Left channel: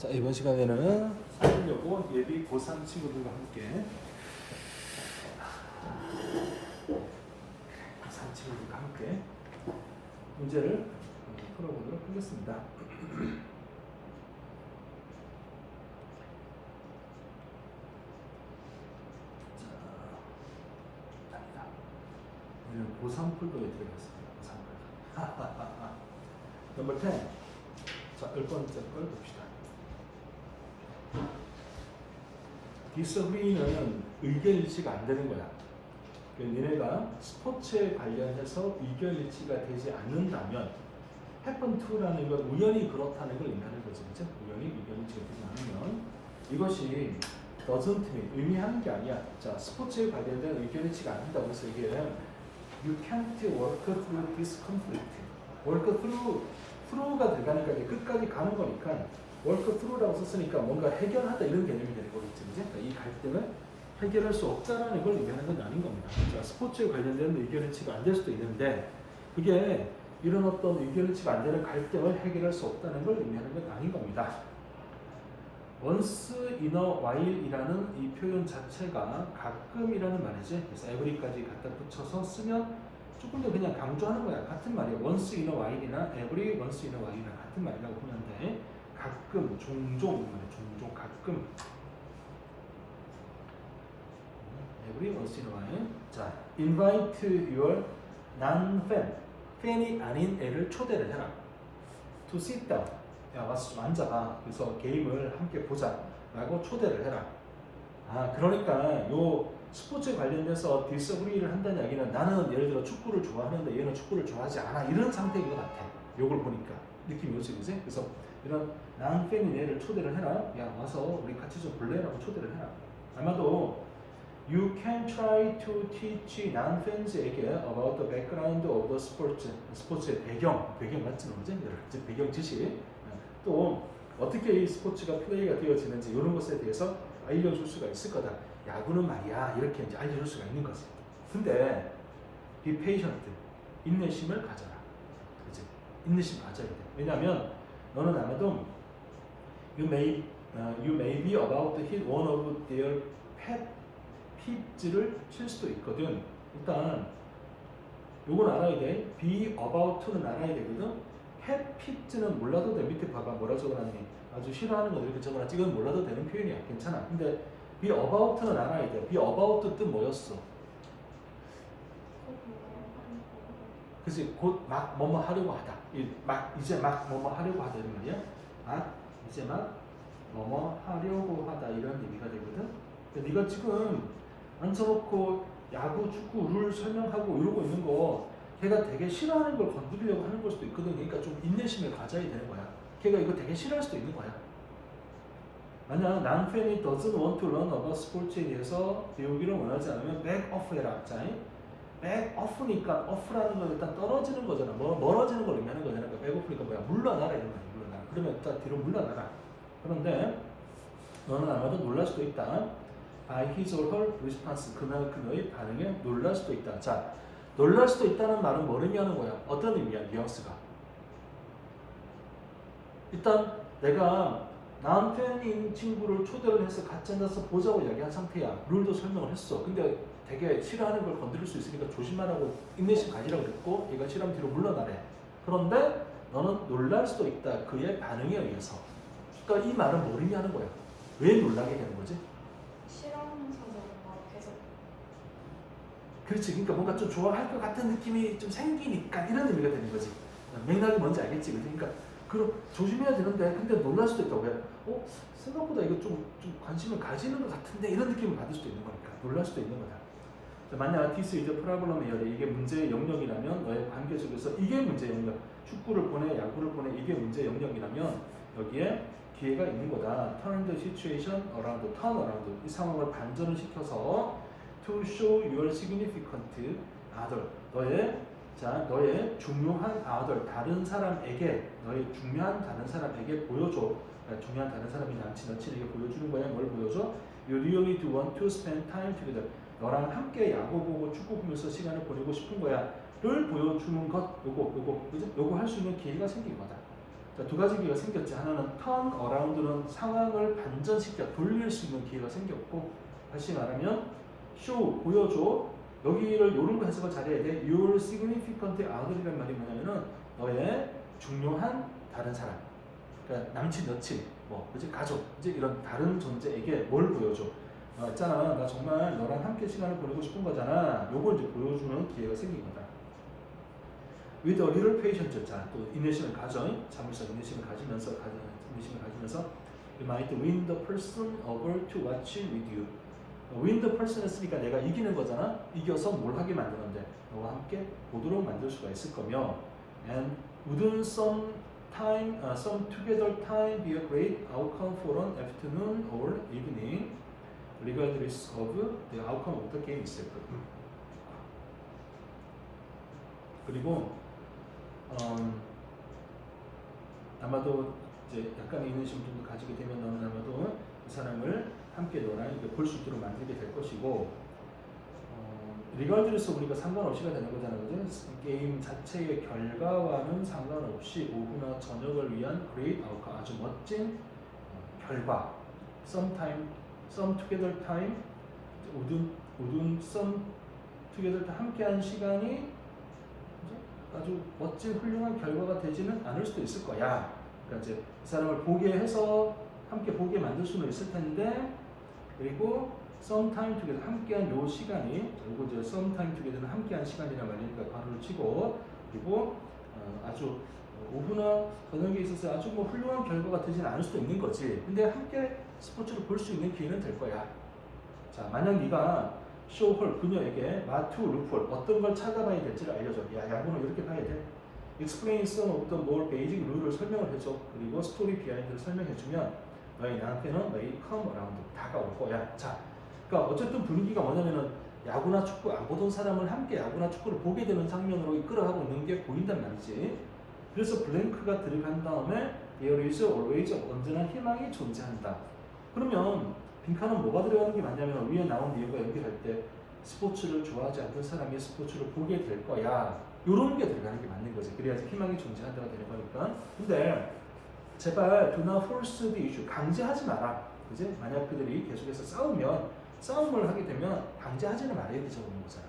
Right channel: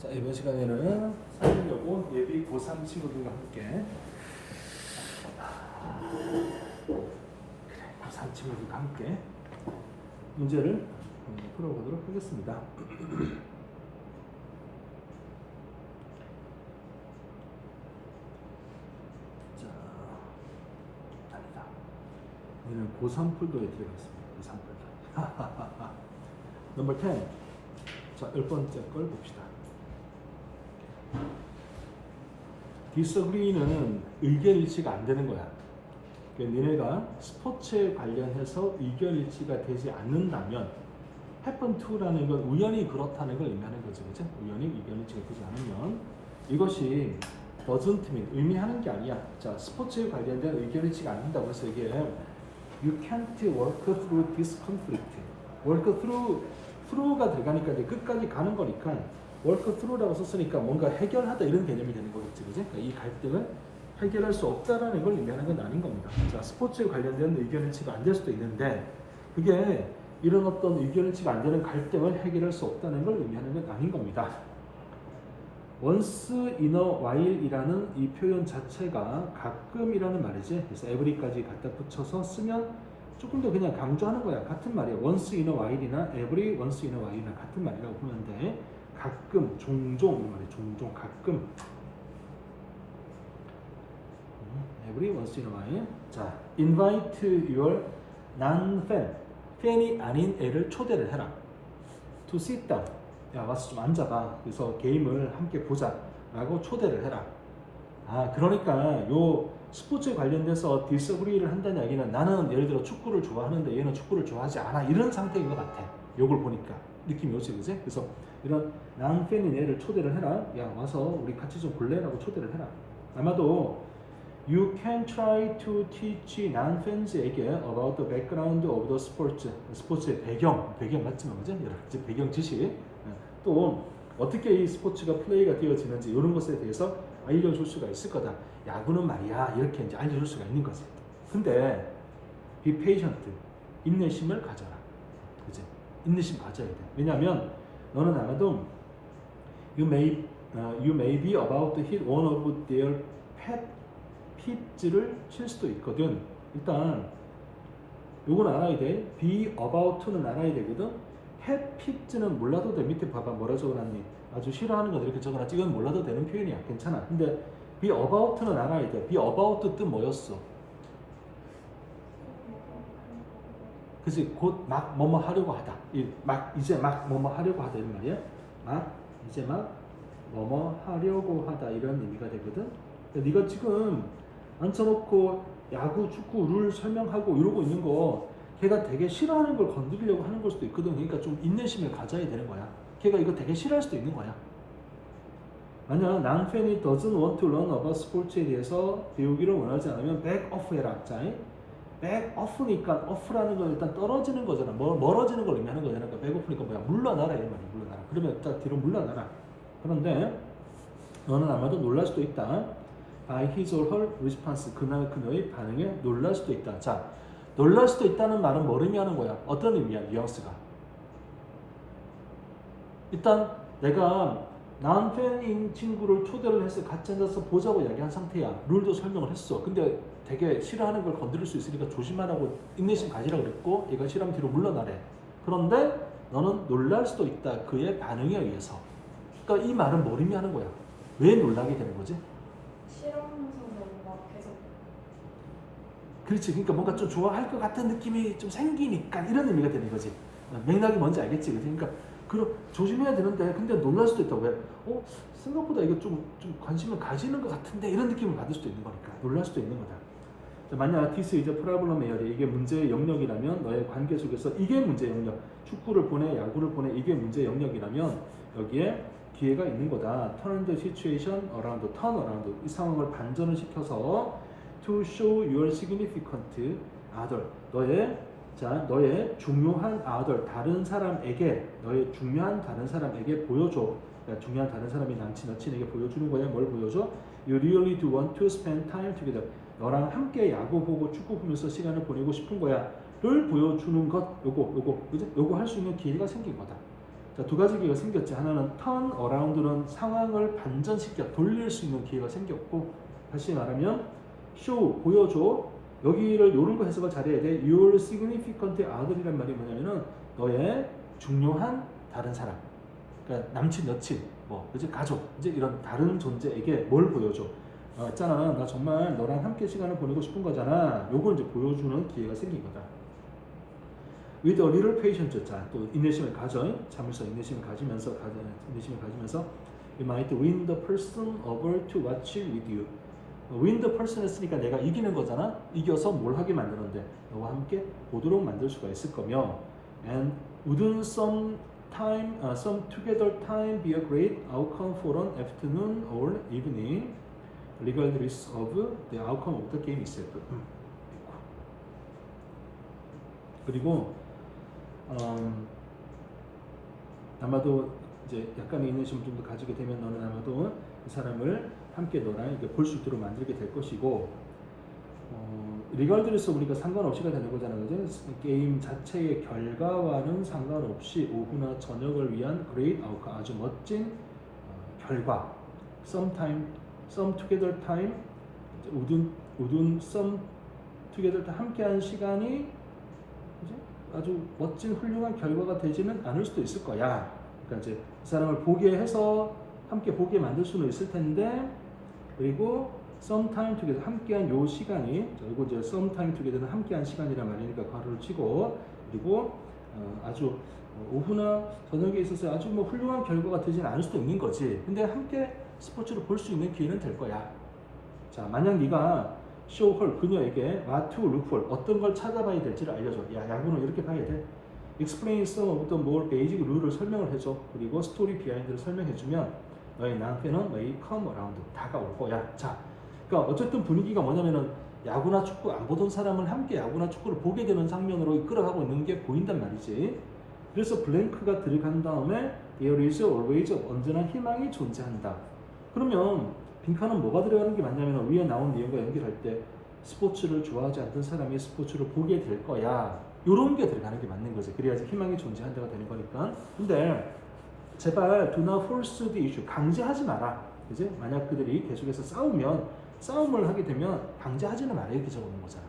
자, 이번 시간에는 살려고 예비 고3 친구들과 함께 고3 친구들과 함께 문제를 풀어보도록 하겠습니다. 자, 오늘 고3 풀도에 들어가겠습니다. 고3 풀도. 넘버 10. 자, 10번째 걸 봅시다. disagree는 의견 일치가 안 되는 거야. 그러니까 니네가 스포츠에 관련해서 의견 일치가 되지 않는다면 happen to라는 건 우연히 그렇다는 걸 의미하는 거죠. 그죠? 우연히 의견 일치가 되지 않으면 이것이 doesn't mean 의미하는 게 아니야. 자, 스포츠에 관련된 의견 일치가 안 된다고 해서 이게 you can't work through this conflict. work through가 들어가니까 이제 끝까지 가는 거니까 work through라고 썼으니까 뭔가 해결하다 이런 개념이 되는 거겠지, 그지? 그러니까 이 갈등을 해결할 수 없다라는 걸 의미하는 건 아닌 겁니다. 자, 스포츠에 관련된 의견 일치가 안 될 수도 있는데 그게 이런 어떤 의견 일치가 안 되는 갈등을 해결할 수 없다는 걸 의미하는 건 아닌 겁니다. once in a while이라는 이 표현 자체가 가끔이라는 말이지. 그래서 every까지 갖다 붙여서 쓰면 조금 더 그냥 강조하는 거야. 같은 말이에요. once in a while이나 every once in a while이나 같은 말이라고 보면 돼. 가끔, 종종, 가끔. every once in a while. 자, invite your non-fan, 팬이 아닌 애를 초대를 해라. to sit down. 야, 와서 좀 앉아봐. 그래서 게임을 함께 보자. 라고 초대를 해라. 아, 그러니까 요 스포츠에 관련돼서 disagree를 한다는 이야기는 나는 예를 들어 축구를 좋아하는데 얘는 축구를 좋아하지 않아. 이런 상태인 것 같아. 요걸 보니까. 느낌이 오지, 그지? 그래서 이런 non-fan인 애를 초대를 해라. 야, 와서 우리 같이 좀 볼래라고 초대를 해라. 아마도 You can try to teach non-fans에게 about the background of the sports. 스포츠의 배경 맞지 뭐지? 이제 배경 지식. 또 어떻게 이 스포츠가 플레이가 되어지는지 이런 것에 대해서 알려줄 수가 있을 거다. 야구는 말이야 이렇게 이제 알려줄 수가 있는 거지. 근데 be patient, 인내심을 가져라. 그지? 인내심 가져야 돼. 왜냐하면 너는 아마도 you may be about to hit one of their pet peeves를 칠 수도 있거든. 일단 요건 알아야 돼. be about는 알아야 되거든. pet peeves는 몰라도 돼. 밑에 봐봐 뭐라 적어놨니? 아주 싫어하는 것들 이렇게 적어놨지. 이건 몰라도 되는 표현이야. 괜찮아. 근데 be about는 알아야 돼. be about 뜻 뭐였어? 그치? 곧 막 뭐뭐 하려고 하다. 이제 막 뭐뭐 하려고 하다 이런 말이야. 이제 막 뭐뭐 하려고 하다 이런 의미가 되거든. 네가 지금 앉혀놓고 야구, 축구 룰 설명하고 이러고 있는 거 걔가 되게 싫어하는 걸 건드리려고 하는 걸 수도 있거든. 그러니까 좀 인내심을 가져야 되는 거야. 걔가 이거 되게 싫어할 수도 있는 거야. 만약 non-fan이 doesn't want to learn about sports에 대해서 배우기를 원하지 않으면 back off 해라. 자, back off니까 off라는 건 일단 떨어지는 거잖아. 멀어지는 걸 의미하는 거잖아. 그러니까 back off니까 뭐야? 물러나라 이런 말이야. 물러나라. 그러면 일단 뒤로 물러나라. 그런데 너는 아마도 놀랄 수도 있다. by his or her response, 그녀의 반응에 놀랄 수도 있다. 자, 놀랄 수도 있다는 말은 뭘 의미하는 거야? 어떤 의미야? 뉘앙스가. 일단 내가 non-fan인 친구를 초대를 해서 같이 앉아서 보자고 이야기한 상태야. 룰도 설명을 했어. 근데 되게 싫어하는 걸 건드릴 수 있으니까 조심하라고 인내심 가지라고 그랬고 얘가 싫어하면 뒤로 물러나래. 그런데 너는 놀랄 수도 있다. 그의 반응에 의해서. 그러니까 이 말은 뭘 의미하는 거야? 왜 놀라게 되는 거지? 싫어하면서도 뭔가 계속 그렇지. 그러니까 뭔가 좀 좋아할 것 같은 느낌이 좀 생기니까 이런 의미가 되는 거지. 맥락이 뭔지 알겠지? 그러니까 조심해야 되는데 근데 놀랄 수도 있다고. 왜? 생각보다 이게 좀 관심을 가지는 것 같은데 이런 느낌을 받을 수도 있는 거니까 놀랄 수도 있는 거다. 자, 만약 this is a problem area, 이게 문제의 영역이라면 너의 관계 속에서 이게 문제의 영역, 축구를 보내 야구를 보내 이게 문제의 영역이라면 여기에 기회가 있는 거다. turn the situation around, turn around. 이 상황을 반전을 시켜서 to show your significant other. 너의 중요한 other, 다른 사람에게, 너의 중요한 다른 사람에게 보여줘. 그러니까 중요한 다른 사람이 남친, 여친에게 보여주는 거야. 뭘 보여줘? You really do want to spend time together. 너랑 함께 야구 보고 축구 보면서 시간을 보내고 싶은 거야. 를 보여주는 것, 요거 할 수 있는 기회가 생긴 거다. 자, 두 가지 기회가 생겼지. 하나는 turn around는 상황을 반전시켜 돌릴 수 있는 기회가 생겼고, 다시 말하면 show 보여줘. 여기를 요런 거 해석을 잘해야 돼. Your significant other이란 말이 뭐냐면은 너의 중요한 다른 사람, 그러니까 남친, 여친, 뭐 이제 가족, 이제 이런 다른 존재에게 뭘 보여줘. 있잖아, 나 정말 너랑 함께 시간을 보내고 싶은 거잖아. 요걸 이제 보여주는 기회가 생긴 거다. With a little patience, 자, 또 인내심을 가져, 참을성, 인내심을 가지면서, you might win the person over to watch with you. win the person 했으니까 내가 이기는 거잖아. 이겨서 뭘 하게 만드는데 너와 함께 보도록 만들 수가 있을 거며, and wouldn't some together time be a great outcome for an afternoon or evening, regardless of the outcome of the game itself. 그리고 아마도 이제 약간의 인내심을 좀 더 가지게 되면 아마도 그 사람을 함께 너랑 볼 수 있도록 만들게 될 것이고, 리걸드리스 우리가 상관없이가 되는 거잖아요. 그죠? 게임 자체의 결과와는 상관없이 오후나 저녁을 위한 great outcome, 아주 멋진 결과. some together time, some together time, 함께한 시간이 그죠? 아주 멋진 훌륭한 결과가 되지는 않을 수도 있을 거야. 그러니까 이제 그 사람을 보게 해서 함께 보게 만들 수는 있을 텐데, 그리고 sometime together 함께한 요 시간이, 이거 이제 sometime together는 함께한 시간이란 말이니까 괄호를 치고, 그리고 아주 오후나 저녁에 있어서 아주 뭐 훌륭한 결과가 되진 않을 수도 있는 거지. 근데 함께 스포츠를 볼 수 있는 기회는 될 거야. 자, 만약 네가 쇼홀 그녀에게 what to look for, 어떤 걸 찾아봐야 될지를 알려줘. 야, 야구는 이렇게 봐야 돼. explain some of the more basic 룰을 설명을 해줘. 그리고 스토리 비하인드를 설명해주면 너의 남편은 may come around, 다가올 거야. 자, 그러니까 어쨌든 분위기가 뭐냐면은 야구나 축구 안 보던 사람을 함께 야구나 축구를 보게 되는 장면으로 이끌어가고 있는 게 보인단 말이지. 그래서 블랭크가 들어간 다음에 there is always, 언제나 희망이 존재한다. 그러면 빈칸은 뭐가 들어가는 게 맞냐면 위에 나온 내용과 연결할 때 스포츠를 좋아하지 않던 사람이 스포츠를 보게 될 거야. 요런 게 들어가는 게 맞는 거지. 그래야지 희망이 존재한다가 되는 거니까. 근데 제발 do not force the issue, 강제하지 마라. 그지? 만약 그들이 계속해서 싸움을 하게 되면 강제하지는 말아야 되자고 하는 거잖아.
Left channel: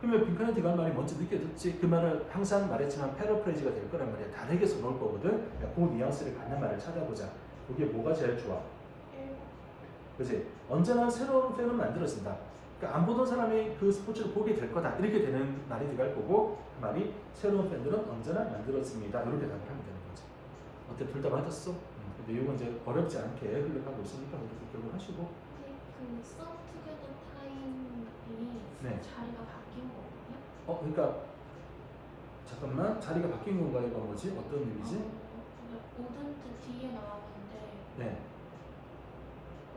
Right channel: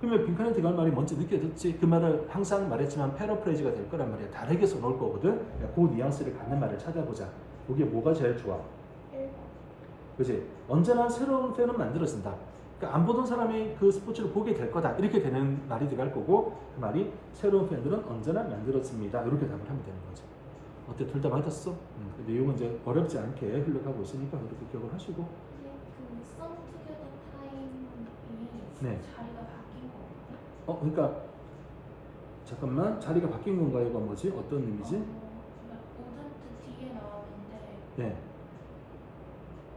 그러면 빈칸에 들어간 말이 먼저 느껴졌지. 그 말을 항상 말했지만 패러프레이즈가 될 거란 말이야. 다르게 써놓을 거거든. 그 뉘앙스를 갖는 말을 찾아보자. 거기에 뭐가 제일 좋아? 1번. 그지? 언제나 새로운 팬은 만들어진다. 그러니까 안 보던 사람이 그 스포츠를 보게 될 거다. 이렇게 되는 말이 들어갈 거고, 그 말이 새로운 팬들은 언제나 만들어집니다. 이렇게 답을 하면 되는 거죠. 어때? 둘 다 맞았어? 그 내용은 이제 어렵지 않게 흘러가고 있으니까 그렇게 기억을 하시고. 그 some together time이 네. 자리가 바뀐 거거든요. 그러니까 잠깐만, 자리가 바뀐 건가요? 이건 뭐지? 어떤 의미지? wouldn't 뒤에 나왔는데 네.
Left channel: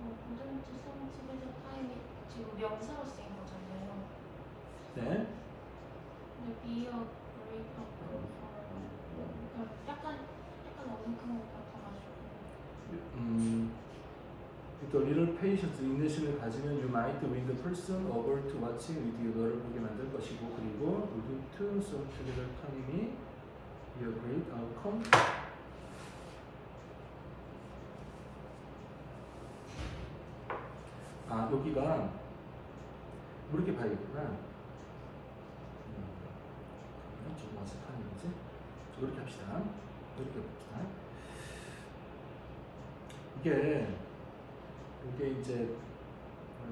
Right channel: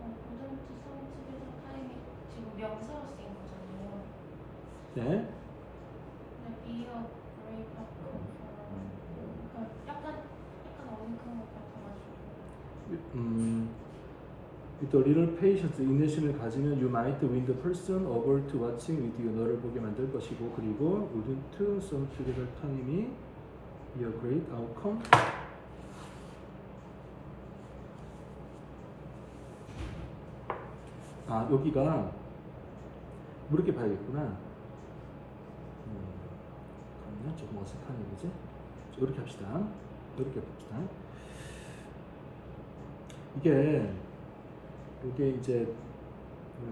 wouldn't some together time이 지금 명사로 쓰인 거잖아요. 네. 근데 be a great outcome for, 그러니까 약간 어색한 것 같아가지고. 또 little patience, 인내심을 가지면 you might win the person over to watching with you, 너를 보게 만들 것이고, 그리고 wouldn't some together time이 be a great outcome. 아, 여기가 이렇게 봐야겠구나. 조금 어색한 얘기지? 이렇게 합시다. 이렇게 봅시다. 이게 이제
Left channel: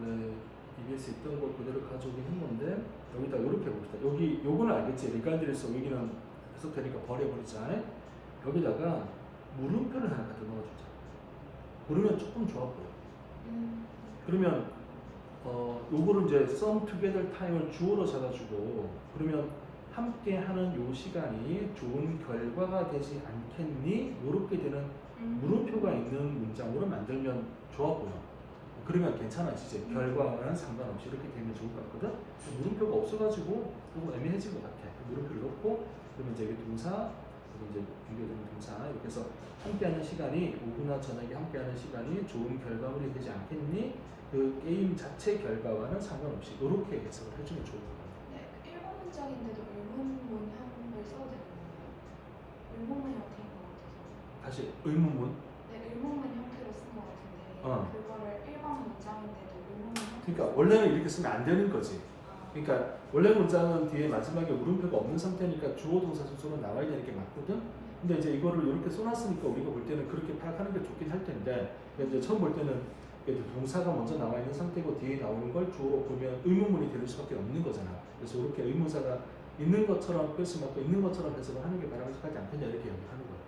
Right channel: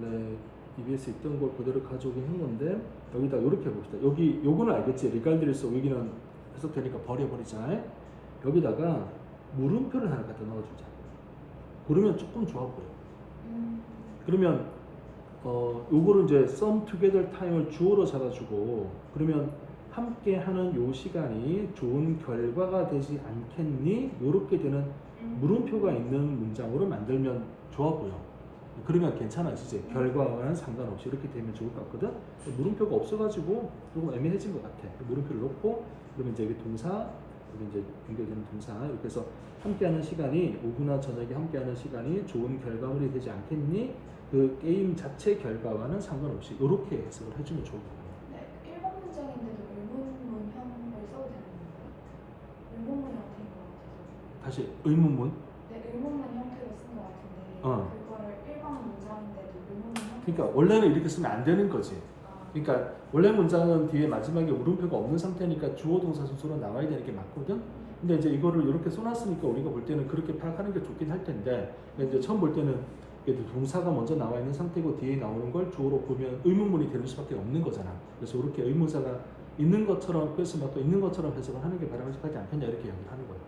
원래 EBS에 있던 걸 그대로 가져오긴 했는데, 여기다 이렇게 봅시다. 요거는 알겠지? 리갈드리스 여기는 해석되니까 버려버리자. 여기다가 물음표를 하나 갖다 넣어주자. 그러면 조금 좋아 보여. 그러면 요거를 이제 some together time을 주어로 잡아주고, 그러면 함께 하는 요 시간이 좋은 결과가 되지 않겠니? 요렇게 되는 물음표가 있는 문장으로 만들면 좋아 보여. 그러면 괜찮아지지. 결과와는 상관없이 이렇게 되면 좋을 것 같거든. 물음표가 없어가지고 조금 애매해진 것 같아. 물음표를 넣고, 그러면 이제 여기 동사, 그리고 이제 연결되는 동사, 이렇게 해서 함께하는 시간이 오후나 저녁에 함께하는 시간이 좋은 결과물이 되지 않겠니? 그 게임 자체 결과와는 상관없이 이렇게 해석을 해주면 좋을 것 같아요. 네, 1번 문장인데도 의문문형을 써도 되는 건가요? 의문문형 된 것 같아서. 다시 의문문. 네, 의문문 형태로 쓴 것 같은데 어. 그거를 일반 문장인데도 의문문 형태로 그러니까 원래는 이렇게 쓰면 안 되는 거지. 아, 그러니까 원래 문장은 뒤에 마지막에 물음표가 없는 상태니까 주어 동사 순서로 나와야 되는 게 맞거든. 근데 이제 이거를 이렇게 써놨으니까 우리가 볼 때는 그렇게 파악하는 게 좋긴 할 텐데, 이제 처음 볼 때는 이제 동사가 먼저 나와 있는 상태고 뒤에 나오는 걸 주어로 보면 의문문이 되는 수밖에 없는 거잖아. 그래서 이렇게 의문사가 있는 것처럼 글쓰면 또 있는 것처럼 해석을 하는 게 바람직하지 않겠냐 이렇게 얘기를 하는 거예요.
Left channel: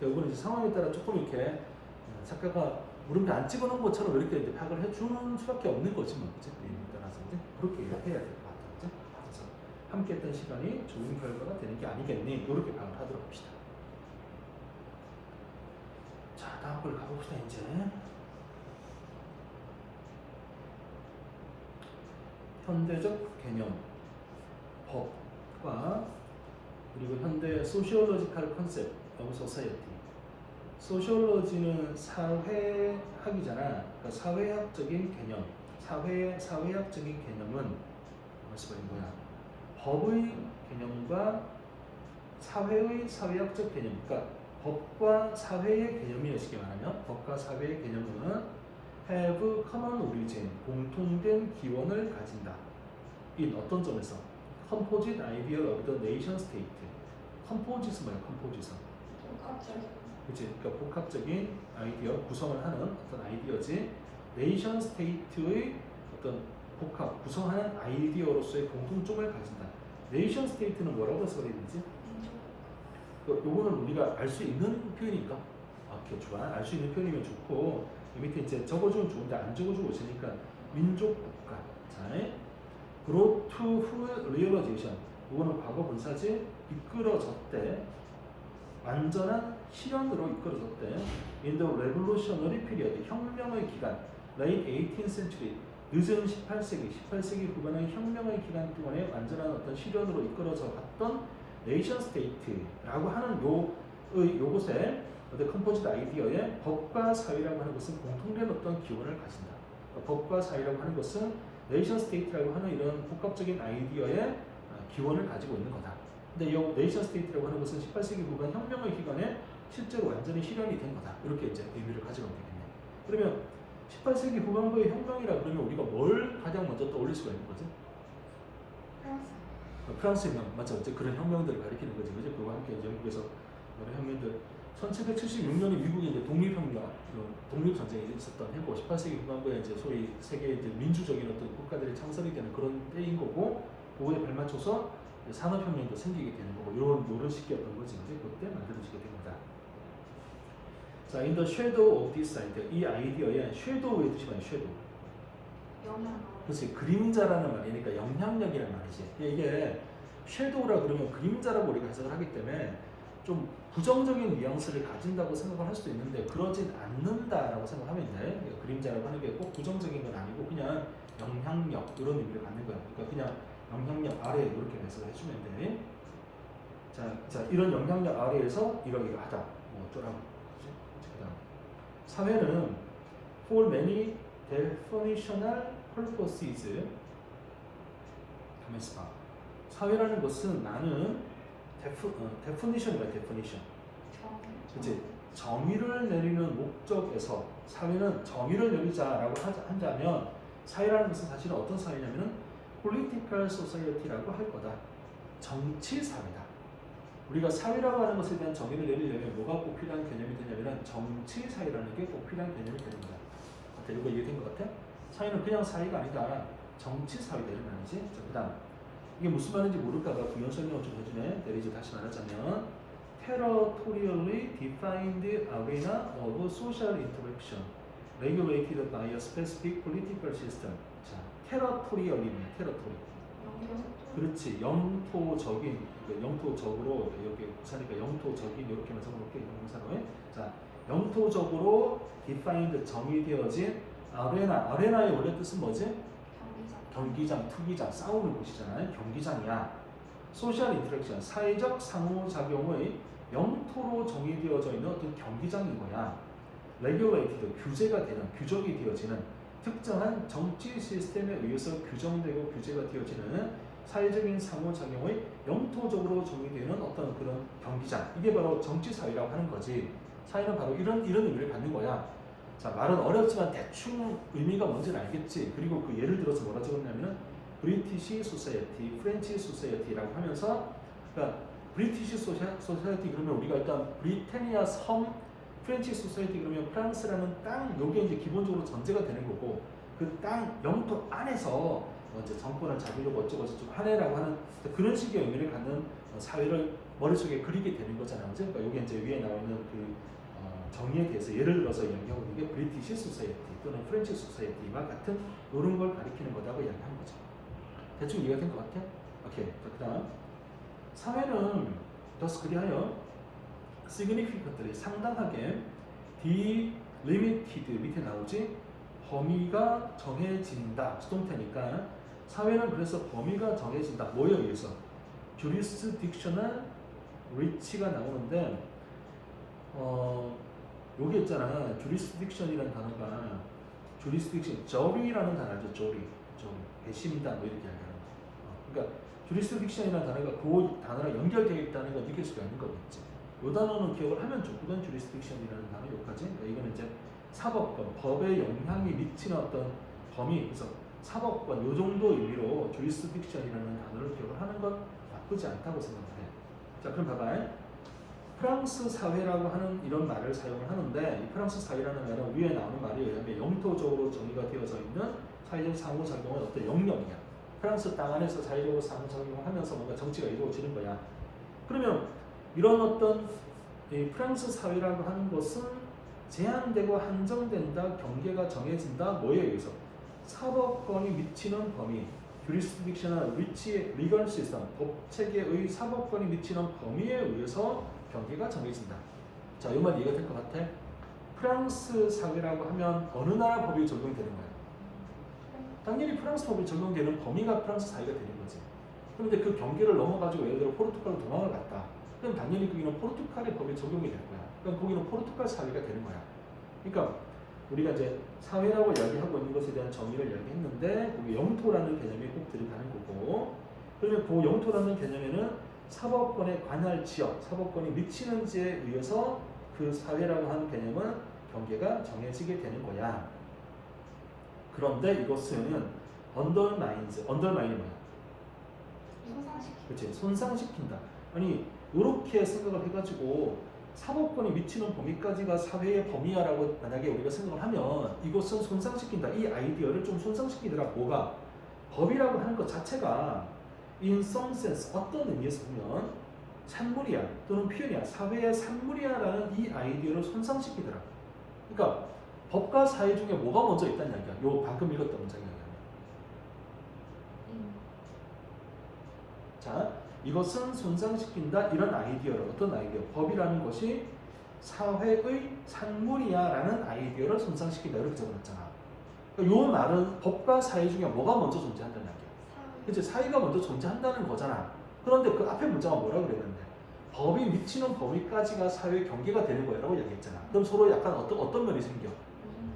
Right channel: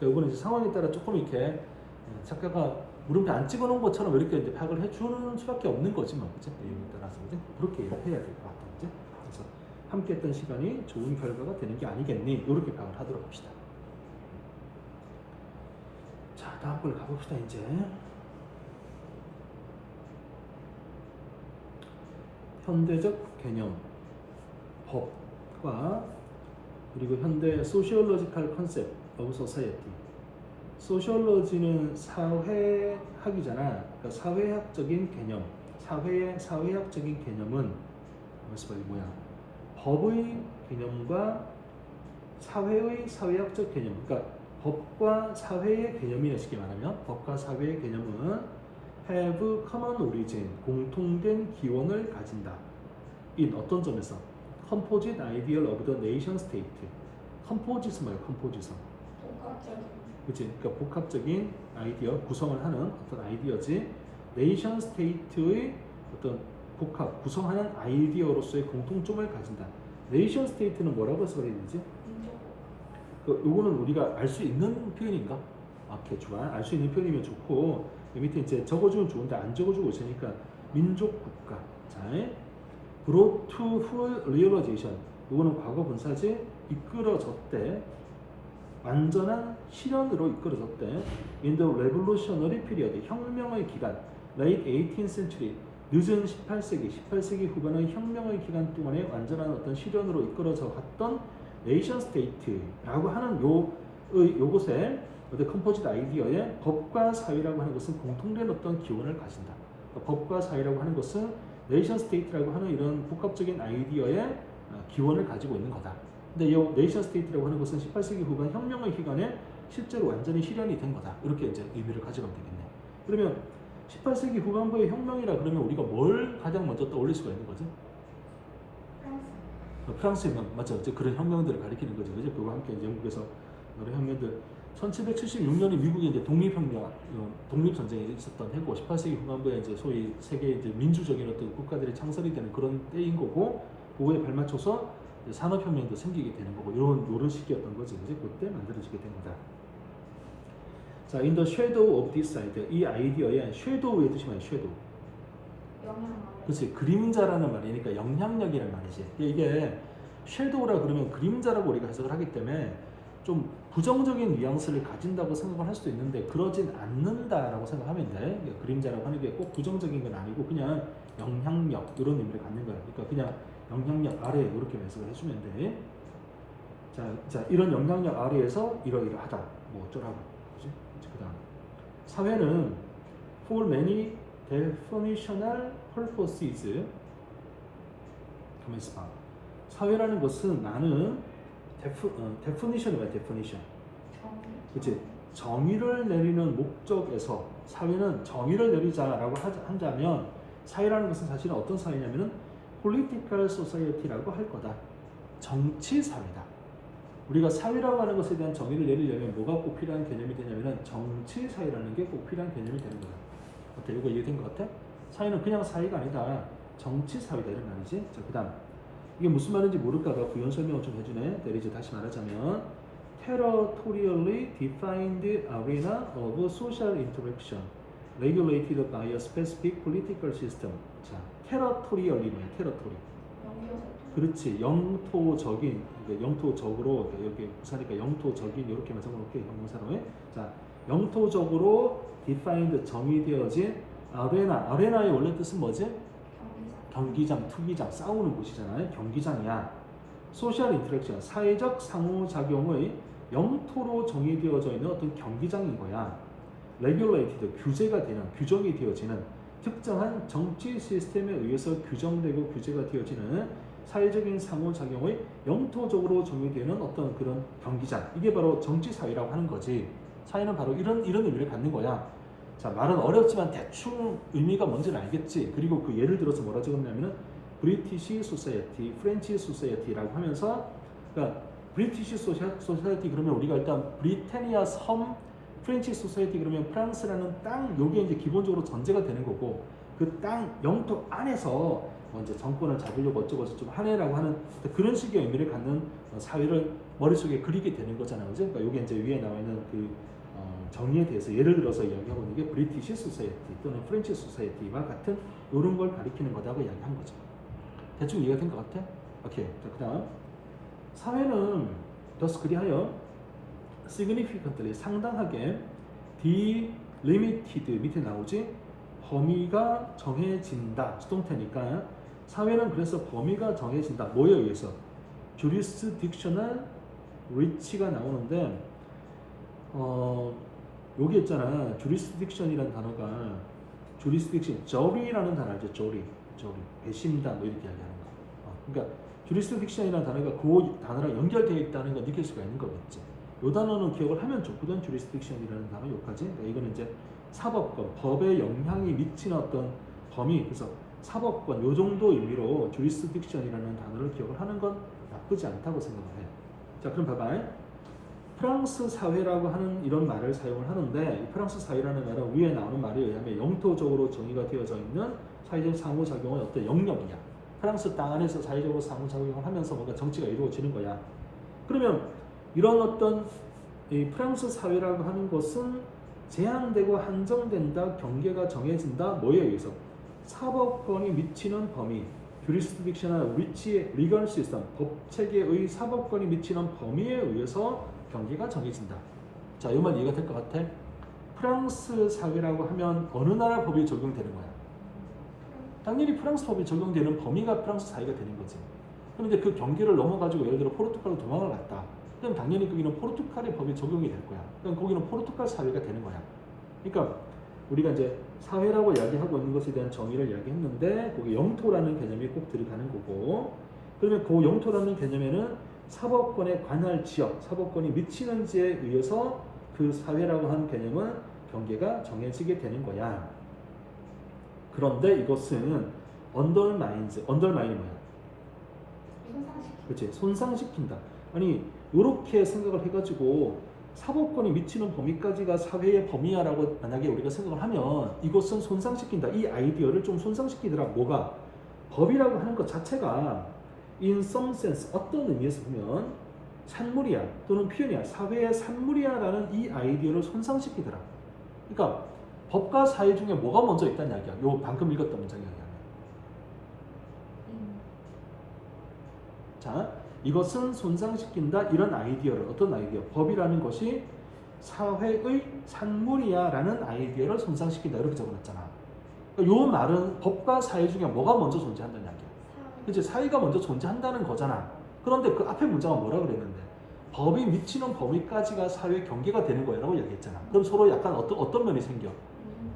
그러니까 이거는 이제 상황에 따라 조금 이렇게 작가가 물음표 안 찍어놓은 것처럼 이렇게 이제 파악을 해주는 수밖에 없는 거지 뭐, 그죠? 의문에 따라서 그죠? 그렇게 해야 될 것 같아요, 그죠? 그래서 함께 했던 시간이 좋은 결과가 되는 게 아니겠니? 이렇게 파악을 하도록 합시다. 자, 다음 걸 가봅시다 이제. 현대적 개념, 법과 그리고 현대 소시올로지컬 컨셉 오브 소사이어티. 소시올로지는 사회학이잖아. 그러니까 사회학적인 개념, 사회학적인 개념은 무슨 뭐야? 법의 개념과 사회의 사회학적 개념, 그러니까 법과 사회의 개념이 쉽게 말하면 법과 사회의 개념은 have common origin, 공통된 기원을 가진다. 인 어떤 점에서? composite ideal of the nation state. composite은 뭐야? composite은 복합적인 그치? 그러니까 복합적인 아이디어, 구성을 하는 어떤 아이디어지. 네이션 스테이트의 어떤 복합, 구성하는 아이디어로서의 공통점을 가진다. 네이션 스테이트는 뭐라고 써야 되지? 민족 요거는 우리가 알 수 있는 표현인가? 오케이, 좋아. 알 수 있는 표현이면 좋고, 밑에 이제 적어주면 좋은데 안 적어주고 있으니까 민족 국가. 자, brought to full realization. 요거는 과거 분사지. 이끌어졌대. 완전한 실현으로 이끌어졌대. In the revolutionary period, 혁명의 기간, late 18th century, 늦은 18세기 후반의 혁명의 기간 동안에 완전한 어떤 실현으로 이끌어져 갔던 네이션 스테이트라고 하는 요것에 어떤 컴포지트 아이디어에 법과 사회라고 하는 것은 공통된 어떤 기원을 가진다. 법과 사회라고 하는 것은 네이션 스테이트라고 하는 이런 복합적인 아이디어의 기원을 가지고 있는 거다. 근데 이 네이션 스테이트라고 하는 것은 18세기 후반 혁명의 기간에 실제로 완전히 실현이 된 거다. 이렇게 이제 의미를 가지면 되겠네요. 그러면 18세기 후반부의 혁명이라 그러면 우리가 뭘 가장 먼저 떠올릴 수가 있는 거죠? 프랑스 혁명, 맞죠? 이제 그런 혁명들을 가리키는 거죠. 이제 그와 함께 이제 미국에서 여러 혁명들, 1776년에 미국의 이제 독립혁명, 독립전쟁이 있었던 해고, 18세기 후반부에 이제 소위 세계 이제 민주적인 어떤 국가들이 창설이 되는 그런 때인 거고, 그거에 발맞춰서 산업혁명도 생기게 되는 거고, 이런 시기였던 거지. 이제 그때 만들어지게 됩니다. 자, in the shadow of this idea, 이 아이디어에 shadow의 뜻이 뭐야? shadow. 영향력 그렇지, 그림자라는 말이니까 영향력이라는 말이지. 이게 섀도우라 그러면 그림자라고 우리가 해석을 하기 때문에 좀 부정적인 뉘앙스를 가진다고 생각을 할 수도 있는데 그러진 않는다라고 생각하면 돼. 그림자라고 하는 게 꼭 부정적인 건 아니고 그냥 영향력 이런 의미를 갖는 거야. 그러니까 그냥 영향력 아래 이렇게 해석을 해주면 돼. 자, 이런 영향력 아래에서 이러이러하다. 뭐 어쩌라고. 그죠? 그다음 사회는 for many definitional purposes. 가만있어 봐. 사회라는 것은 많은 definition이야, definition. 그치? 정의를 내리는 목적에서 사회는 정의를 내리자라고 한다면 사회라는 것은 사실은 어떤 사회냐면은 political society라고 할 거다. 정치 사회다. 우리가 사회라고 하는 것에 대한 정의를 내리려면 뭐가 꼭 필요한 개념이 되냐면은 정치 사회라는 게 꼭 필요한 개념이 되는 거야. 어때? 이거 이해된 것 같아? 사회는 그냥 사회가 아니다. 정치 사회다 이런 말이지. 자, 그다음 이게 무슨 말인지 모를까봐 부연 설명을 좀 해주네. 내리지 다시 말하자면 territorially defined arena of social interaction regulated by a specific political system. 자, territorial이네. territory. 그렇지. 영토적인, 영토적으로 여기 부사니까 영토적인 이렇게 해석해볼게. 영사로. 자, 영토적으로 defined 정의되어진 아레나의 원래 뜻은 뭐지? 경기장, 투기장, 싸우는 곳이잖아요. 경기장이야. 소셜 인터랙션, 사회적 상호작용의 영토로 정의되어져 있는 어떤 경기장인 거야. regulated, 규제가 되는, 규정이 되어지는 특정한 정치 시스템에 의해서 규정되고 규제가 되어지는 사회적인 상호작용의 영토적으로 정의되는 어떤 그런 경기장. 이게 바로 정치사회라고 하는 거지. 사회는 바로 이런 의미를 갖는 거야. 자, 말은 어렵지만 대충 의미가 뭔지는 알겠지. 그리고 그 예를 들어서 뭐라 적었냐면은 브리티시 소사이어티, 프렌치 소사이어티라고 하면서 그러니까 브리티시 소사이어티 그러면 우리가 일단 브리타니아 섬, 프렌치 소사이어티 그러면 프랑스라는 땅 요게 이제 기본적으로 전제가 되는 거고 그 땅 영토 안에서 이제 정권을 잡으려고 어쩌고저쩌고 좀 하네라고 하는 그런 식의 의미를 갖는 사회를 머릿속에 그리게 되는 거잖아요. 그죠? 그러니까 요게 이제 위에 나와 있는 그 정의에 대해서 예를 들어서 이야기하고 있는 게 브리티시 소사이어티 또는 프렌치 소사이어티와 같은 이런 걸 가리키는 거다고 이야기하는 거죠. 대충 이해가 된 것 같아? 오케이. 자, 그다음 사회는 thus 그리하여 significantly 상당하게 delimited 밑에 나오지 범위가 정해진다 수동태니까 사회는 그래서 범위가 정해진다 뭐에 의해서 jurisdictional reach가 나오는데 여기 있잖아 jurisdiction이라는 단어가 jurisdiction jury라는 단어죠 jury 배심단 이렇게 이야기하는 거 그러니까 jurisdiction이라는 단어가 그 단어랑 연결되어 있다는 걸 느낄 수가 있는 거겠지 이 단어는 기억을 하면 좋거든 jurisdiction이라는 단어 여기까지 그러니까 이거는 이제 사법권, 법에 영향이 미치는 어떤 범위 그래서 사법권 요 정도 의미로 jurisdiction이라는 단어를 기억을 하는 건 나쁘지 않다고 생각을 해. 자 그럼 봐봐. 프랑스 사회라고 하는 이런 말을 사용을 하는데 이 프랑스 사회라는 말은 위에 나오는 말에 의하면 영토적으로 정의가 되어져 있는 사회적 상호작용은 어떤 영역이야. 프랑스 땅 안에서 사회적으로 상호작용을 하면서 뭔가 정치가 이루어지는 거야. 그러면 이런 어떤 이 프랑스 사회라고 하는 것은 제한되고 한정된다, 경계가 정해진다, 뭐에 의해서? 사법권이 미치는 범위, jurisdictional reach의 legal system, 법체계의 사법권이 미치는 범위에 의해서 경계가 정해진다. 자, 이 말 이해가 될 것 같아? 프랑스 사회라고 하면 어느 나라 법이 적용되는 거야? 당연히 프랑스 법이 적용되는 범위가 프랑스 사회가 되는 거지. 그런데 그 경계를 넘어가지고 예를 들어 포르투갈로 도망을 갔다. 그럼 당연히 거기는 포르투갈의 법이 적용이 될 거야. 그럼 거기는 포르투갈 사회가 되는 거야. 그러니까 우리가 이제 사회라고 이야기하고 있는 것에 대한 정의를 이야기했는데 거기 영토라는 개념이 꼭 들어가는 거고 그러면 그 영토라는 개념에는 사법권에 관할 지역, 사법권이 미치는 지에 의해서 그 사회라고 하는 개념은 경계가 정해지게 되는 거야. 그런데 이것은 undermines 뭐야? 손상시키. 그렇지, 손상시킨다. 아니 이렇게 생각을 해가지고 사법권이 미치는 범위까지가 사회의 범위야라고 만약에 우리가 생각을 하면 이것은 손상시킨다. 이 아이디어를 좀 손상시키더라. 뭐가? 법이라고 하는 것 자체가 in some sense 어떤 의미에서 보면 산물이야 또는 표현이야. 사회의 산물이야라는 이 아이디어를 손상시키더라. 그러니까 법과 사회 중에 뭐가 먼저 있다는 이야기야. 요 방금 읽었던 문장이에요. 자, 이것은 손상시킨다 이런 아이디어를 어떤 아이디어? 법이라는 것이 사회의 산물이야라는 아이디어를 손상시킨다 이렇게 적어놨잖아. 요 말은 법과 사회 중에 뭐가 먼저 존재한다는 이야기야. 이제 사회가 먼저 존재한다는 거잖아. 그런데 그 앞에 문장은 뭐라 그랬는데? 법이 미치는 범위까지가 사회 경계가 되는 거라고 얘기했잖아. 그럼 서로 약간 어떤 면이 생겨?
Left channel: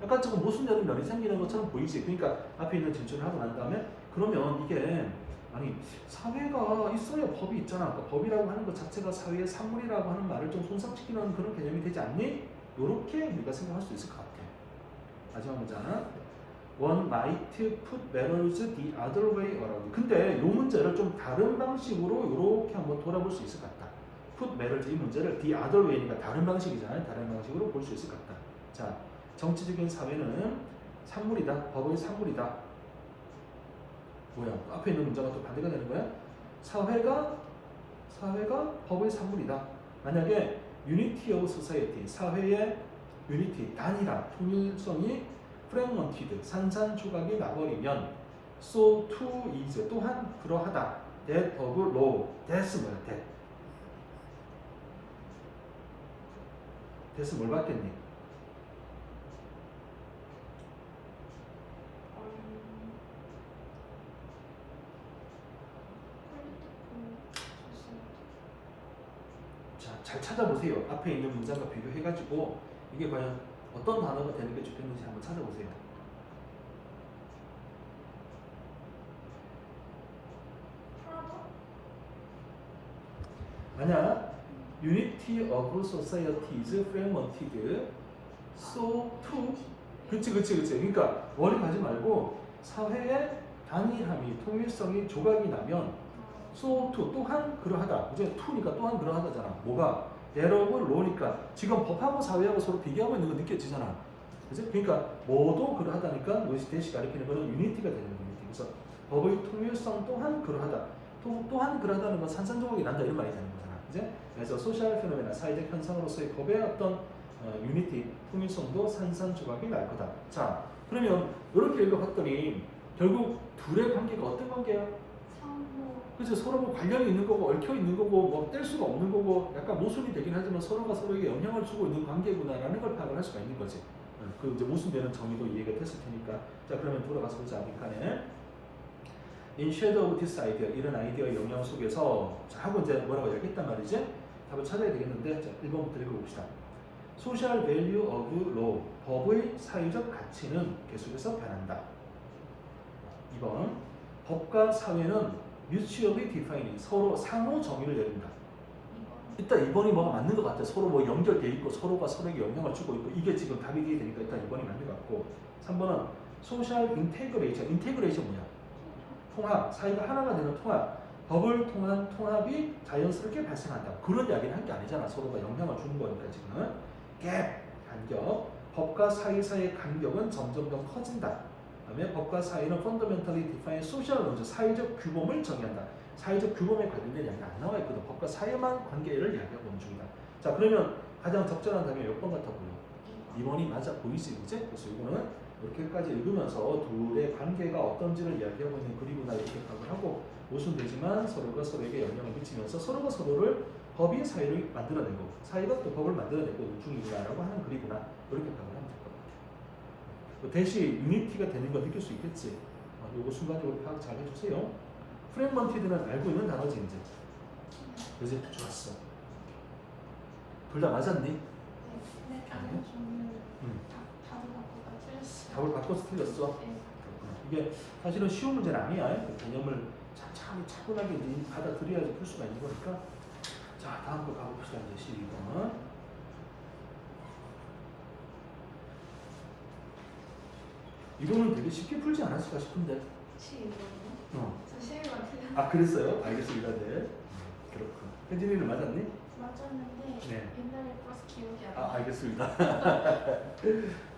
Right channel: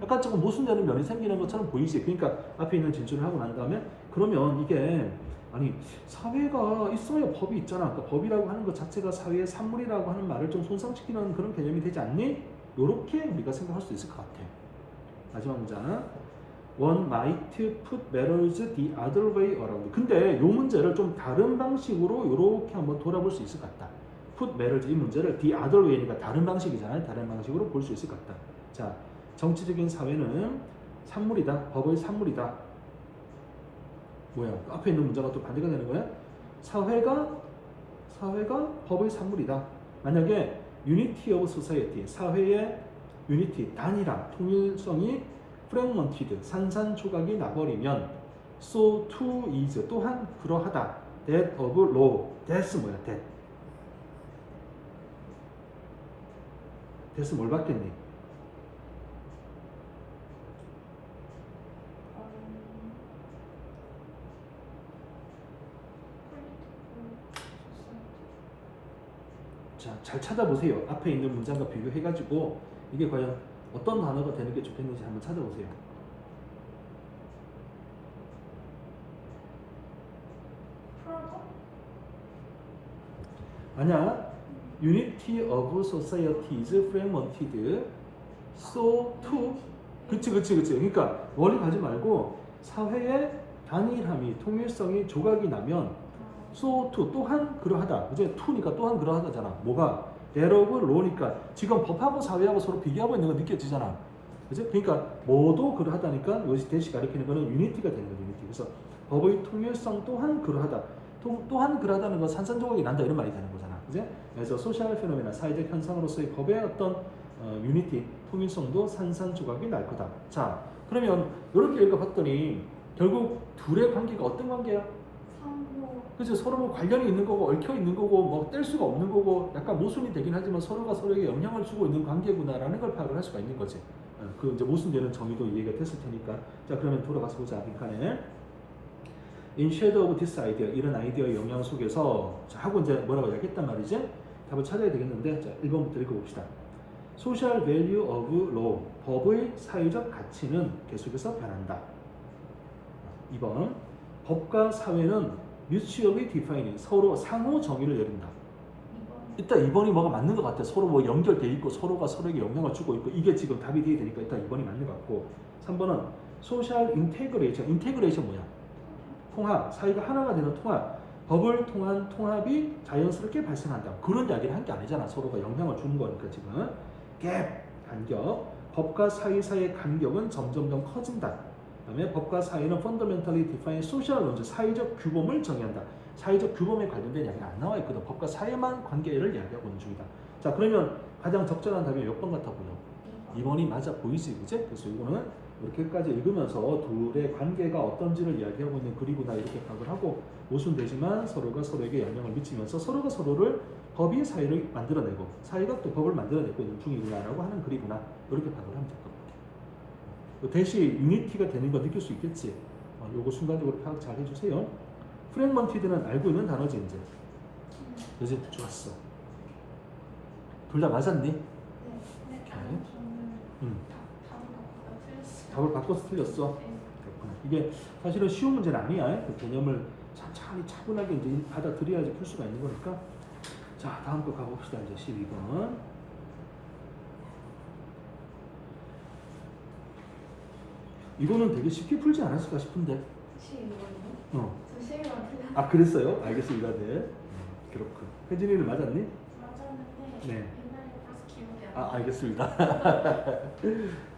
약간 지금 모순되는 면이 생기는 것처럼 보이지. 그러니까 앞에 있는 진술을 하고 난 다음에 그러면 이게 아니 사회가 있어야 법이 있잖아. 그러니까 법이라고 하는 것 자체가 사회의 산물이라고 하는 말을 좀 손상시키는 그런 개념이 되지 않니? 이렇게 우리가 생각할 수 있을 것 같아요. 마지막 문장. One might put matters the other way around. 근데 이 문제를 좀 다른 방식으로 이렇게 한번 돌아볼 수 있을 것 같다. Put matters 이 문제를 the other way니까 다른 방식이잖아요. 다른 방식으로 볼 수 있을 것 같다. 자, 정치적인 사회는 산물이다. 법의 산물이다. 뭐야? 앞에 있는 문제가 또 반대가 되는 거야? 사회가 법의 산물이다. 만약에 unity of society, 사회의 unity, 단일화, 통일성이 fragmented, 산산조각이 나버리면 so too is, 또한 그러하다. that of law, that's 뭐야? that's 뭘 받겠니? 자, 잘 찾아보세요. 앞에 있는 문장과 비교해가지고 이게 과연 어떤 단어가 되는 게 좋겠는지 한번 찾아보세요. 프로토? 만약 unity of society is fragmented so to 그치. 그러니까 원리 가지 말고 사회의 단일함이 통일성이 조각이 나면 so to 또한 그러하다. 이제 to니까 또한 그러하다잖아. 뭐가 대로고 로니까 지금 법하고 사회하고 서로 비교하고 있는 거 느껴지잖아. 그죠? 그러니까 뭐도 그러하다니까 이것이 대시 가리키는 거는 유니티가 되는 거예요. 유니티. 그래서 법의 통일성 또한 그러하다. 또한 그러하다는 건 산산조각이 난다 이런 말이 되는 거잖아. 그죠? 그래서 소셜 페노메나 사회적 현상으로서의 법의 어떤 유니티, 통일성도 산산조각이 날 거다. 자, 그러면 이렇게 읽어봤더니 결국 둘의 관계가 어떤 관계야? 상호. 그래서 서로 뭐 관련이 있는 거고 얽혀 있는 거고 뭐 뗄 수가 없는 거고 약간 모순이 되긴 하지만 서로가 서로에게 영향을 주고 있는 관계구나라는 걸 파악을 할 수가 있는 거지. 그 이제 모순되는 정의도 이해가 됐을 테니까. 자, 그러면 돌아가서 보자. 그러니까는 in shadow of this idea 이런 아이디어의 영향 속에서 자, 하고 이제 뭐라고 얘기했단 말이지? 답을 찾아야 되겠는데 자, 1번부터 읽어봅시다. Social value of law 법의 사회적 가치는 계속해서 변한다. 2번 법과 사회는 mutually defining 서로 상호 정의를 내린다. 일단 2번이 뭐가 맞는 것 같아. 서로 뭐 연결돼 있고 서로가 서로에게 영향을 주고 있고 이게 지금 답이 돼야 되니까 일단 2번이 맞는 것 같고 3번은 social integration. integration 뭐야? 통합. 사회가 하나가 되는 통합. 법을 통한 통합이 자연스럽게 발생한다. 그런 이야기를 한 게 아니잖아. 서로가 영향을 주는 거니까 지금. 갭. 간격. 법과 사회 사이의 간격은 점점 더 커진다. 그다음에 법과 사회는 fundamentally define social laws. 사회적 규범을 정의한다. 사회적 규범에 관련된 이야기가 안 나와 있거든. 법과 사회만 관계를 이야기하고 있는 중이다. 자, 그러면 가장 적절한 답이 몇 번 같아 보여? 2번이 맞아 보이지, 그치? 그래서 이거는 이렇게까지 읽으면서 둘의 관계가 어떤지를 이야기하고 있는 글이구나 이렇게 파악을 하고 모순되지만 서로가 서로에게 영향을 미치면서 서로가 서로를 법이 사회를 만들어내고 사회가 또 법을 만들어내고 있는 중이구나라고 하는 글이구나 이렇게 파악을 하면 될 것 같아. 대신 유니티가 되는 거 느낄 수 있겠지? 이거 순간적으로 파악 잘 해주세요. 프랙먼티드는 알고 있는 단어지 이제. 그지? 좋았어. 둘 다 맞았니? 네. 저는 답을 바꿔서 틀렸어. 네. 이게 사실은 쉬운 문제는 아니야. 그 개념을 천천히 차분하게 이제 받아들여야지 풀 수가 있는 거니까. 자, 다음 거 가봅시다. 이제 12번. 이거는 되게 쉽게 풀지 않았을까 싶은데. 시이거든요. 저 시이가 그냥 아, 그랬어요? 알겠습니다. 네. 그렇군. 혜진이는 맞았니? 맞았는데 네. 옛날에 벌써 기억이 안 나. 아, 알겠습니다.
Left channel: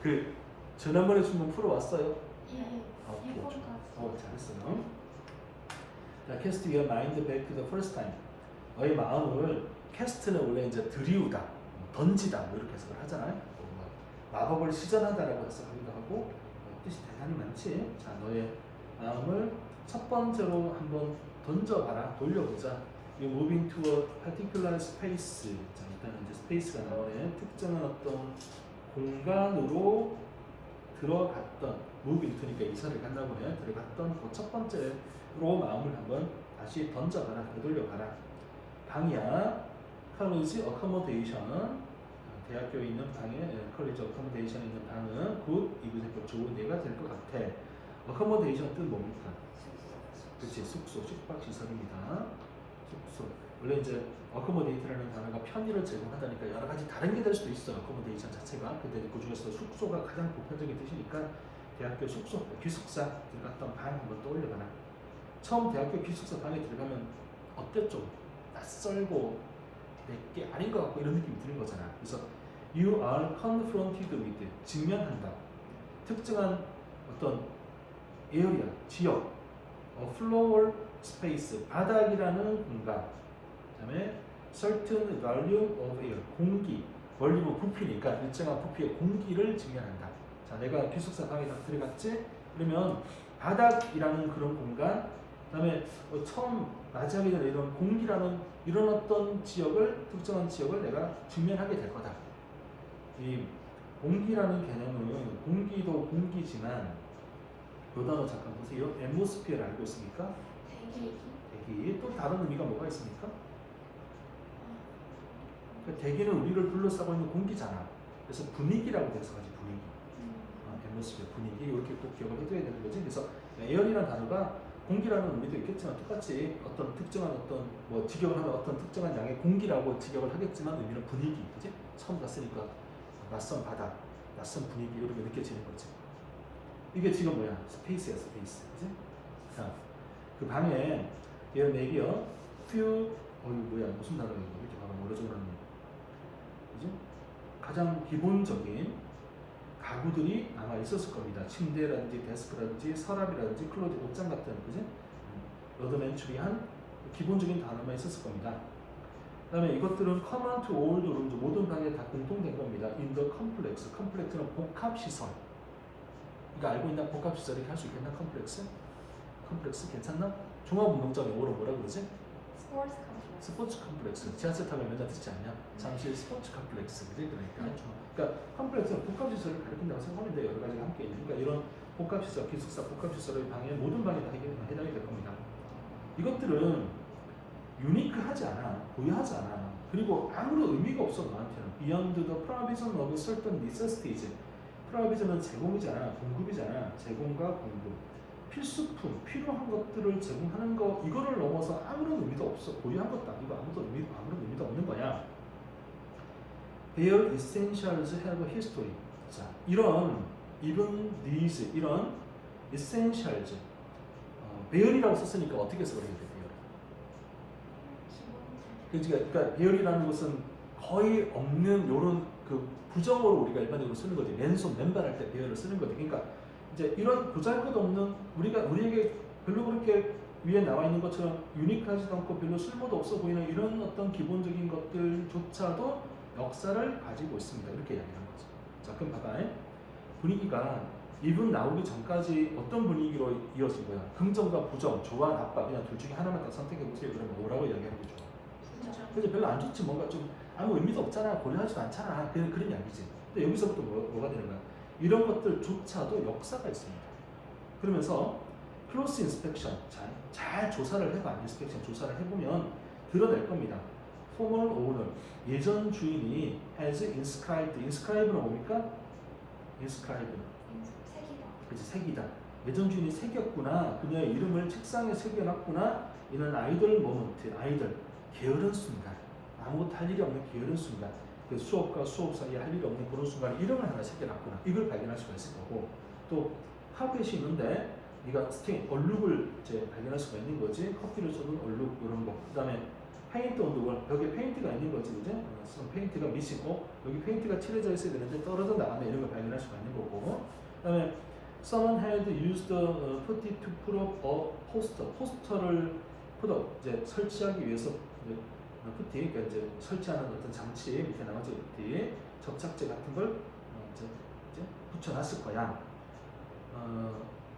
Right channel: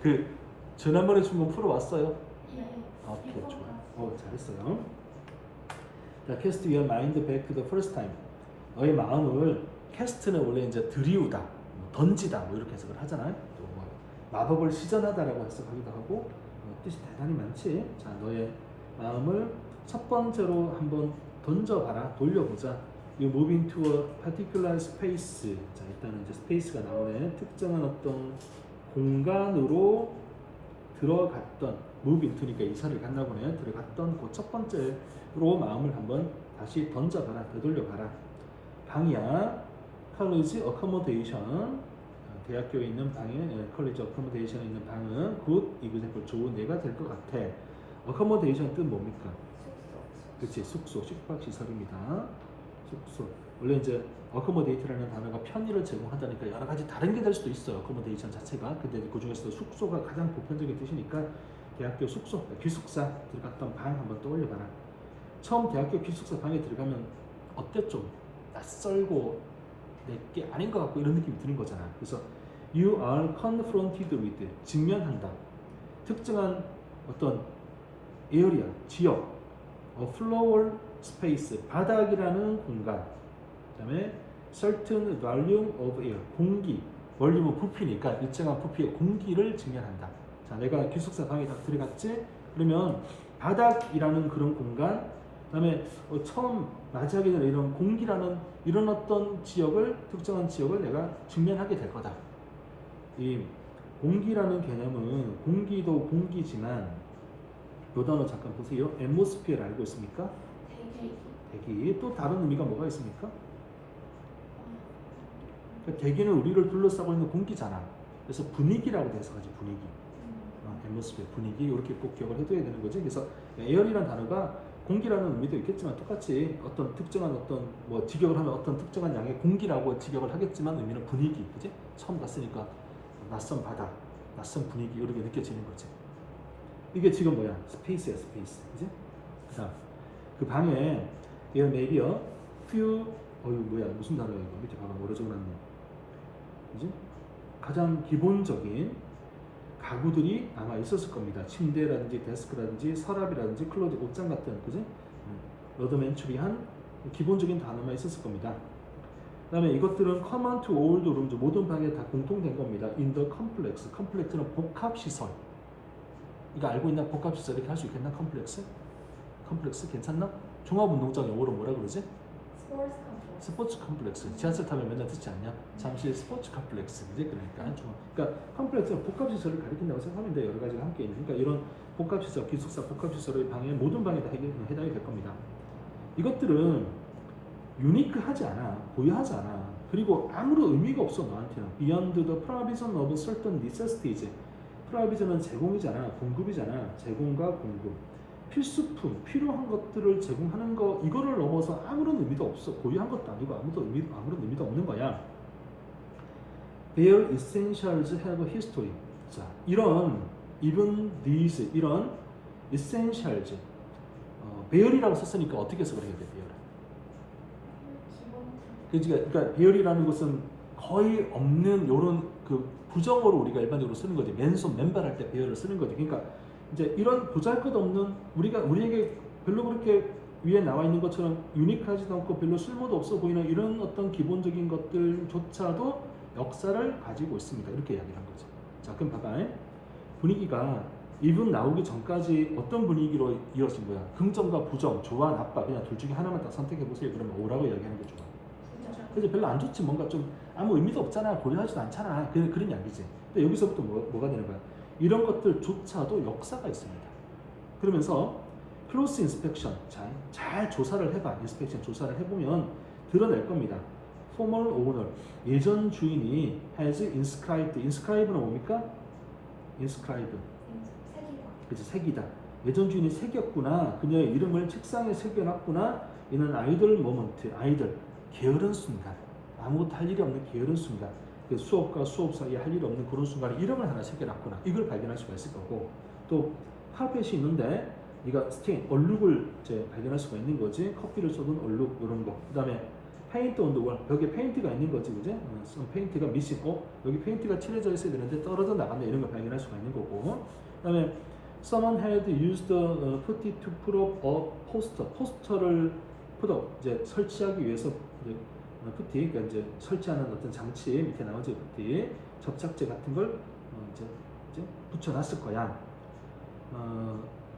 그 지난번에 준 건 풀어왔어요? 예. 아, 오케이. 좋아. 이번까지. 잘했어요. 자, cast your mind back to the first time. 너의 마음을 캐스트는 원래 이제 들이우다, 던지다 뭐 이렇게 해석을 하잖아요. 또 뭐 마법을 시전하다라고 해석하기도 하고 뜻이 대단히 많지. 자, 너의 마음을 첫 번째로 한번 던져봐라, 돌려보자. You moving to a particular space. 자, 일단은 이제 스페이스가 나오네. 특정한 어떤 공간으로 들어갔던 move into니까 이사를 갔나 보네. 들어갔던 그 첫 번째로 마음을 한번 다시 던져봐라, 되돌려봐라. 방이야. college accommodation. 대학교에 있는 방에 college accommodation에 있는 방은 good, example 좋은 예가 될 것 같아. accommodation 뜻 뭡니까? 그렇지, 숙소, 숙박 시설입니다. 숙소. 원래 이제 accommodate라는 단어가 편의를 제공한다니까 여러 가지 다른 게 될 수도 있어요. accommodation 자체가. 근데 그 중에서도 숙소가 가장 보편적인 뜻이니까 대학교 숙소, 기숙사 들어갔던 방 한번 떠올려봐라. 처음 대학교 기숙사 방에 들어가면 어때? 좀 낯설고 내게 아닌 것 같고 이런 느낌이 드는 거잖아. 그래서 you are confronted with 직면한다. 특정한 어떤 에어리아, 지역, floor space, 바닥이라는 공간, 그다음에 certain volume of air, 공기, 볼륨은 부피니까 일정한 부피의 공기를 직면한다. 자, 내가 기숙사 방에 딱 들어갔지? 그러면 바닥이라는 그런 공간, 그다음에 처음 나자리나 이런 공기라는 이런 어떤 지역을 특정한 지역을 내가 직면하게 될 거다. 이 공기라는 개념은 공기도 공기지만 요 단어 잠깐 보세요. atmosphere 알고 있습니까? 대기. 또 다른 의미가 뭐가 있습니까? 그러니까 대기는 우리를 둘러싸고 있는 공기잖아. 그래서 분위기라고 해석하지, 분위기. atmosphere, 분위기 이렇게 꼭 기억을 해둬야 되는 거지. 그래서 air이라는 단어가 공기라는 의미도 있겠지만 똑같이 어떤 특정한 어떤 뭐 직역을 하면 어떤 특정한 양의 공기라고 직역을 하겠지만 의미는 분위기, 그지? 처음 갔으니까 낯선 바다, 낯선 분위기 이렇게 느껴지는 거죠. 이게 지금 뭐야? 스페이스야, 스페이스, 그지? 자, 그 방에 there may be a few 이거 뭐야? 무슨 단어야 이거? 이렇게 봐봐, 오래 적었네. 그지? 가장 기본적인 가구들이 아마 있었을 겁니다. 침대라든지 데스크라든지 서랍이라든지 클로즈 옷장 같은, 그지? 러드맨추리한 기본적인 단어만 있었을 겁니다. 그다음에 이것들은 common to all the rooms, 모든 방에 다 공통된 겁니다. in the complex, complex는 복합 시설. 이거 알고 있나? 복합 시설 이렇게 할 수 있겠나? 컴플렉스? 컴플렉스 괜찮나? 종합운동장 영어로 뭐라 그러지? 스포츠 컴플렉스. 스포츠 컴플렉스. 지하철 타면 맨날 듣지 않냐? 잠시 스포츠 컴플렉스. 이제 그러니까 컴플렉스는 복합 시설을 가리킨다고 생각하면 돼요. 여러 가지가 함께 있는. 그러니까 이런 복합 시설, 기숙사 복합 시설의 방에 모든 방에 다 해당이 될 겁니다. 이것들은 유니크하지 않아, 고유하지 않아. 그리고 아무런 의미가 없어 나한테는. Beyond the provision of certain necessities. 프라이빗은 제공이잖아, 공급이잖아. 제공과 공급. 필수품, 필요한 것들을 제공하는 거, 이거를 넘어서 아무런 의미도 없어. 고유한 것도 아니고 아무런 의미도 없는 거야. Their essentials have a history. 자, 이런 even these 이런 essentials. 배열이라고 썼으니까 어떻게 써야 돼요? 그러니까 배열이라는 것은 거의 없는 요런 그 부정어로 우리가 일반적으로 쓰는 거지. 맨손 맨발할 때 배열을 쓰는 거지. 그러니까 이제 이런 보잘것없는 우리에게 별로 그렇게 위에 나와 있는 것처럼 유니크하지도 않고 별로 쓸모도 없어 보이는 이런 어떤 기본적인 것들조차도 역사를 가지고 있습니다. 이렇게 이야기하는 거죠. 자, 그럼 봐봐. 분위기가 이분 나오기 전까지 어떤 분위기로 이어진 거야? 긍정과 부정, 좋아, 나빠, 그냥 둘 중에 하나만 딱 선택해 보세요. 그러면 오라고 이야기하는 게 좋아. 근데 별로 안 좋지. 뭔가 좀 아무 의미도 없잖아. 고려하지도 않잖아. 그런 이야기지. 근데 여기서부터 뭐가 되는 거야? 이런 것들조차도 역사가 있습니다. 그러면서 close inspection, 잘 조사를 해봐. inspection 조사를 해보면 드러낼 겁니다. former owner, 예전 주인이 has inscribed. inscribe는 뭡니까? inscribe. 그치, 새기다. 예전 주인이 새겼구나. 그녀의 이름을 책상에 새겨놨구나. 이는 아이들 모먼트, 아이들 게으른 순간, 아무것도 할 일이 없는 게으른 순간, 그 수업과 수업 사이에 할 일이 없는 그런 순간에 이름을 하나 새겨놨구나. 이걸 발견할 수가 있을 거고, 또 파펫이 있는데 네가 스테인, 얼룩을 이제 발견할 수가 있는 거지. 커피를 쏟은 얼룩 이런 거. 그다음에 페인트 온도 월, 벽에 페인트가 있는 거지, 그죠? 페인트가 미싱, 여기 페인트가 칠해져 있어야 되는데 떨어져 나가면 이런 걸 발견할 수가 있는 거고. 그다음에 someone had used putty to put up a poster. 포스터를 put up, 이제 설치하기 위해서 푸티, 그러니까 이제 설치하는 어떤 장치 밑에 나오죠. 푸티, 접착제 같은 걸 이제 붙여놨을 거야.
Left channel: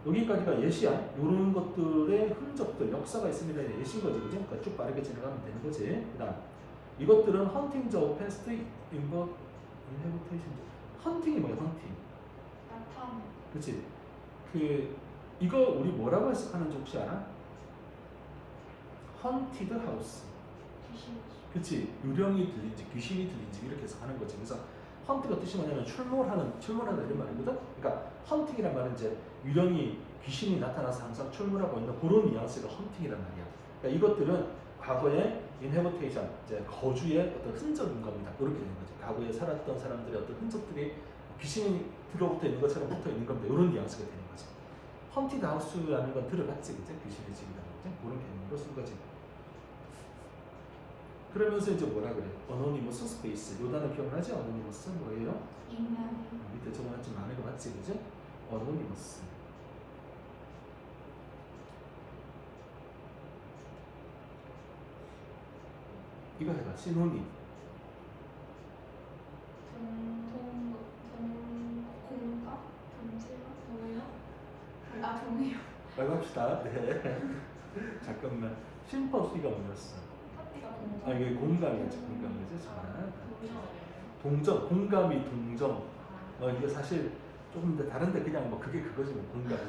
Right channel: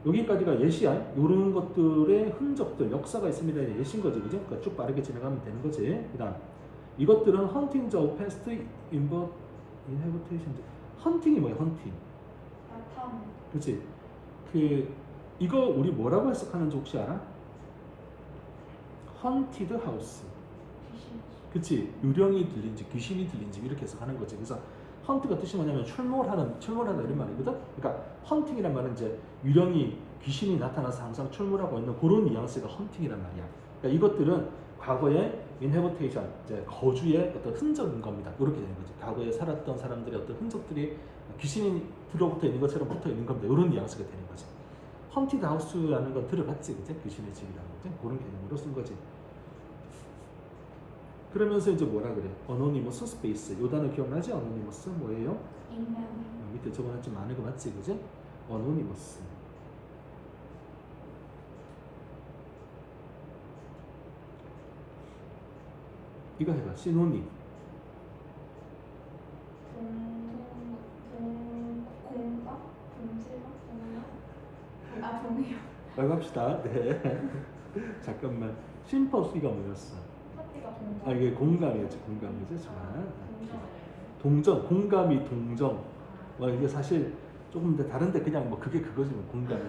여기까지가 예시야. 이런 것들의 흔적들, 역사가 있습니다. 예시인 거지, 그죠? 그러니까 쭉 빠르게 진행하면 되는 거지. 그다음 이것들은 hunting the past inhabitation. 헌팅이 뭐야? 헌팅. 나타내. 그렇지. 이거 우리 뭐라고 해석하는지 혹시 알아? haunted house. 그치, 유령이 들린지 귀신이 들린지 이렇게 해석하는 거지. 그래서 헌트가 뜻이 뭐냐면 출몰하는 이런 말이거든. 그러니까 헌팅이란 말은 이제 유령이 귀신이 나타나서 항상 출몰하고 있는 그런 뉘앙스가 헌팅이란 말이야. 그러니까 이것들은 과거의 인해버테이션, 이제 거주의 어떤 흔적인 겁니다. 그렇게 되는 거죠. 과거에 살았던 사람들의 어떤 흔적들이 귀신이 들어붙어 있는 것처럼 붙어 있는 겁니다. 이런 뉘앙스가 되는 거죠. 헌티드 하우스라는 건 들어봤지, 그죠? 귀신의 집이라는 거죠. 그런 개념으로 쓴 거지. 그러면서 이제 뭐라 그래? 어노니머스 스페이스. 요 단어 기억나지? 어노니머스 뭐예요? 익명이. 밑에 저번에 좀 많은 거 봤지, 그죠? 어노니머스. 이거 해봐. 시노님. 공감? 동지요? 동요? 동요. 빨리 합시다. 네. 잠깐만. 심퍼시가 뭐였어? 파티가 동정. 이게 공감이죠. 정말. 동정, 공감이 동정. 이게 사실 조금 다른데 그냥 뭐 그게 그거지 뭐 공감.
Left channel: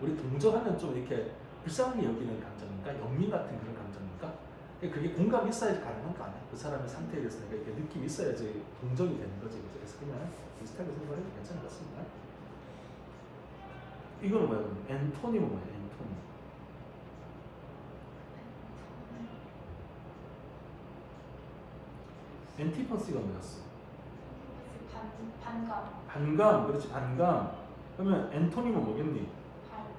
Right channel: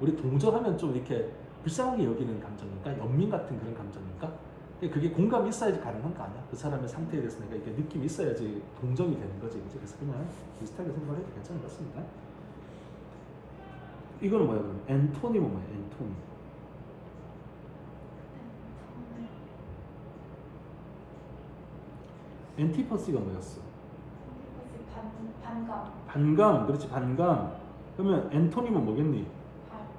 우리 동정하면 좀 이렇게 불쌍하게 여기는 감정인가? 연민 같은 그런 감정인가? 그게 공감이 있어야지 가능한 거 아니야? 그 사람의 상태에 대해서 내가 이렇게 느낌이 있어야지 동정이 되는 거지. 그래서 그냥 비슷하게 생각해도 괜찮은 것 같습니다. 이거는 뭐야? 엔토니모네, 엔토니. 엔티퍼시가 뭐였어? 반감. 반감, 그렇지 반감. 그러면 엔토니모 뭐겠니?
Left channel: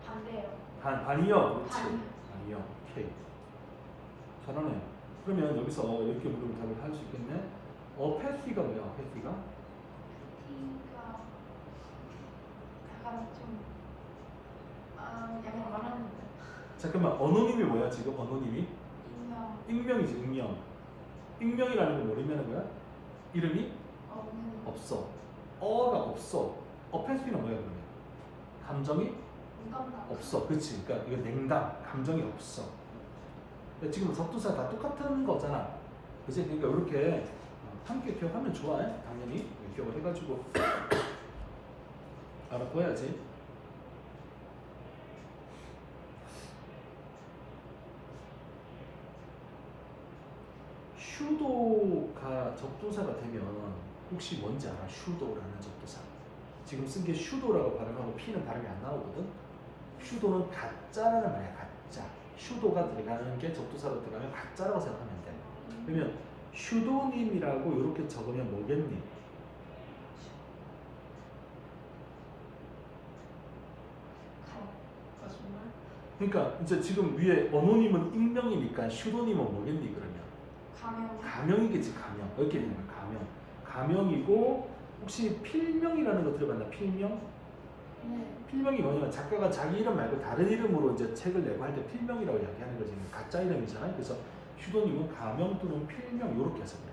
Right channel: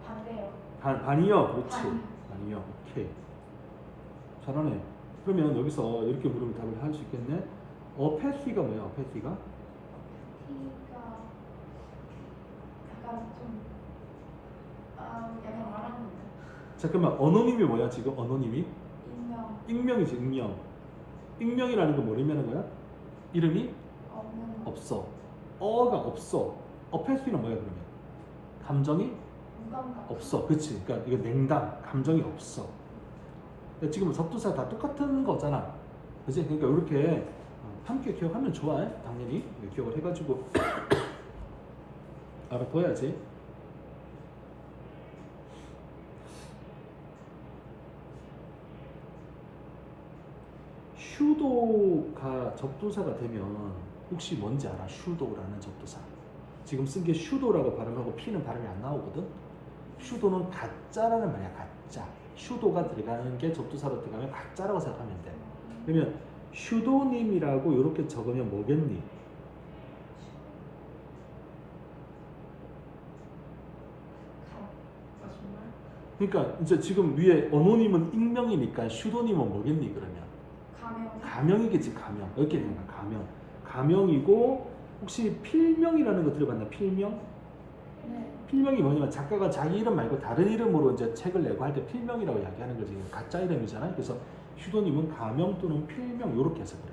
반대요. 반이요, 그렇지. 반이요. 반이요, 오케이. 잘하네. 그러면 여기서 이렇게 물으면 답을 할 수 있겠네. 어패시가 뭐야? 어패시가? T가 약간 좀 약간 말하는데 잠깐만, 어노님이 뭐야 지금? 어노님이? 인명 익명이지, 익명. 익명이라는 건 뭘 의미하는 거야? 이름이 없는 없어. 어가 없어. 어패시는 뭐야 그러면? 감정이 무감각. 없어. 그렇지. 그러니까 이거 냉담, 감정이 없어. 그러니까 지금 접두사 다 똑같은 거잖아. 그치? 그러니까 이렇게 함께 기억하면 좋아. 당연히 기억을 해가지고 알아둬야지. 슈도가 접두사가 되면 혹시 뭔지 알아? 슈도라는 접두사. 지금 쓴 게 슈도라고 발음하고 피는 발음이 안 나오거든. 슈도는 가짜라는 말이야. 가짜. 슈도가 들어가는 게 접두사로 들어가면 가짜라고 생각하면 돼. 그러면 슈도님이라고 이렇게 적으면 뭐겠니? 그러니까 이제 지금 위에 어노님은 익명이니까 슈도님은 뭐겠니 그러면? 가명. 가명이겠지. 가명. 이렇게 되는 거야. 가명. 가명이고 혹시 필명이라는 거 들어봤나? 필명? 네. 필명이 뭐냐면 작가가 자기 이름 말고 다른 이름으로 이제 책을 내고 할 때 필명이라고 이야기하는 거지. 가짜 이름이잖아요. 그래서 슈도님은 가명 또는 필명 이렇게 해서 그래.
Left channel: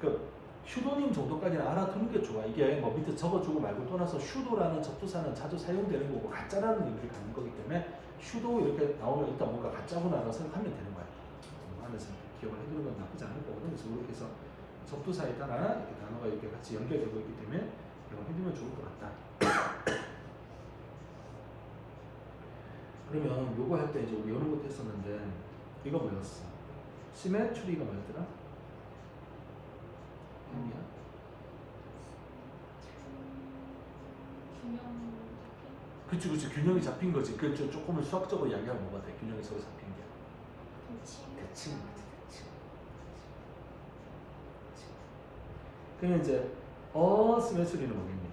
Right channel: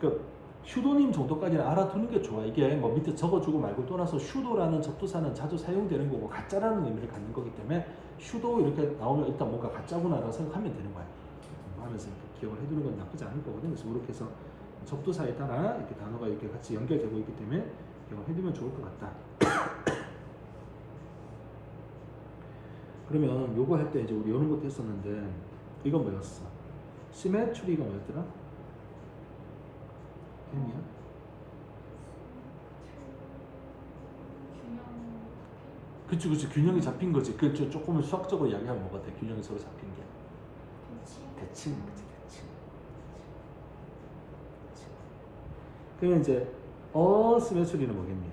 그러니까 슈도님 정도까지는 알아두는 게 좋아. 이게 뭐 밑에 적어주고 말고 떠나서 슈도라는 접두사는 자주 사용되는 거고 가짜라는 의미를 갖는 거기 때문에 슈도 이렇게 나오면 일단 뭔가 가짜구나라고 생각하면 되는 거야. 하면서 기억을 해두는 건 나쁘지 않을 거거든. 그래서 이렇게 해서 접두사에 따라 이렇게 단어가 이렇게 같이 연결되고 있기 때문에 기억을 해두면 좋을 것 같다. 그러면 요거 할 때 이제 우리 여는 것도 했었는데 이거 뭐였어? 시메트리가 뭐였더라? 햄이야? 균형. 그치 균형이 잡힌 거지. 그 조금은 수학적으로 이야기하면 뭐가 돼? 균형이 서로 잡힌 게 대칭. 그러면 이제 어시메트리는 뭐겠니?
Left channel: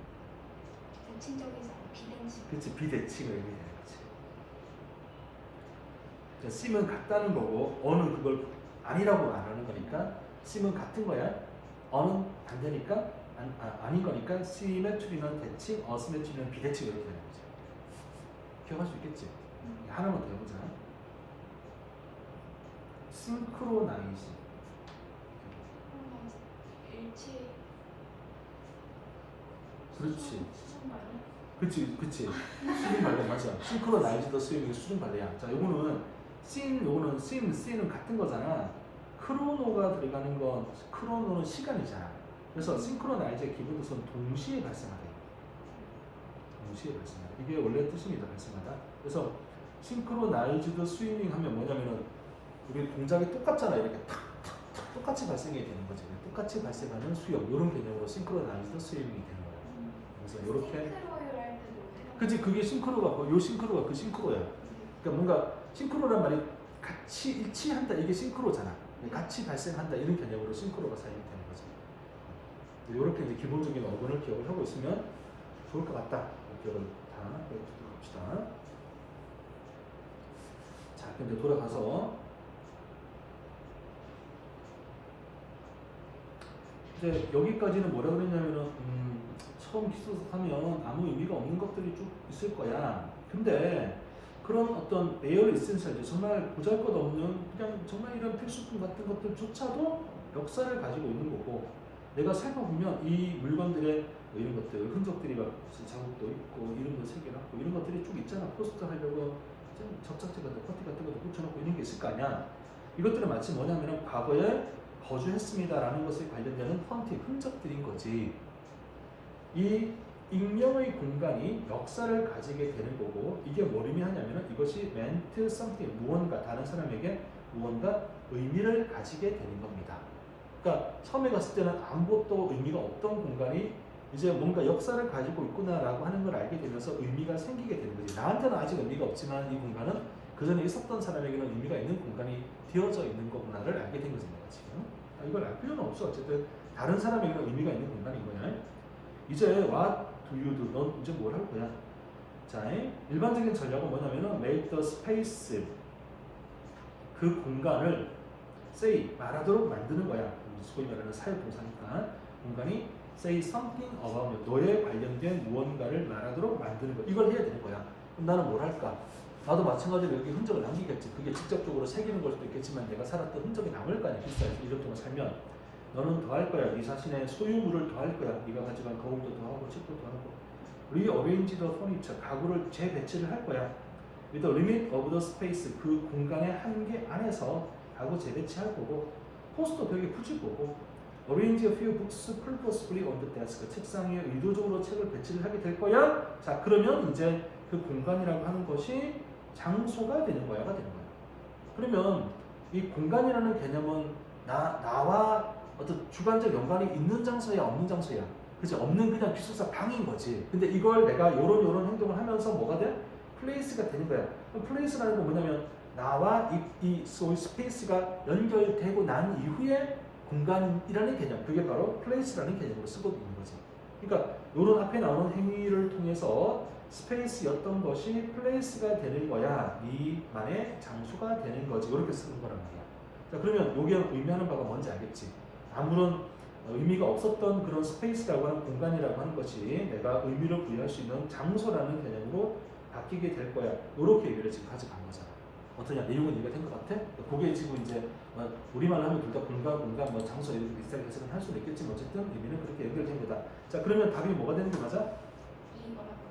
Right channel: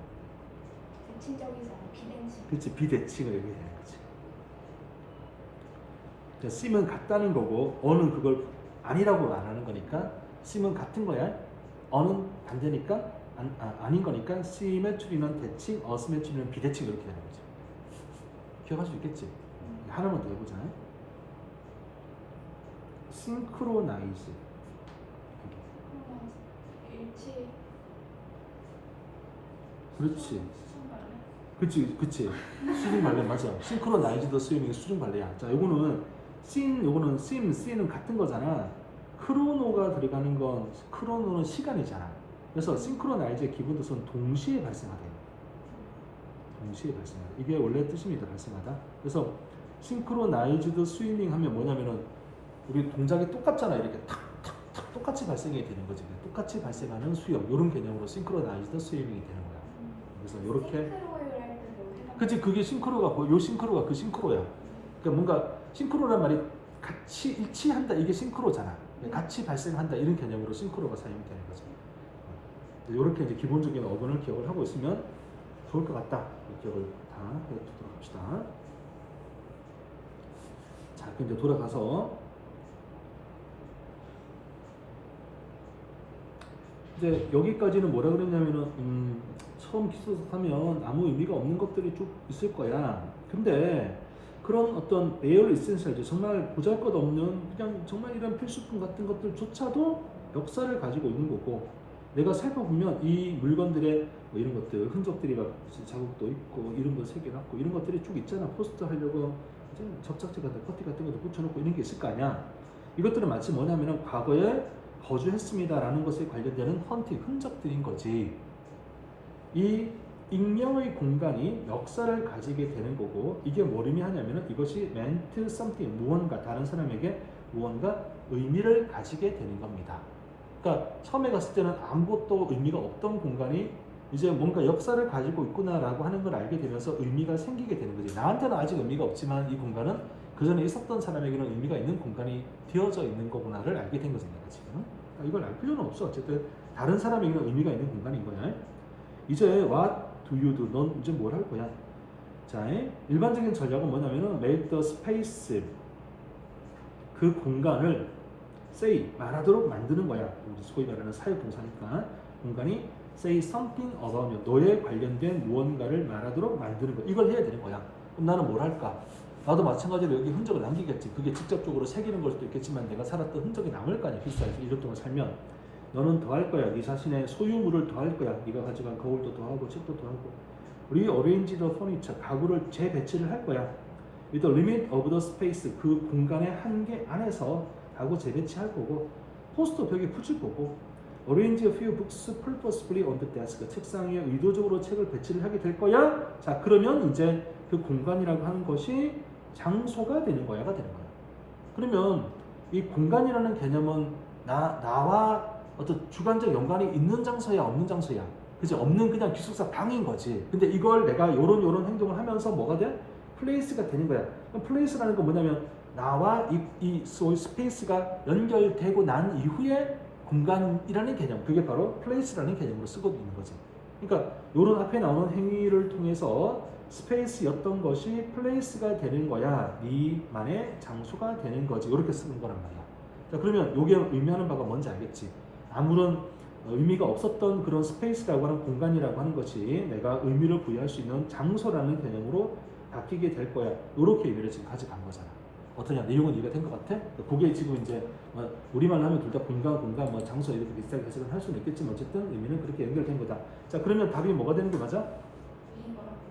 대칭적이지 않아 비대칭. 그치 비대칭을 의미하는 거지. 그러니까 sim은 같다는 거고 어는 그걸 아니라고 안 하는 거니까 sim은 같은 거야. 어는 반대니까 아닌 거니까 시메트리는 대칭, 어시메트리는 비대칭 이렇게 되는 거지. 기억할 수 있겠지? 하나만 더 해보자. 싱크로나이즈. 일치. 그렇지. 수준 발레. 그치. 수중 발레 맞아. 싱크로나이즈드 스위밍이 수중 발레야. 자, 요거는 요거는 C는 같은 거잖아. 크로노가 들어가는 건 크로노는 시간이잖아. 그래서 싱크로나이즈의 기본 뜻은 동시에 발생하대요. 동시에 발생하다. 이게 원래 뜻입니다. 발생하다. 그래서 싱크로나이즈드 스위밍 하면 뭐냐면은 우리 동작이 똑같잖아. 이렇게 탁탁탁 똑같이 발생이 되는 거지. 똑같이 발생하는 수영 이런 개념으로 싱크로나이즈드 스위밍이 되는 거야. 그래서 이렇게 싱크로율 할 때도 해당. 그치 그게 싱크로가 요 싱크로가 그 싱크로야. 그러니까 뭔가 싱크로란 말이 같이 일치한다 이게 싱크로잖아. 같이 발생한다 이런 개념으로 싱크로가 사용되는 거죠. 이렇게 이제 기본적인 어근을 기억을 하고 있으면 좋을 것 같다. 기억을 다 해두도록 합시다. 자, 그럼 이제 돌아가서 이제 여기까지는 뭐라 그랬냐면은 처음 기술하면 아무 의미가 없는 것들이 쭉 있을 거야. 근데 그런 어떤 에어 에센셜 정말 보잘것없는 그냥 정말 이런 필수품 같은 것들조차도 역사를 가지고 있는 거고 내가 살펴보면 이 물건들의 뭐 이런 것들 흔적들이 막 자국도 있고 이름도 새겨놨고 이런 것들이 쭉 있잖아. 포스터 하려고 접착제 같은 코티 같은 것도 붙여놓고 이런 게 있을 거 아니야. 이것들은 마치 뭐냐면은 과거에 거주했습니다라는 것에 관련되는 헌팅 흔적들인 거지. 이 익명의 공간이 역사를 가지게 되는 거고 이게 뭘 의미하냐면은 이것이 meant something 무언가 다른 사람에게 무언가 의미를 가지게 되는 겁니다. 그러니까 처음에 갔을 때는 아무것도 의미가 없던 공간이 이제 뭔가 역사를 가지고 있구나라고 하는 걸 알게 되면서 의미가 생기게 되는 거지. 나한테는 아직 의미가 없지만 이 공간은 그 전에 있었던 사람에게는 의미가 있는 공간이 되어져 있는 거구나를 알게 된 거잖아요 지금. 이걸 알 필요는 없어. 어쨌든 다른 사람에게는 의미가 있는 공간인 거야. 이제 what do you do? 넌 이제 뭘 할 거야? 자, 일반적인 전략은 뭐냐면은 make the space, 그 공간을 say, 말하도록 만드는 거야. 소위 말하는 사회동사니까 공간이 say something about you, 너에 관련된 무언가를 말하도록 만드는 거. 이걸 해야 되는 거야. 그럼 나는 뭘 할까? 나도 마찬가지로 여기 흔적을 남기겠지. 그게 직접적으로 새기는 걸 수도 있겠지만 내가 살았던 흔적이 남을 거 아니야. 비슷하게 1년 동안 살면 너는 더 할 거야. 네 자신의 소유물을 더 할 거야. 네가 가져간 거울도 더 하고 책도 더 하고 rearrange the furniture, 가구를 재배치를 할 거야. with the limit of the space, 그 공간의 한계 안에서 가구 재배치할 거고 포스터 되게 붙일 거고 arrange a few books purposefully on the desk, 책상 위에 의도적으로 책을 배치를 하게 될 거야. 자, 그러면 이제 그 공간이라고 하는 것이 장소가 되는 거야가 되는 거야. 그러면 이 공간이라는 개념은 나와 어떤 주관적 연관이 있는 장소야, 없는 장소야. 그치? 없는 그냥 기숙사 방인 거지. 근데 이걸 내가 요런 행동을 하면서 뭐가 돼? 플레이스가 되는 거야. 플레이스라는 건 뭐냐면 나와 이 스페이스가 연결되고 난 이후에 공간이라는 개념, 그게 바로 플레이스라는 개념으로 쓰고 있는 거죠. 그러니까 요런 앞에 나오는 행위를 통해서 스페이스였던 것이 플레이스가 되는 거야. 네만의 장소가 되는 거지. 이렇게 쓰는 거란 말이야. 자, 그러면 요게 의미하는 바가 뭔지 알겠지? 아무런 의미가 없었던 그런 스페이스라고 하는 공간이라고 하는 것이 내가 의미를 부여할 수 있는 장소라는 개념으로 바뀌게 될 거야. 이렇게 의미를 지금 가져간 거잖아. 어떠냐? 내용은 이해가 된 것 같아? 그게 지금 이제 우리만 하면 둘 다 공간, 뭐 장소 이렇게 비슷하게 해석은 할 수는 있겠지만 어쨌든 의미는 그렇게 연결된 거다. 자, 그러면 답이 뭐가 되는 거 맞아?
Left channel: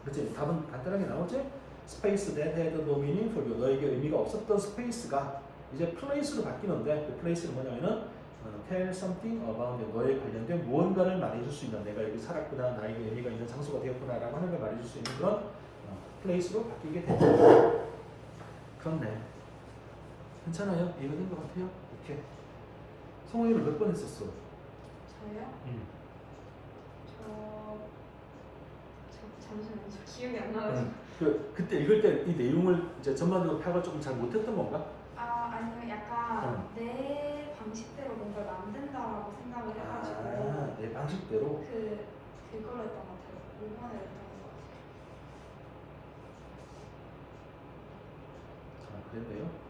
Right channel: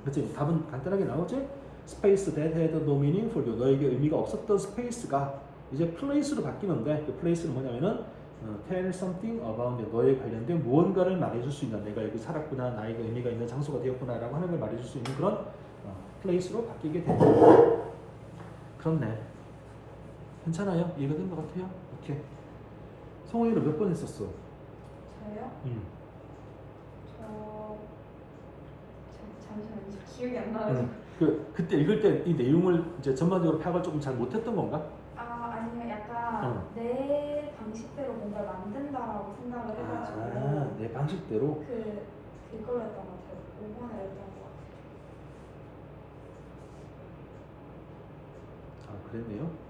그렇지? 답은 간단하게 나오지? Space that had no meaning for you. 너에게 의미가 없었던 스페이스가 이제 플레이스로 바뀌는데 그 플레이스는 뭐냐면은 tell something about you. 너에 관련된 무언가를 말해줄 수 있는, 내가 여기 살았구나, 나에게 의미가 있는 장소가 되었구나라고 하는 걸 말해줄 수 있는 그런 플레이스로 바뀌게 된다. 그렇네. 괜찮아요? 이해가 된 것 같아요? 이렇게. 성화이를 몇 번 했었어? 저요? 잠시만요. 저 기억이 안 나요. 그때 읽을 때 이 내용을 이제 전반적으로 파악을 조금 잘 못했던 건가? 아니요. 약간 내 방식대로 뭔가를 만든다라고 생각을 해가지고 내 방식대로? 그걸로 했던 것 같아요. 5번에 했던 것 같아요. 그랬네요.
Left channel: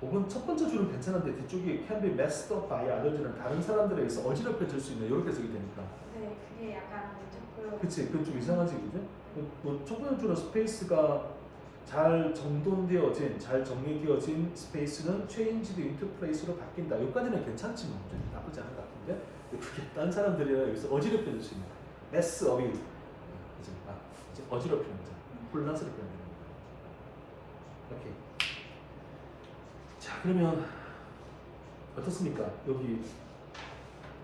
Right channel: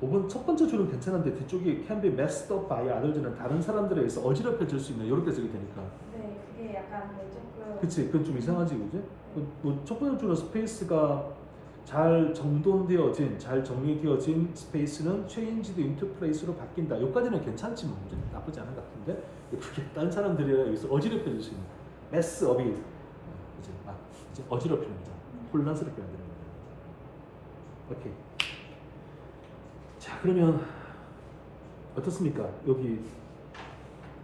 5번 첫 번째 줄은 괜찮은데 뒤쪽이 can be messed up by others는 다른 사람들에 의해서 어지럽혀질 수 있는 이렇게 적이 되니까. 네, 그게 약간 조금. 그치, 그건 좀 이상하지, 그지? 첫 번째 줄은 스페이스가 잘 정돈되어진, 잘 정리되어진 스페이스는 changed into place로 바뀐다. 여기까지는 괜찮지 뭐, 나쁘지 않은 것 같은데 그게 다른 사람들에 의해서 어지럽혀질 수 있는 mess up이 이제 어지럽히는 거죠. 혼란스럽게 만드는 거죠. 오케이. 자, 그러면 어떻습니까? 여기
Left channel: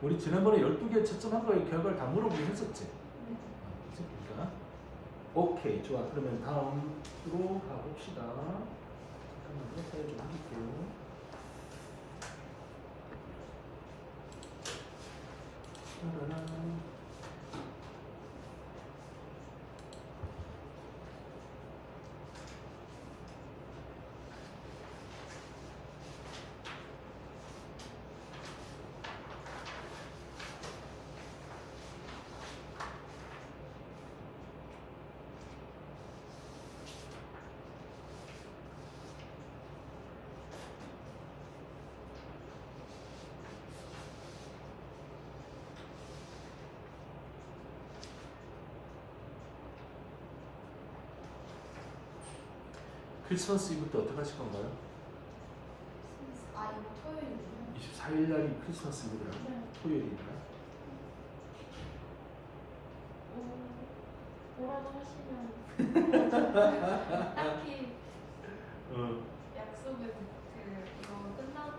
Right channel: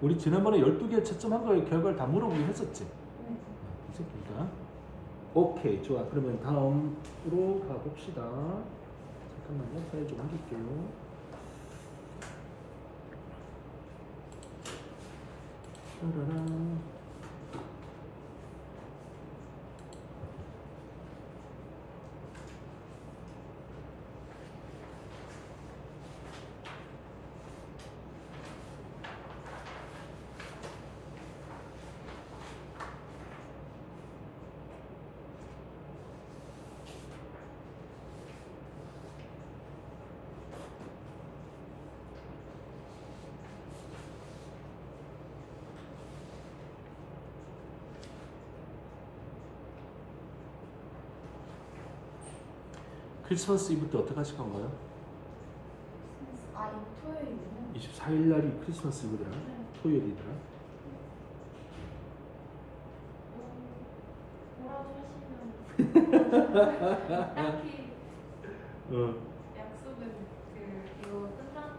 우리 지난번에 12개 채점한 걸 결과를 다 물어보긴 했었지? 네. 했었습니까? 오케이, 좋아. 그러면 다음으로 가봅시다. 잠깐만요. 사진 좀 옮길게요. 짜라란. 크리스마스 이브 때 어떻게 하실 건가요? 이거 토요일이요? 24일 날이 크리스마스 이브래요? 네. 토요일이래요? 뭐라고 하시면 딱히 약속은 이거 끝나고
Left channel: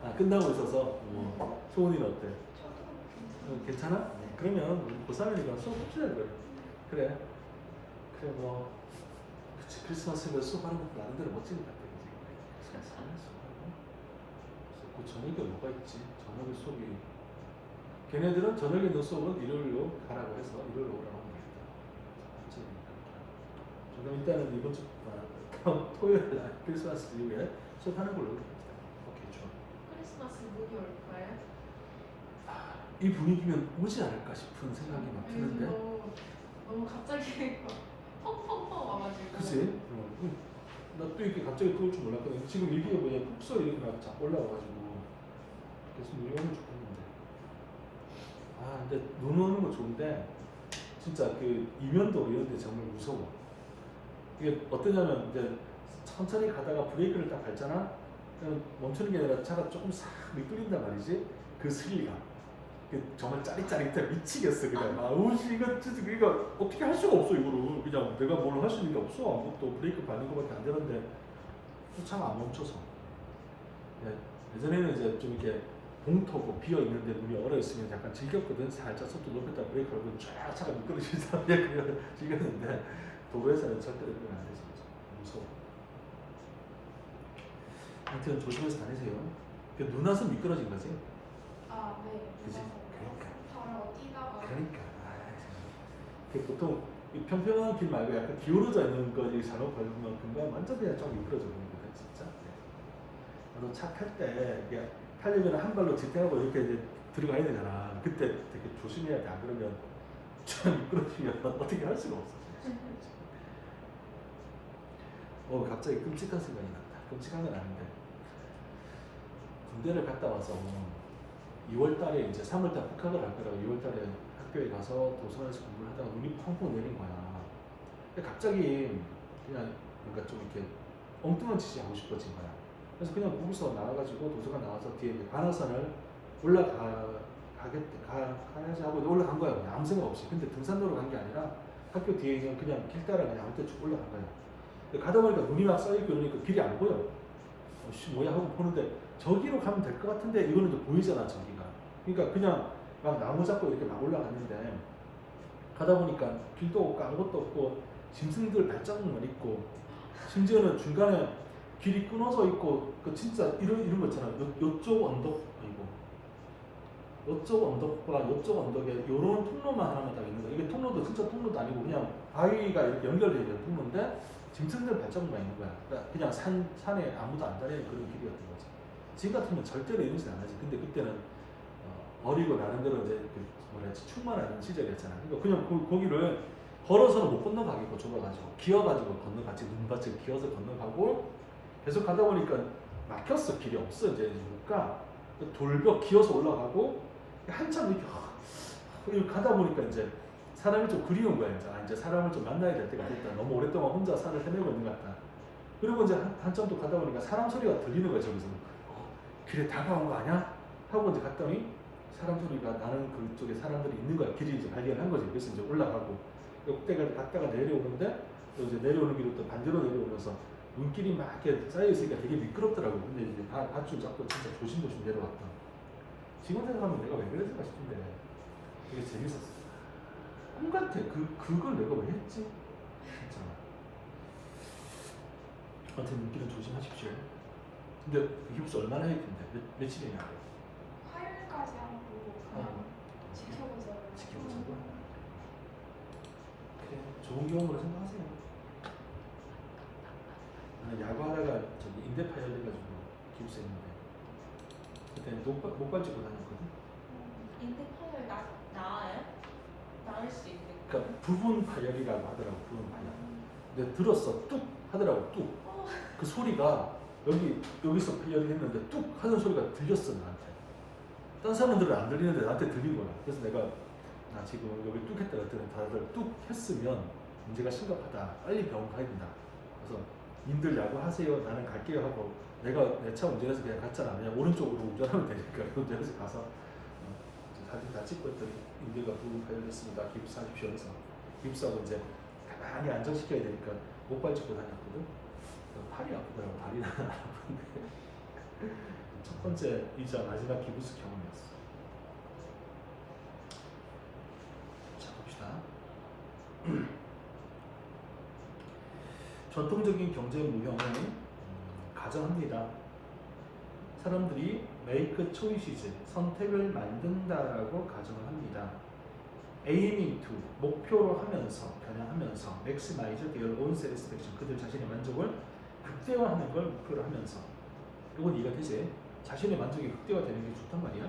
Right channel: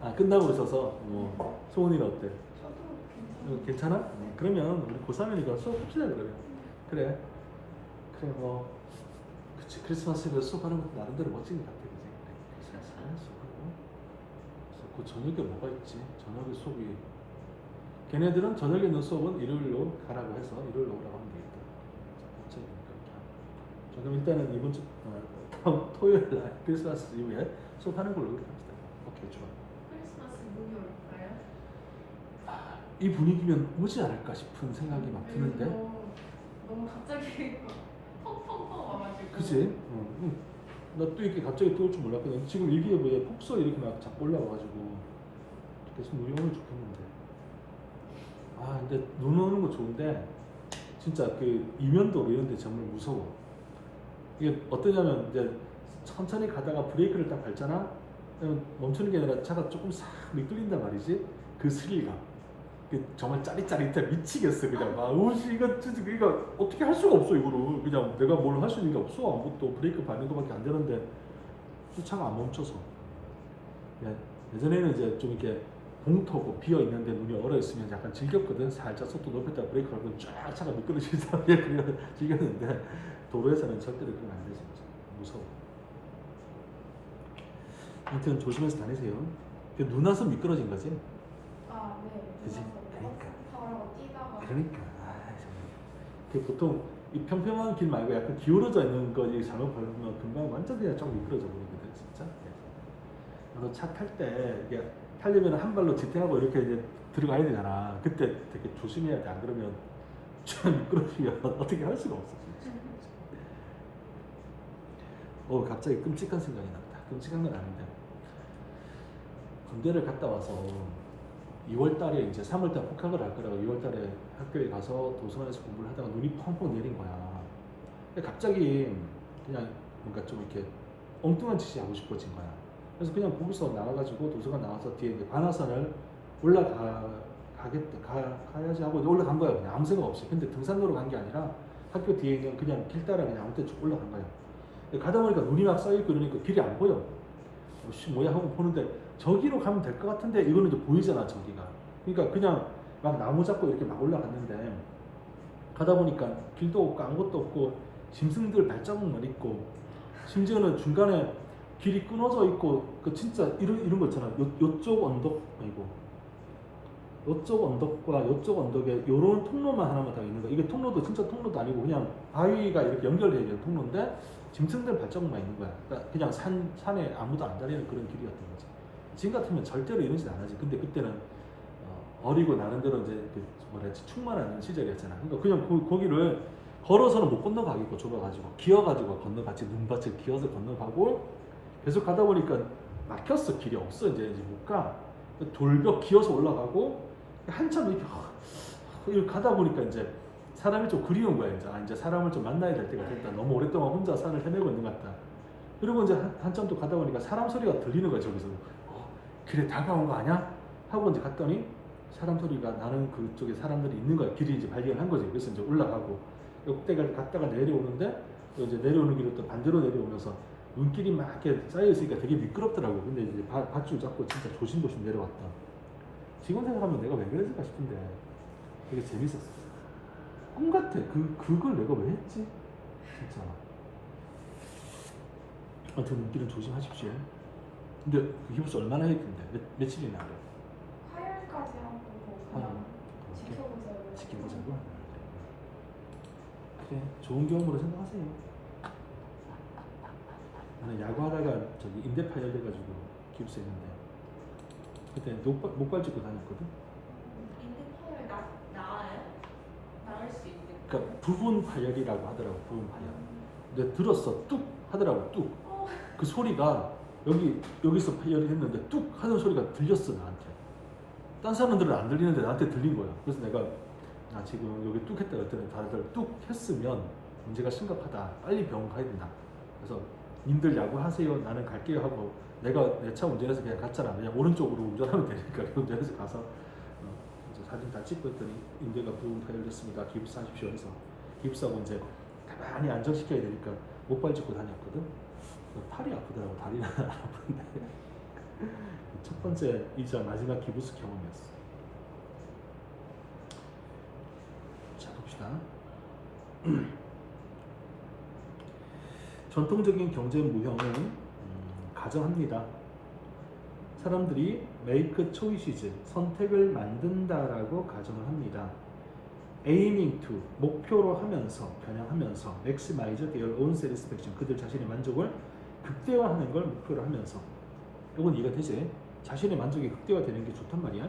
있어서. 끝나고 있어서 소은이는 어때? 저도 괜찮아요. 괜찮아? 네. 그러면 우리 고3이니까 수업합시다 그래. 그래. 그래 뭐 그치, 크리스마스에 수업하는 것도 나름대로 멋진 것 같아. 그치? 크리스마스 수업하는 그래서 그 저녁에 뭐가 있지? 저녁에 수업이 걔네들은 저녁에 있는 수업은 일요일로 가라고 해서 일요일로 오라고 하면 되겠다. 자, 그럼 일단은 이번 주 다음 토요일 날 크리스마스 이후에 수업하는 걸로 합시다. 오케이, 좋아. 크리스마스 목요일. 이 분위기면 오지 않을까 싶은 생각이 막 드는데. 너무 갑자기 펑펑펑 와가지고. 그치? 나또 이렇게 갑자기 또 올 줄 몰랐거든. 지금 얘기해보자 폭설 이렇게 막 자꾸 올라와가지고 계속 눈이 오면 좋겠는데. 아 근데 눈 오는 거 좋은데 진짜 그 이면도로 이런 데 정말 무서워. 이게 어떠냐면 이제 천천히 가다가 브레이크를 딱 밟잖아. 그냥 멈추는 게 아니라 차가 조금 싹 미끌린단 말이지. 그 스릴감. 정말 짜릿짜릿해 미치겠어 그냥. 아 우씨 이거 진짜 이거 어떻게 할 수가 없어 이거를. 그냥 내가 뭘 할 수 있는 게 없어. 아무것도 브레이크 밟는 거밖에 안 되는데 또 차가 안 멈춰서. 네. 예전에는 이제 좀 이렇게 공터고 비어 있는데 눈이 얼어 있으면 약간 즐겼거든. 살짝 속도 높였다 브레이크 밟으면 쫙 차가 미끄러지다. 그래 즐겼는데 도로에서는 절대로 그러면 안 되죠. 무서워. 아무튼 조심해서 다니세요. 눈 와서 미끄러진 거지. 아, 네. 그치? 그러니까. 바로 뛰다가. 그러니까. 보통 이 평평한 길 말고 약간 기울어져 있는 거 잘못 밟으면 금방 완전 그냥 좀 미끄러져 버리거든 진짜. 나도 차 탈 때 이게 타려면 한 발로 지탱하고 이렇게 이제 들어가야 되잖아. 그때 되게 조심해야 돼. 안 그러면 좀 미끄러지면 어떻게 할 수가 없어. 갑자기 끔찍한 생각이 났다. 끔찍한 건 아닌데 군대를 갔다 와서 2월달에 이제 3월달 복학을 할 거라고 2월달에 학교에 가서 도서관에서 공부를 하다가 눈이 펑펑 내린 거야. 근데 갑자기 그냥 뭔가 좀 이렇게 엉뚱한 짓이 하고 싶어진 거야. 그래서 그냥 거기서 나가가지고 도서관 나가서 뒤에 이제 관악산을 가야지 하고 올라간 거야. 그냥 아무 생각 없이. 근데 등산로로 간 게 아니라 학교 뒤에 그냥 길 따라 그냥 아무 때 쭉 올라간 거야. 가다 보니까 눈이 막 쌓여있고 이러니까 길이 안 보여. 뭐야 하고 보는데 저기로 가면 될 것 같은데 이거는 또 보이잖아 저기가. 그러니까 그냥 막 나무 잡고 이렇게 막 올라갔는데 가다 보니까 길도 없고 아무것도 없고 짐승들 발자국만 있고 심지어는 중간에 길이 끊어져 있고 그 진짜 이런 거 있잖아. 요쪽 언덕 요쪽 언덕과 요쪽 언덕에 요런 통로만 하나만 딱 있는 거야. 이게 통로도 진짜 통로도 아니고 그냥 바위가 이렇게 연결되어 있는 통로인데 짐승들 발자국만 있는 거야. 그러니까 그냥 산에 아무도 안 다니는 그런 길이었던 거지. 지금 같으면 절대로 이런 짓 안 하지. 근데 그때는 어리고 나름대로 이제 그 뭐라 해야지 충만한 시절이었잖아. 그러니까 그냥 거기를 걸어서는 못 건너가겠고 좁아가지고 기어가지고 건너갔지. 눈밭을 기어서 건너가고 계속 가다 보니까 막혔어. 길이 없어. 이제 못 가. 돌벽 기어서 올라가고 한참 이렇게 가다 보니까 이제 사람이 좀 그리운 거야. 이제 사람을 좀 만나야 될 때가 됐다. 너무 오랫동안 혼자 산을 헤매고 있는 것 같다. 그리고 이제 한참 또 가다 보니까 사람 소리가 들리는 거야. 저기서 길에 다가온 거 아니야? 하고 이제 갔더니 사람 소리가 나는 그쪽에 사람들이 있는 거야. 길이 이제 발견한 거지. 그래서 이제 올라가고 그때까지 갔다가 내려오는데 또 이제 내려오는 길을 또 반대로 내려오면서 눈길이 막 이렇게 쌓여 있으니까 되게 미끄럽더라고. 근데 이제 밧줄 잡고 진짜 조심조심 내려왔다. 지금 생각하면 내가 왜 그랬을까 싶은데 되게 재밌었어. 꿈 같아. 그걸 내가 왜 했지? 진짜. 아무튼 눈길은 조심하십시오. 근데 그 깁스 얼마나 했던데? 며칠이냐? 화요일까지 하고 그냥 지켜보자고. 지켜보자고? 그래, 좋은 경험으로 생각하세요. 나는 야구하다가 저기 인대 파열돼가지고 깁스 했는데 그때 목발 짚고 다녔거든? 인대파열 나아요? 나을 수 있는. 그러니까 부분 파열이라고 하더라고. 부분 파열. 근데 들었어. 뚝 하더라고. 뚝. 그 소리가 여기서 파열이 했는데 뚝 하는 소리가 들렸어 나한테. 딴 사람들은 안 들리는데 나한테 들린 거야. 그래서 내가 나 지금 여기 뚝 했다 그랬더니 다들 뚝 했으면 문제가 심각하다. 빨리 병원 가야 된다. 그래서 님들 야구하세요. 나는 갈게요 하고 내가 내 차 운전해서 그냥 갔잖아. 그냥 오른쪽으로 운전하면 되니까 운전해서 가서 사진 다 찍고 했더니 인대가 부분 파열됐습니다. 깁스하십시오 해서 깁스하고 이제 가만히 안정시켜야 되니까 목발 짚고 다녔거든. 팔이 아프더라고. 다리는 안 아픈데 첫 번째 이자 마지막 기부스 경험이었어. 자 봅시다. 전통적인 경제 무형은 가정합니다. 사람들이 make choices, 선택을 만든다라고 가정을 합니다. aiming to, 목표로 하면서, 겨냥하면서 maximize their own satisfaction, 그들 자신의 만족을 극대화하는 걸 목표로 하면서. 이건 이해가 되지? 자신의 만족이 극대화되는 게 좋단 말이야.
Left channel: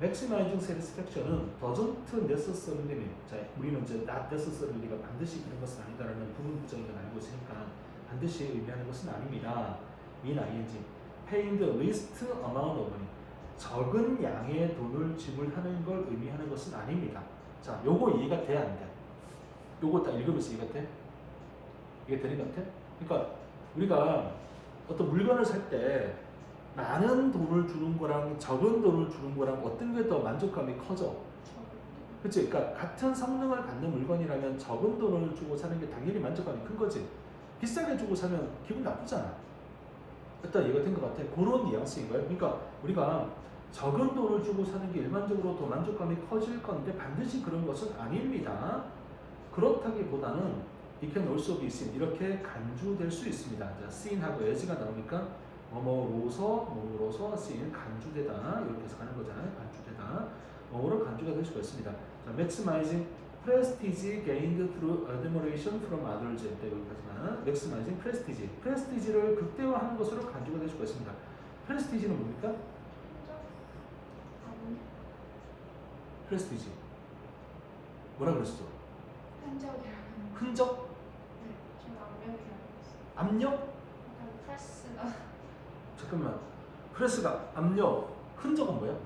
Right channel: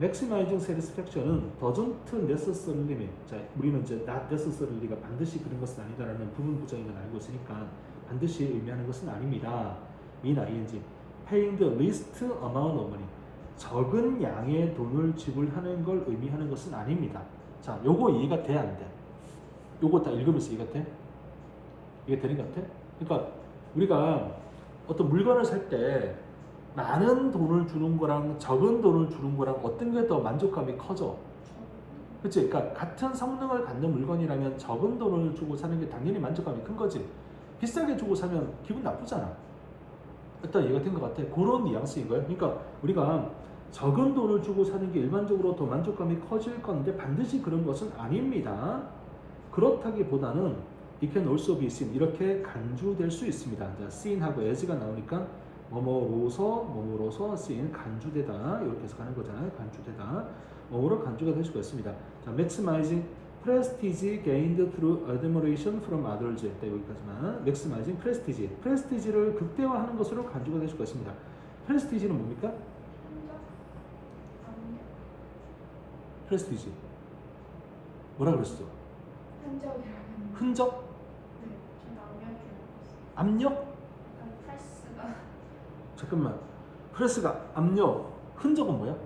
maximizing satisfaction은 doesn't necessarily mean, 자, 우리는 이제 not necessarly가 반드시 그런 것은 아니다라는 부분 부정을 알고 있으니까 반드시 의미하는 것은 아닙니다. in ing, paying the least amount of money, 적은 양의 돈을 지불하는 걸 의미하는 것은 아닙니다. 자, 요거 이해가 돼, 안 돼? 요거 다 읽으면서 이해가 돼? 이게 되는 것 같아? 그러니까 우리가 어떤 물건을 살 때 많은 돈을 주는 거랑 적은 돈을 주는 거랑 어떤 게 더 만족감이 커져? 그치? 그러니까 같은 성능을 갖는 물건이라면 적은 돈을 주고 사는 게 당연히 만족감이 큰 거지. 비싸게 주고 사면 기분 나쁘잖아. 일단 이해가 된 것 같아. 그런 뉘앙스인 거예요. 그러니까 우리가 적은 돈을 주고 사는 게 일반적으로 더 만족감이 커질 건데 반드시 그런 것은 아닙니다. 그렇다기보다는 it can also be seen, 이렇게 간주될 수 있습니다. 자, seen하고 as가 나오니까 뭐뭐로서 seen, 간주되다 이렇게 해서 가는 거잖아요. 간주되다. 뭐로 간주가 될 수가 있습니다. 자, maximizing prestige gained through admiration from others. 여기까지만. maximizing prestige, prestige를 극대화하는 것으로 간주가 될 수가 있습니다. prestige는 뭡니까? prestige. 뭐라 그랬어? 흔적이라는. 흔적? 네, 좀 압력이라는 거. 압력? 약간 프레스가. 잠깐만. 프레스가 압력. 흔적은 뭐야?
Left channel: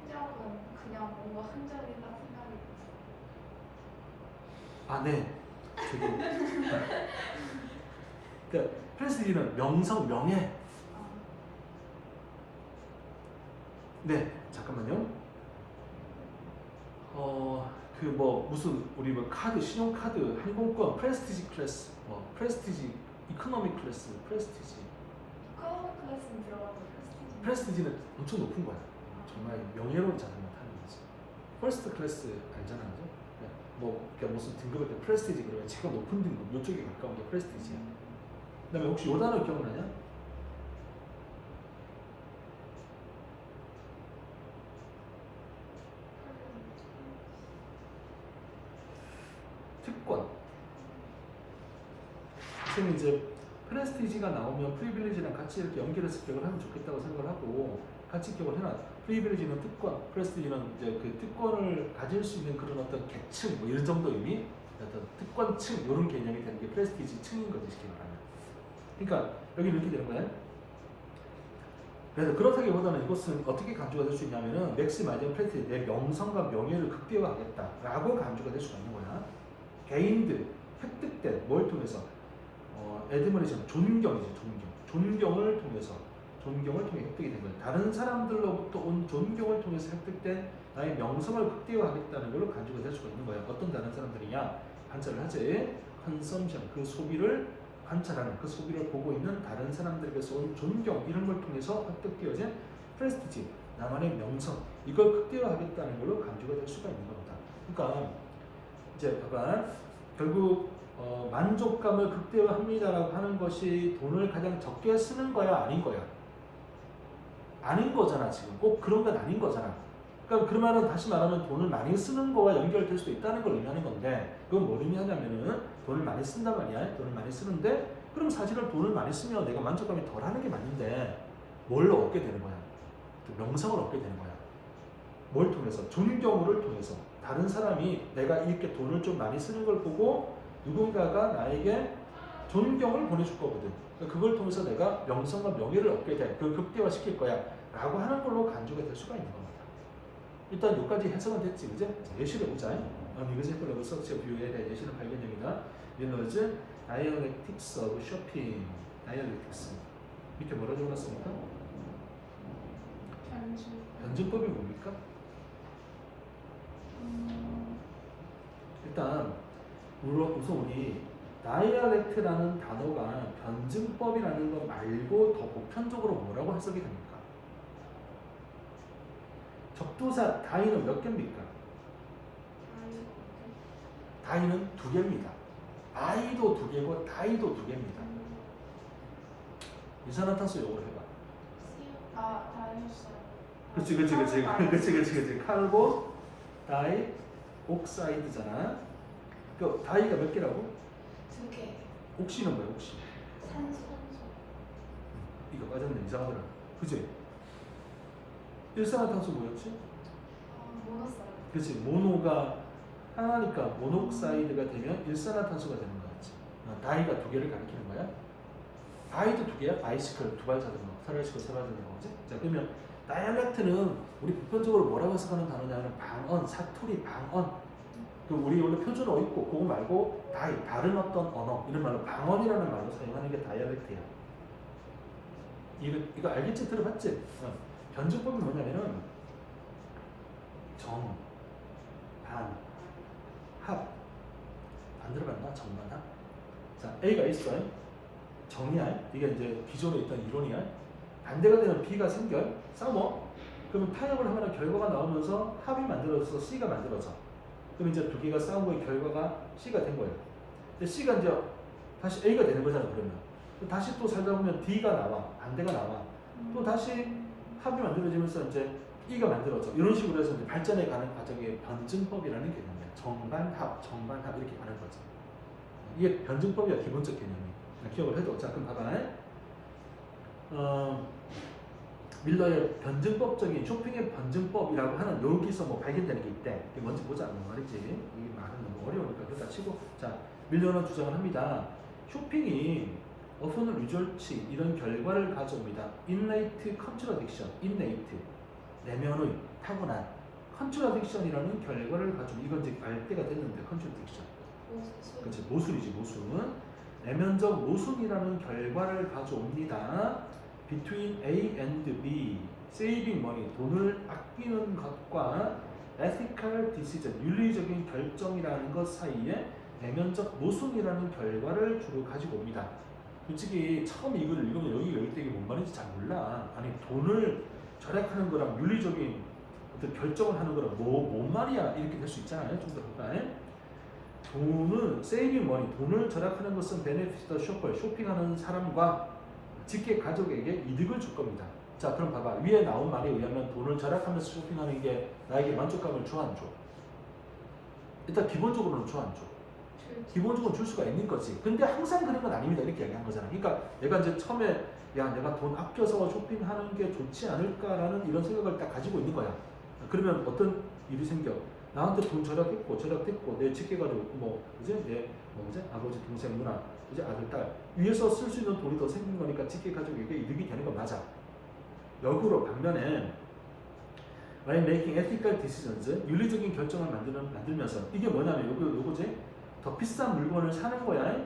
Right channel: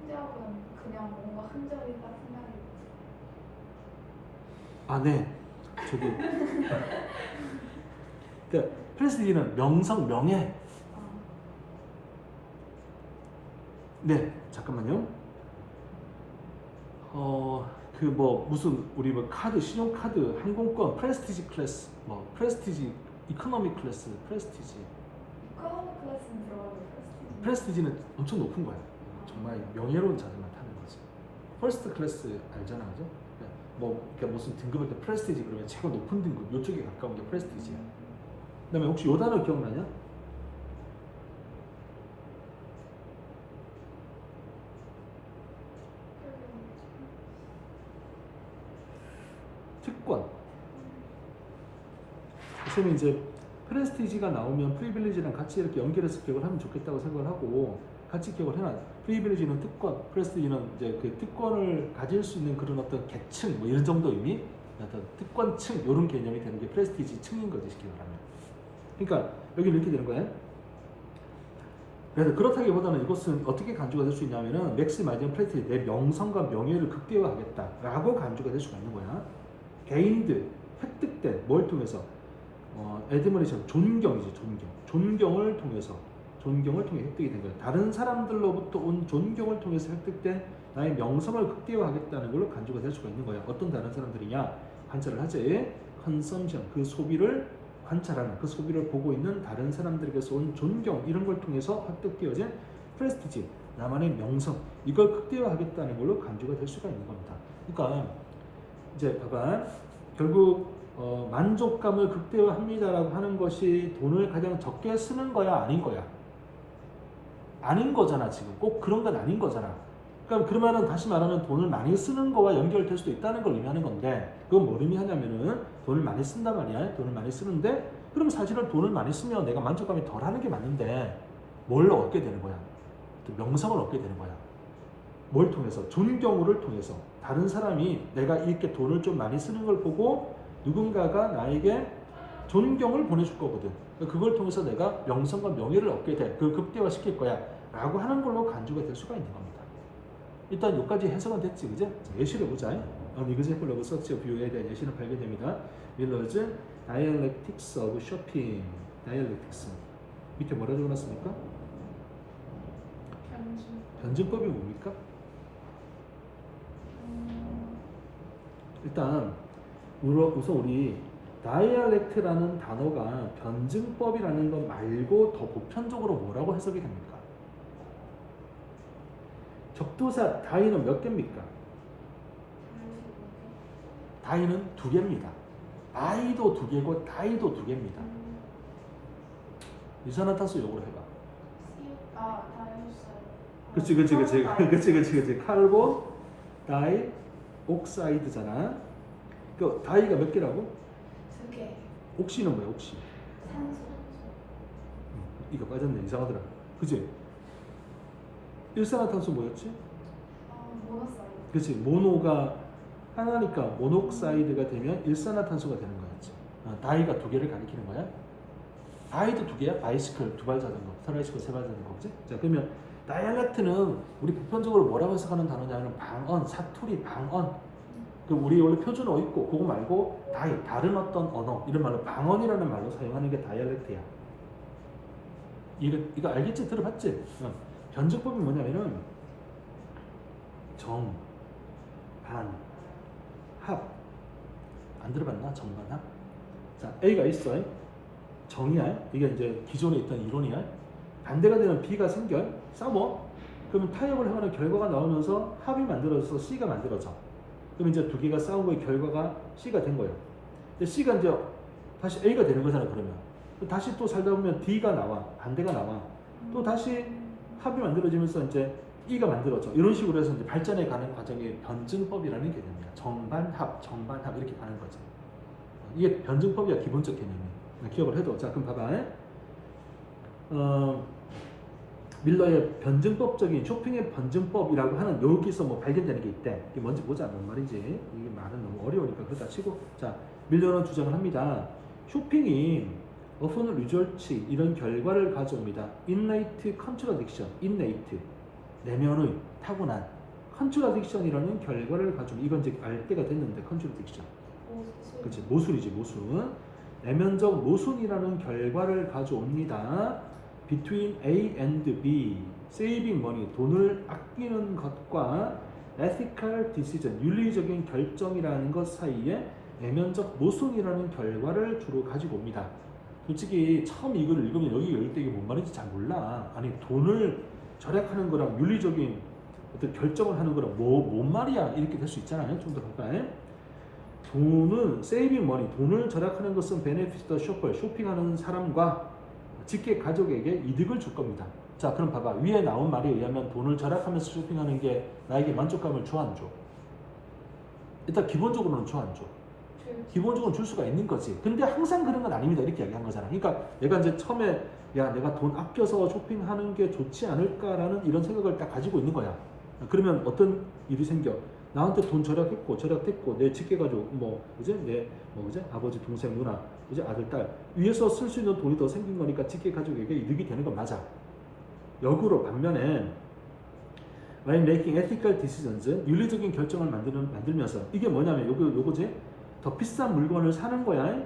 흔적은 그냥 뭔가 흔적이다 생각이. 아, 네. 저기. 그러니까 프레스리는 명성, 명예. 네, 잠깐만요. 그 뭐 무슨 우리 뭐 카드, 신용카드, 항공권, 프레스티지 클래스, 뭐 프레스티지, 이코노미 클래스, 프레스티지. 이코노미 클래스는 들어가고 프레스티지. 프레스티지는 엄청 높은 거야. 정말 명예로운 자리만 타는 거지. 퍼스트 클래스 알잖아, 그죠? 뭐 그러니까 무슨 등급일 때 프레스티지 그러면 최고 높은 등급, 요쪽에 가까운 게 프레스티지야. 그다음에 혹시 요 단어 기억나냐? 특권. 저는 이제 프레스티지가 나오면 프리빌리지랑 같이 이렇게 연결해서 기억을 하면 좋겠다고 생각을 하고 같이 기억을 해놔. 프리빌리지는 특권, 프레스티지는 이제 그 특권을 가질 수 있는 그런 어떤 계층, 뭐 이런 정도 의미, 어떤 특권층 이런 개념이 되는 게 프레스티지 층인 거지, 기억을 하면. 그러니까 여기 이렇게 되는 거예요. 그래서 그렇다기보다는 이것은 어떻게 간주가 될 수 있냐면은 맥시마이징 프레스티지, 내 명성과 명예를 극대화하겠다라고 간주가 될 수가 있는 거야. 게인드, 획득된 뭘 통해서? 애드머리션, 존경이지, 존경을 통해서 획득이 된 거야. 다른 사람들로부터 온 존경을 통해서 획득된 나의 명성을 극대화하겠다는 걸로 간주가 될 수가 있는 거야. 어떤 다른 사람들이냐? 관찰을 하지. 컨섬션, 그 소비를 관찰하는, 그 소비를 보고 있는 다른 사람들에게서 온 존경, 이런 걸 통해서 획득되어진 프레스티지, 나만의 명성, 이걸 극대화하겠다는 걸로 간주가 될 수가 있는 겁니다. 그러니까 이제 봐봐, 결국 만족감을 극대화합니다라고 하는 것이 돈을 가장 적게 쓰는 거야, 아닌 거야? 아닌 거잖아. 지금 꼭 그런 건 아닌 거잖아. 그러면은 다시 말하면 돈을 많이 쓰는 거와 연결될 수도 있다는 걸 의미하는 건데, 그건 뭘 의미하냐면은 돈을 많이 쓴단 말이야. 돈을 많이 쓰는데, 그럼 사실은 돈을 많이 쓰면 내가 만족감이 덜 하는 게 맞는데 뭘 얻게 되는 거야? 명성을 얻게 되는 거야. 뭘 통해서? 존경을 통해서. 다른 사람이 내가 이렇게 돈을 좀 많이 쓰는 걸 보고 누군가가 나에게 존경을 보내줄 거거든. 그걸 통해서 내가 명성과 명예를 얻게 돼. 그걸 극대화시킬 거야. 라고 하는 걸로 간주가 될 수가 있는 겁니다. 일단 여기까지 해석은 됐지, 그제? 자, 예시를 보자. Example of such a view에 대한 예시를 발견됩니다. Miller's Dialectics of Shopping. Dialectics. 밑에 뭐라 적어놨습니까? 변증법이 뭡니까? 일단 우선 우리 다이알렉트라는 단어가 변증법이라는 것 말고 더 보편적으로 뭐라고 해석이 됩니까? 적도사 다이는 몇 개입니까? 다이는 2개입니다. 아이도 2개고 다이도 2개입니다. 이산화탄소 요거 해봐. 그렇지. 칼본 다이 옥사이드잖아. 그 다이가 몇 개라고? 2개. 옥시는 뭐야? 옥시. 산소. 이거 빠졌네. 이상하더라. 그지? 일산화탄소 뭐였지? 모노사이드. 그렇지. 모노가 하나니까 모녹사이드가 되면 일산화탄소가 되는 거지. 다이가 두 개를 가리키는 거야. 바이도 두 개야. 바이시클 두 발 자전거, 트라이시클 세 발 자전거지. 자, 그러면 다이알렉트는 우리 보편적으로 뭐라고 해석하는 단어냐면 방언, 사투리, 방언. 그 우리 원래 표준어 있고 그거 말고 다른 어떤 언어 이런 말로 방언이라는 말로 사용하는 게 다이알렉트야. 이거 알겠지? 들어봤지? 변증법이 뭐냐면 정, 반, 합. 안 들어봤나? 정반 합. 자, A가 있어요. 정이야. 이게 이제 기존에 있던 이론이야. 반대가 되는 B가 생겨. 싸워. 그러면 타협을 하면 결과가 나오면서 합이 만들어져서 C가 만들어져. 그럼 이제 두 개가 싸운 거의 결과가 C가 된 거예요. 근데 C가 이제 다시 A가 되는 거잖아, 그러면. 다시 또 살다 보면 D가 나와. 반대가 나와. 또 다시 합이 만들어지면서 이제 E가 만들어져. 이런 식으로 해서 이제 발전해 가는 과정이 변증법이라는 개념이에요. 정반합, 정반합 이렇게 가는 거죠. 이게 변증법이야, 기본적 개념이. 기억을 해도. 자, 그럼 봐봐. 밀러의 변증법적인 쇼핑의 변증법이라고 하는 여기서 뭐 발견되는 게 있대. 이게 뭔지 보자. 뭔 말인지. 이거 말은 너무 어려우니까 그거 다 치고. 자, 밀러는 주장을 합니다. 쇼핑이 often results 이런 결과를 가져옵니다. innate contradiction, innate 내면의 타고난 contradiction이라는 결과를 가져옵니다. 이건 이제 알 때가 됐는데 contradiction. 그렇지, 모순이지, 모순. 내면적 모순이라는 결과를 가져옵니다. Between A and B, saving money, 돈을 아끼는 것과 ethical decision, 윤리적인 결정이라는 것 사이에 내면적 모순이라는 결과를 주로 가지고 옵니다. 솔직히 처음 이걸 읽으면 여기 열 때 이게 뭔 말인지 잘 몰라. 아니 돈을 절약하는 거랑 윤리적인 어떤 결정을 하는 거랑 뭔 말이야 이렇게 될 수 있잖아요. 좀 더 볼까요? 돈은 saving money, 돈을 절약하는 것은 benefit the shopper, 쇼핑하는 사람과 직계 가족에게 이득을 줄 겁니다. 자, 그럼 봐봐. 위에 나온 말에 의하면 돈을 절약하면서 쇼핑하는 게 나에게 만족감을 줘, 안 줘? 일단 기본적으로는 줘, 안 줘? 기본적으로 줄 수가 있는 거지. 근데 항상 그런 건 아닙니다. 이렇게 얘기한 거잖아. 그러니까 내가 이제 처음에 야, 내가 돈 아껴서 쇼핑하는 게 좋지 않을까라는 이런 생각을 딱 가지고 있는 거야. 그러면 어떤 일이 생겨? 나한테 돈 절약했고 내 직계가족 내 아버지, 동생, 누나, 이제 아들, 딸 위에서 쓸 수 있는 돈이 더 생긴 거니까 직계가족에게 이득이 되는 거 맞아. 역으로 반면에 by making ethical decisions, 윤리적인 결정을 만들면서 이게 뭐냐면 요거지. 더 비싼 물건을 사는 거야.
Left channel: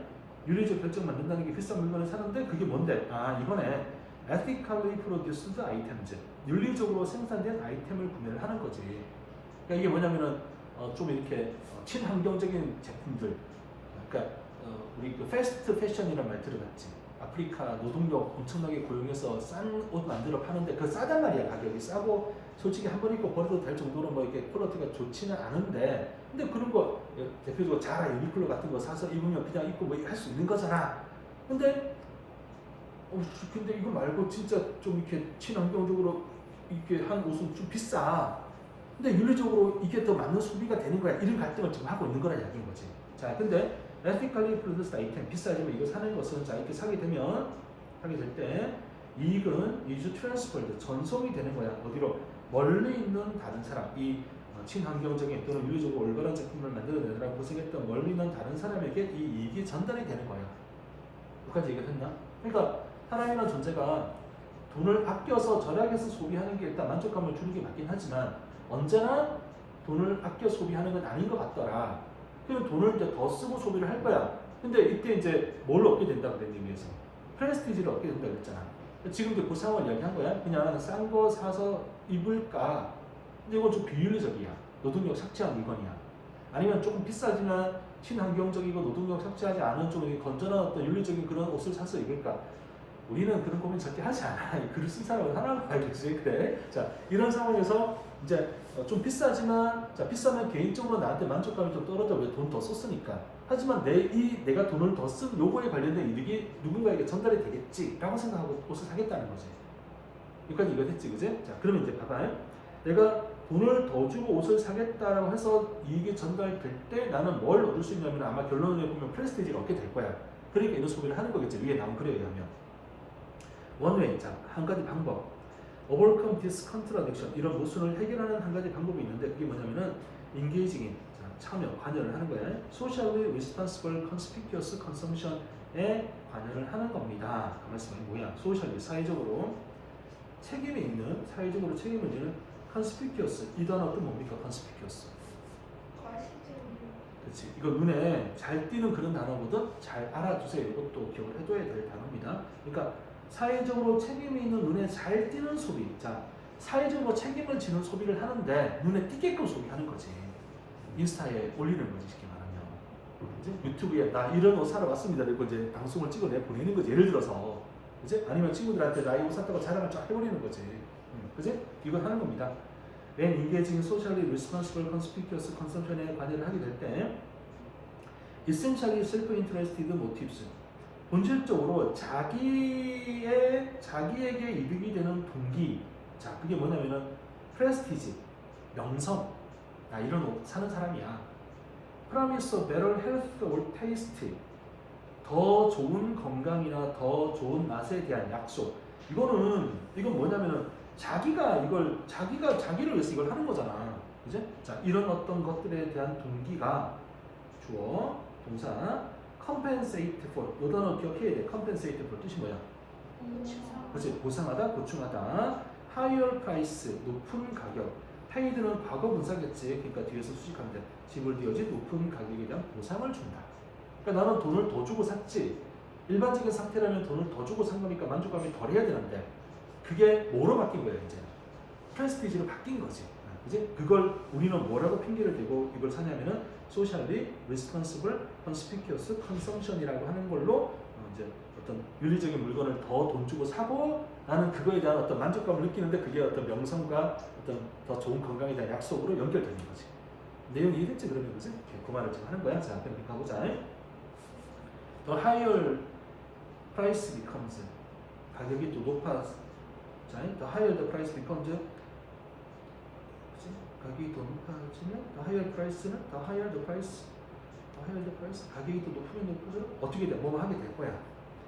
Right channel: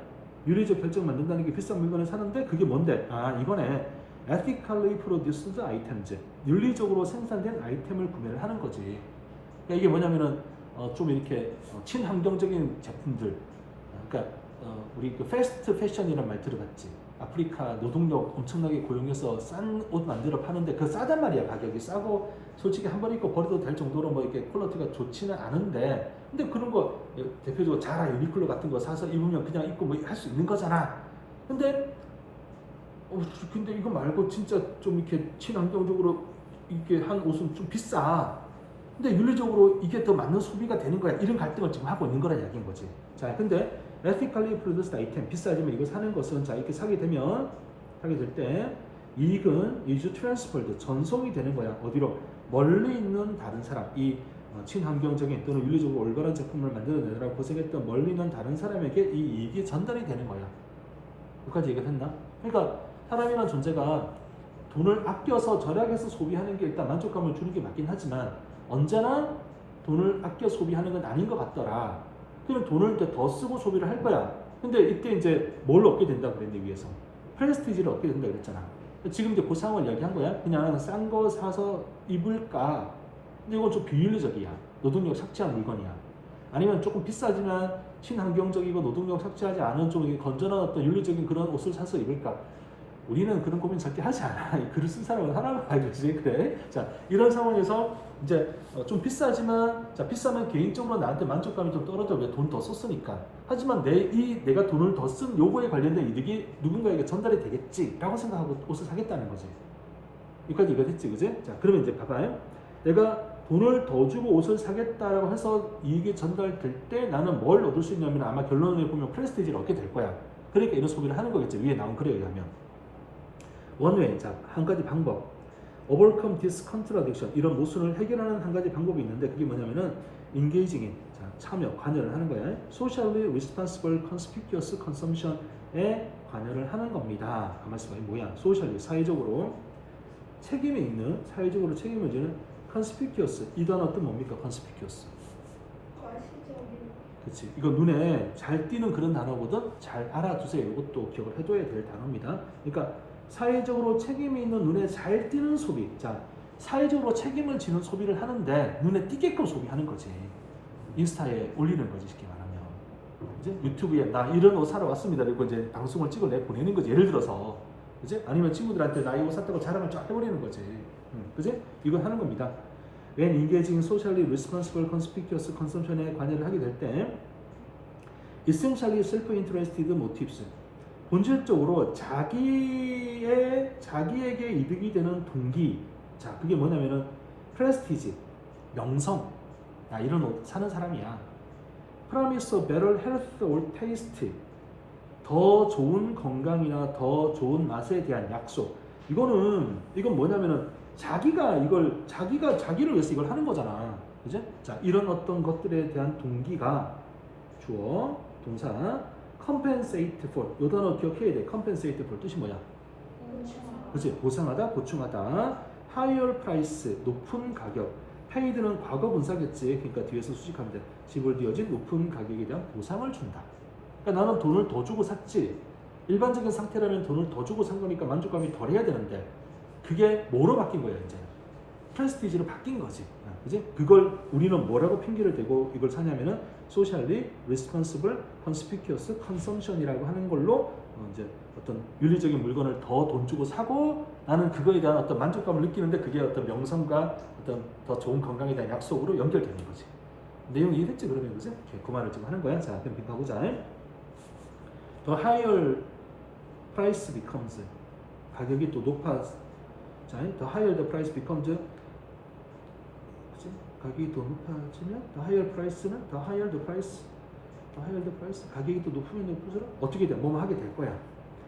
윤리적 결정 만든다는 게 비싼 물건을 사는데 그게 뭔데? 아, 이번에 ethically produced items, 윤리적으로 생산된 아이템을 구매를 하는 거지. 그러니까 이게 뭐냐면은 좀 이렇게 친환경적인 제품들. 그러니까 우리 그 패스트 패션이라는 말 들어봤지? 아프리카 노동력 엄청나게 고용해서 싼 옷 만들어 파는데 그 싸단 말이야. 가격이 싸고 솔직히 한 번 입고 버려도 될 정도로 뭐 이렇게 퀄리티가 좋지는 않은데 근데 그런 거 대표적으로 자라, 유니클로 같은 거 사서 입으면 그냥 입고 뭐 할 수 있는 거잖아. 근데 이거 말고 진짜 좀 이렇게 친환경적으로 이렇게 한 옷은 좀 비싸. 근데 윤리적으로 이게 더 맞는 소비가 되는 거야. 이런 갈등을 지금 하고 있는 거라 이야기인 거지. 자, 근데 ethically produced item, 비싸지만 이거 사는 것은 자 이렇게 사게 될 때 이익은 is transferred, 전송이 되는 거야. 어디로? 멀리 있는 다른 사람, 이 친환경적인 또는 윤리적으로 올바른 제품을 만들어내느라 고생했던 멀리 있는 다른 사람에게 이 이익이 전달이 되는 거야. 여기까지 얘기를 했나? 그러니까 사람이라는 존재가 돈을 아껴서 절약해서 소비하는 게 일단 만족감을 주는 게 맞긴 하지만 언제나 돈을 아껴 소비하는 건 아닌 것 같더라. 그럼 돈을 더 쓰고 소비를 할 거야. 근데 이때 이제 뭘 얻게 된다 그랬는데 위에서 프레스티지를 얻게 된다 그랬잖아. 지금 이제 그 상황을 이야기한 거야. 그냥 싼 거 사서 입을까? 근데 이건 좀 비윤리적이야. 노동력 삭제한 물건이야. 아니면 조금 비싸지만 친환경적이고 노동력 삭제하지 않은 좀 건전한 어떤 윤리적인 그런 옷을 사서 입을까? 우리는 그런 고민 절대 하지 않아. 글을 쓴 사람은 하나로 봐야지. 그래. 자, 이런 상황에서 이제 좀 비싸지만, 자, 비싸면 개인적으로 나한테 만족감이 좀 떨어져. 왜 돈 더 썼으니까. 하지만 내가 돈을 더 쓴 요거에 관련된 이득이 누군가에게 전달이 되겠지. 라고 생각하고 옷을 사겠다는 거지. 여기까지 이해됐지, 그지? 자, 그러면 이제 봐봐요. 내가 돈을 더 주고 옷을 사겠다라고 해서 이익이 전달될 때 나는 뭘 얻을 수 있냐면 아마 결론을 보면 프레스티지를 얻게 될 거야. 그러니까 이런 소비를 하는 거겠죠. 위에 나온 글에 의하면. 원웨이, 자, 한 가지 방법. overcome this contradiction 이런 모순을 해결하는 한 가지 방법이 있는데 그게 뭐냐면은 engaging in 참여, 관여를 하는 거예요. socially responsible conspicuous consumption에 관여를 하는 겁니다. 그 말씀이 뭐야? socially 사회적으로 책임이 있는 사회적으로 책임을 지는 conspicuous 이 단어 뜻 뭡니까? conspicuous 과시적인. 그렇지. 이거 눈에 잘 띄는 그런 단어거든. 잘 알아두세요. 이것도 기억을 해둬야 될 단어입니다. 그러니까 사회적으로 책임이 있는 눈에 잘 띄는 소비. 자, 사회적으로 책임을 지는 소비를 하는데 눈에 띄게끔 소비하는 거지. 인스타에 올리는 거지, 쉽게 말하면. 이제 유튜브에 나 이런 옷 사러 왔습니다. 그리고 이제 방송을 찍어내 보내는 거지. 예를 들어서, 그지? 아니면 친구들한테 나 이 옷 샀다고 자랑을 쫙 해버리는 거지. 그지? 이거 하는 겁니다. When engaging socially responsible conspicuous consumption에 관여를 하게 될 때, essentially self-interested motives, 본질적으로 자기에게 이득이 되는 동기, 자 그게 뭐냐면은 prestige, 명성, 나 이런 옷 사는 사람이야. Promise of better health or taste, 더 좋은 건강이나 더 좋은 맛에 대한 약속. 이건 뭐냐면은 자기를 위해서 이걸 하는 거잖아. 그죠? 자, 이런 어떤 것들에 대한 동기가 주어, 동사, compensate for. 요 단어 기억해야 돼. compensate for 뜻이 뭐야? 그치? 보상하다, 보충하다. higher price, 높은 가격. paid는 과거 분사겠지. 그러니까 뒤에서 수식하면 돼. 지불되어진 높은 가격에 대한 보상을 준다. 그러니까 나는 돈을 더 주고 샀지. 일반적인 상태라면 돈을 더 주고 산 거니까 만족감이 덜 해야 되는데 그게 뭐로 바뀐 거야 이제? 프레스티지로 바뀐 거지. 그지? 그걸 우리는 뭐라고 핑계를 대고 이걸 사냐면은 socially responsible conspicuous consumption이라고 하는 걸로 이제 어떤 윤리적인 물건을 더 돈 주고 사고 나는 그거에 대한 어떤 만족감을 느끼는데 그게 어떤 명성과 어떤 더 좋은 건강에 대한 약속으로 연결되는 거지. 내용 이해됐지 그러면 그지? 그 말을 지금 하는 거야. 자 그럼 가보자. The higher price becomes 가격이 또 자, the higher the price becomes 가격이 더 높아지면 the higher price는 the higher the price 가격이 또 높으면 높을수록 어떻게 돼? 뭐뭐 하게 될 거야.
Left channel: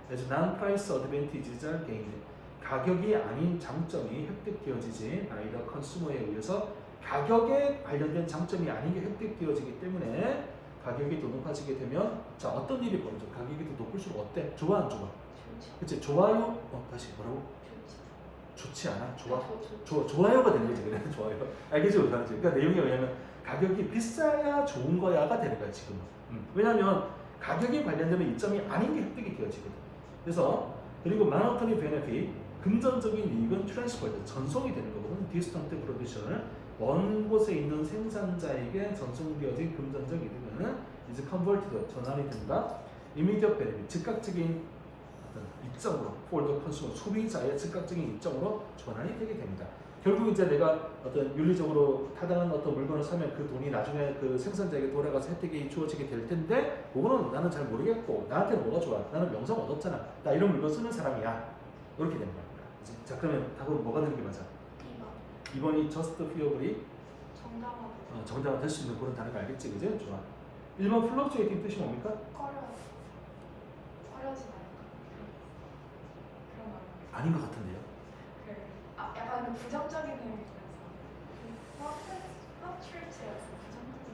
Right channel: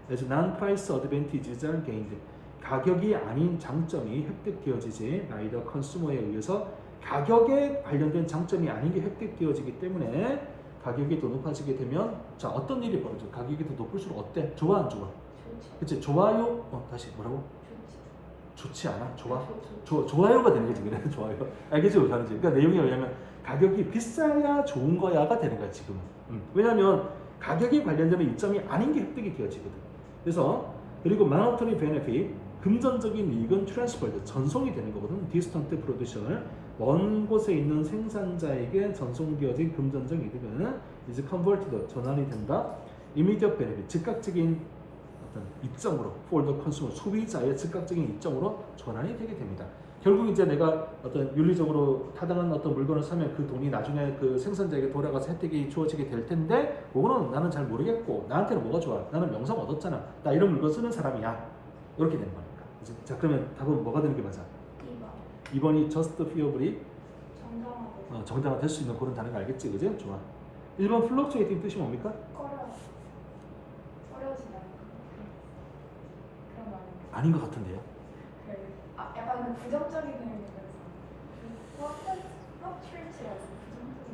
그래서 non-price advantages are gained. 가격이 아닌 장점이 획득되어지지 아이다 컨슈머에 의해서 가격에 관련된 장점이 아닌 게 획득되어지기 때문에 가격이 더 높아지게 되면 자 어떤 일이 벌어져? 가격이 더 높을수록 어때? 좋아 안 좋아? 좋죠. 그치? 좋아요? 다시 뭐라고? 좋지. 좋지 않아? 좋아? 좋죠. 좋아요가 되는 거지 그냥 좋아요. 알겠지 못하는지. 그러니까 내용이 뭐냐면 가격이 비싸야 좋은 거야가 되는 거야 지금. 왜냐하면 가격에 관련되는 이점이 아닌 게 획득이 되어지거든. 그래서 그리고 monetary benefit 금전적인 이익은 transferred 전송이 되는 거거든. distant producer 먼 곳에 있는 생산자에게 전송되어진 금전적 이득은 is converted 전환이 된다. immediate benefit 즉각적인 입장으로 for the consumer 소비자의 즉각적인 입장으로 전환이 되게 됩니다. 결국 이제 내가 어떤 윤리적으로 타당한 어떤 물건을 사면 그 돈이 나중에 그 생산자에게 돌아가서 혜택이 주어지게 될 텐데 그거는 나는 잘 모르겠고 나한테는 뭐가 좋아? 나는 명성 얻었잖아. 나 이런 물건 쓰는 사람이야. 이렇게 되는 겁니다. 자 그러면 답은 뭐가 되는 게 맞아? 2번이 just fearfully 정당화 될 수 있는 그런 단어가 알겠지, 그지? 좋아. 1번 fluctuating 뜻이 뭡니까? 꺼려지 말고 그런 거 아닌 것 같은데요. 약간 그 부정적인 의미가 있어요. fluctuate가 부정적인 느낌.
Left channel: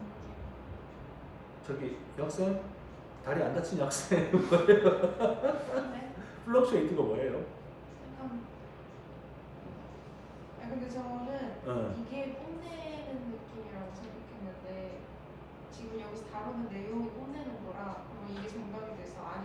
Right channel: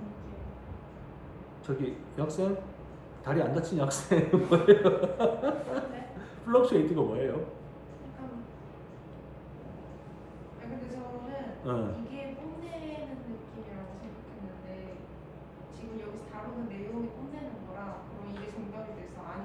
저기 여학생 다리 안 다친 여학생 뭐예요? fluctuating가 뭐예요? 근데 저는 이게 뽐내는 느낌이라고 생각했는데 지금 여기서 다루는 내용이 뽐내는 거라 그럼 이게 정답이 돼서 아닌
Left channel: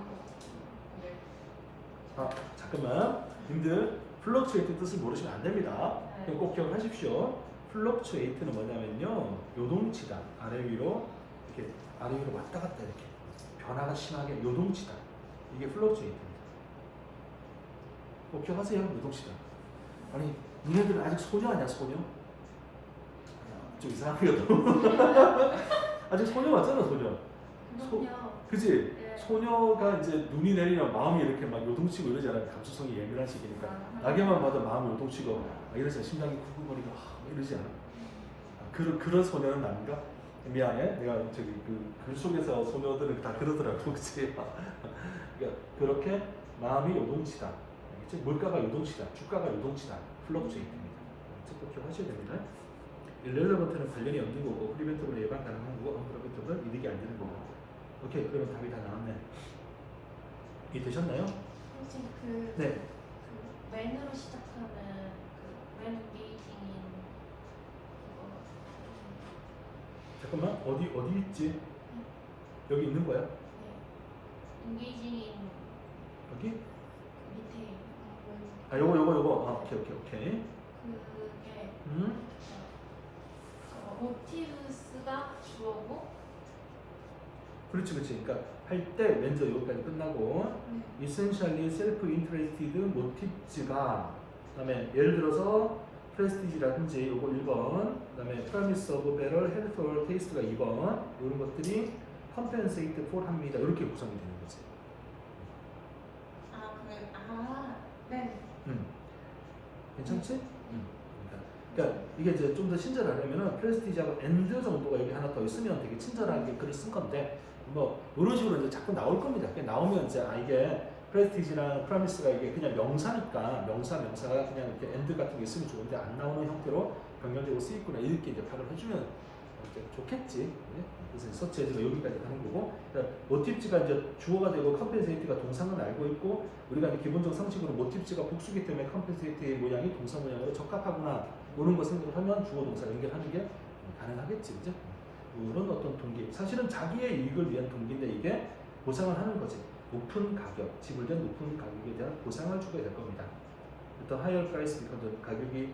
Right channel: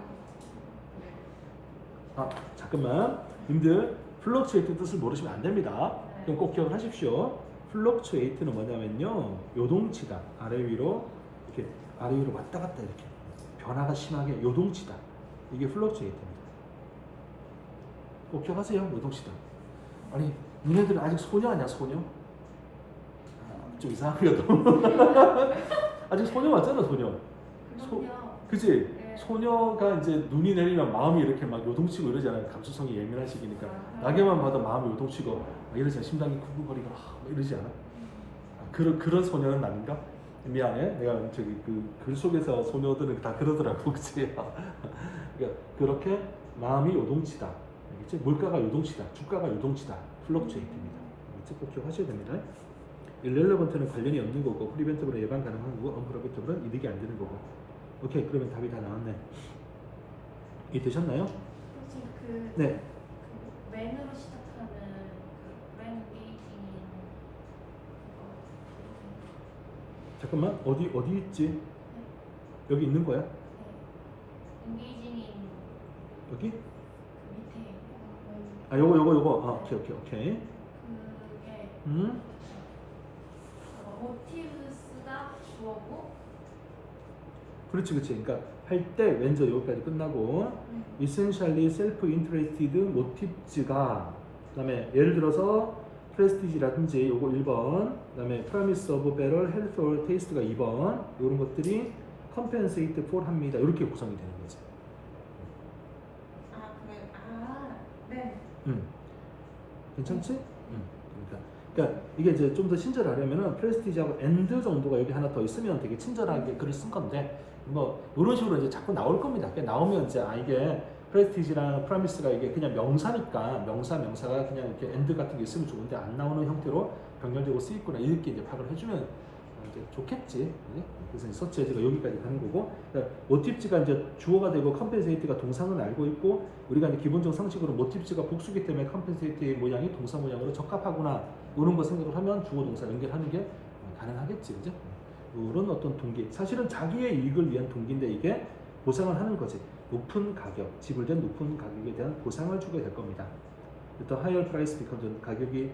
것 같아요. 잠깐만. 님들 fluctuate 뜻을 모르시면 안 됩니다. 그냥 꼭 기억하십시오. fluctuate는 뭐냐면요. 요동치다. 아래 위로 이렇게 아래 위로 왔다 갔다 이렇게 변화가 심하게 요동치다. 이게 fluctuate입니다. 꼭 기억하세요. 요동치다. 아니 니네들은 아직 소녀 아니야 소녀? 좀 이상하거든. 아직 소녀 맞잖아 소녀. 그지? 네. 소녀가 이제 눈이 내리면 마음이 이렇게 막 요동치고 이러잖아요. 감수성이 예민한 시기니까 나게만 봐도 마음이 요동치고 이러잖아. 심장이 쿵쿵거리고 이러지 않아? 그런 소녀는 아닌가? 미안해. 내가 저기 그 글 속에서 소녀들은 다 그러더라고. 그치? 그러니까 그렇게 마음이 요동치다. 그치? 물가가 요동치다. 주가가 요동치다. 플럭추에이트입니다. 꼭 기억하셔야 됩니다. 일렐레번트는 관련이 없는 거고, 프리벤티브는 예방 가능한 거고, 언프리벤티브는 이득이 안 되는 거고. 오케이, 그러면 답이 다 나왔네. 이해되셨나요? 선생님 그 네. 그 when으로 시작하는 그 when engaging in 그거 잠깐만, 어디 있지? 여기 있는 거야? 네. engaging in 여기? 그 밑에 아, 요거. 오케이. 그게 음? motives가 주어고 그렇지. 그러니까 할 때 왠지 여기까지 끝나고 essentially self-interested motives가 그다음에 예를 들어서 prestige라든지 요거 1번 그다음에 promise of better health or taste가 2번 이런 것들이 compensate for 합니다. 이렇게 구성이 되는 거지. 네. 괜찮지? 그러니까 이게 이제 좀 더 친절하려면은 프레스티지하고 and 정도가 여기 하나 더 있으면 되게 친절하게 글을 쓴 건데 뭐 이런 식으로 이제 자꾸 나올 겁니다. 그러니까 나오면 이제 이게 프레스티지랑 프라미스가 이게 그냥 명사니까 명사가 그냥 이렇게 and 같은 게 있으면 좋은데 안 나오는 형태로 변경되고 쓰이구나 이렇게 이제 파악을 해주면 이제 좋겠지. 네? 그래서 서치 헤드가 여기까지 가는 거고 그러니까 모티브가 이제 주어가 되고 컴펜세이트가 동사는 알고 있고 우리가 이제 기본적 상식으로 모티브가 복수기 때문에 컴펜세이트의 모양이 동사 모양으로 적합하구나 이런 거 생각을 하면 주어 동사 연결하는 게 가능하겠지, 그죠? 이런 어떤 동기, 사실은 자기의 이익을 위한 동기인데 이게 보상을 하는 거지. 높은 가격, 지불된 높은 가격에 대한 보상을 주게 될 겁니다. 일단 higher price because 가격이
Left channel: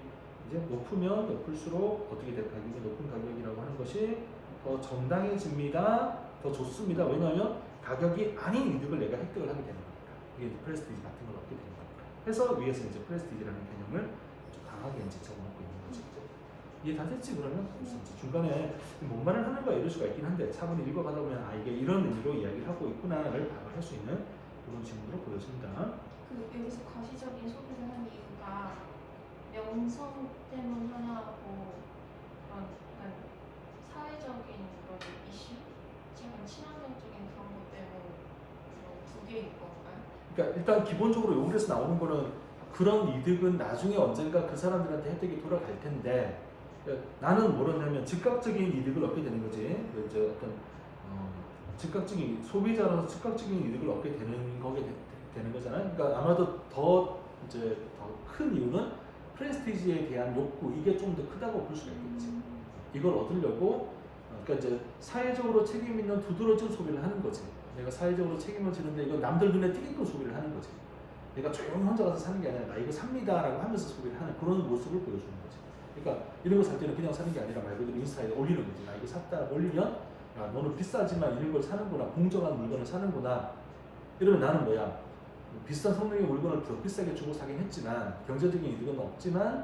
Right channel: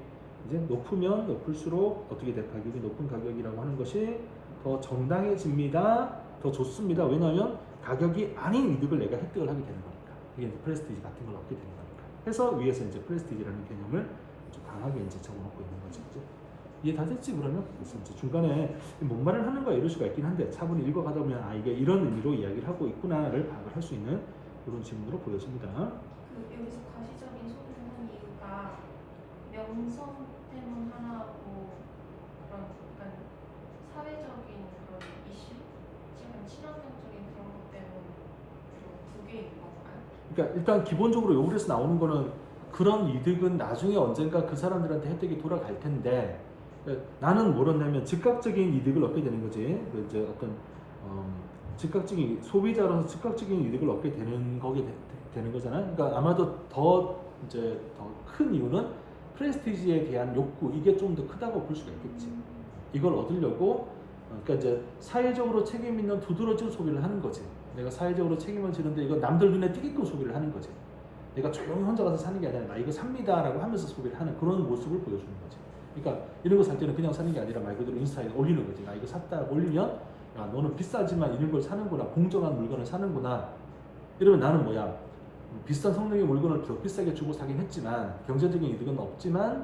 이제 높으면 높을수록 어떻게 돼? 가격이 높은 가격이라고 하는 것이 더 정당해집니다. 더 좋습니다. 왜냐하면 가격이 아닌 이득을 내가 획득을 하게 되는 거니까. 이게 프레스티지 같은 걸 얻게 되는 겁니다. 그래서 위에서 이제 프레스티지라는 개념을 좀 강하게 이제 잡아놓고 있는 거죠. 그죠? 이해 다 됐지 그러면? 그래서 이제 중간에 뭔 말을 하는 거야 이럴 수가 있긴 한데 차분히 읽어가다 보면 이게 이런 의미로 이야기를 하고 있구나를 파악을 할 수 있는 그런 질문으로 보여집니다. 그 여기서 가시적인 소비를 한 이유가 명성 때문 하나고 그런 약간 사회적인 그런 이슈, 약간 친환경적인 그런 것 때문 두 개인 건가요? 그러니까 일단 기본적으로 여기서 나오는 거는 그런 이득은 나중에 언젠가 그 사람들한테 혜택이 돌아갈 텐데 나는 뭐랬냐면 즉각적인 이득을 얻게 되는 거지. 이제 어떤 즉각적인 소비자로서 즉각적인 이득을 얻게 되는 거게 되는 거잖아요. 그러니까 아마도 더 이제 더 큰 이유는 프레스티지에 대한 욕구 이게 좀 더 크다고 볼 수가 있겠지. 이걸 얻으려고 그러니까 이제 사회적으로 책임 있는 두드러진 소비를 하는 거지. 내가 사회적으로 책임을 지는데 이거 남들 눈에 띄게끔 소비를 하는 거지. 내가 조용히 혼자 가서 사는 게 아니라 나 이거 삽니다라고 하면서 소비를 하는 그런 모습을 보여주는 거지. 그러니까 이런 거 살 때는 그냥 사는 게 아니라 말 그대로 인스타에 올리는 거지. 나 이거 샀다 올리면 야 너는 비싸지만 이런 걸 사는구나. 공정한 물건을 사는구나. 이러면 나는 뭐야 비싼 성능의 물건을 더 비싸게 주고 사긴 했지만 경제적인 이득은 없지만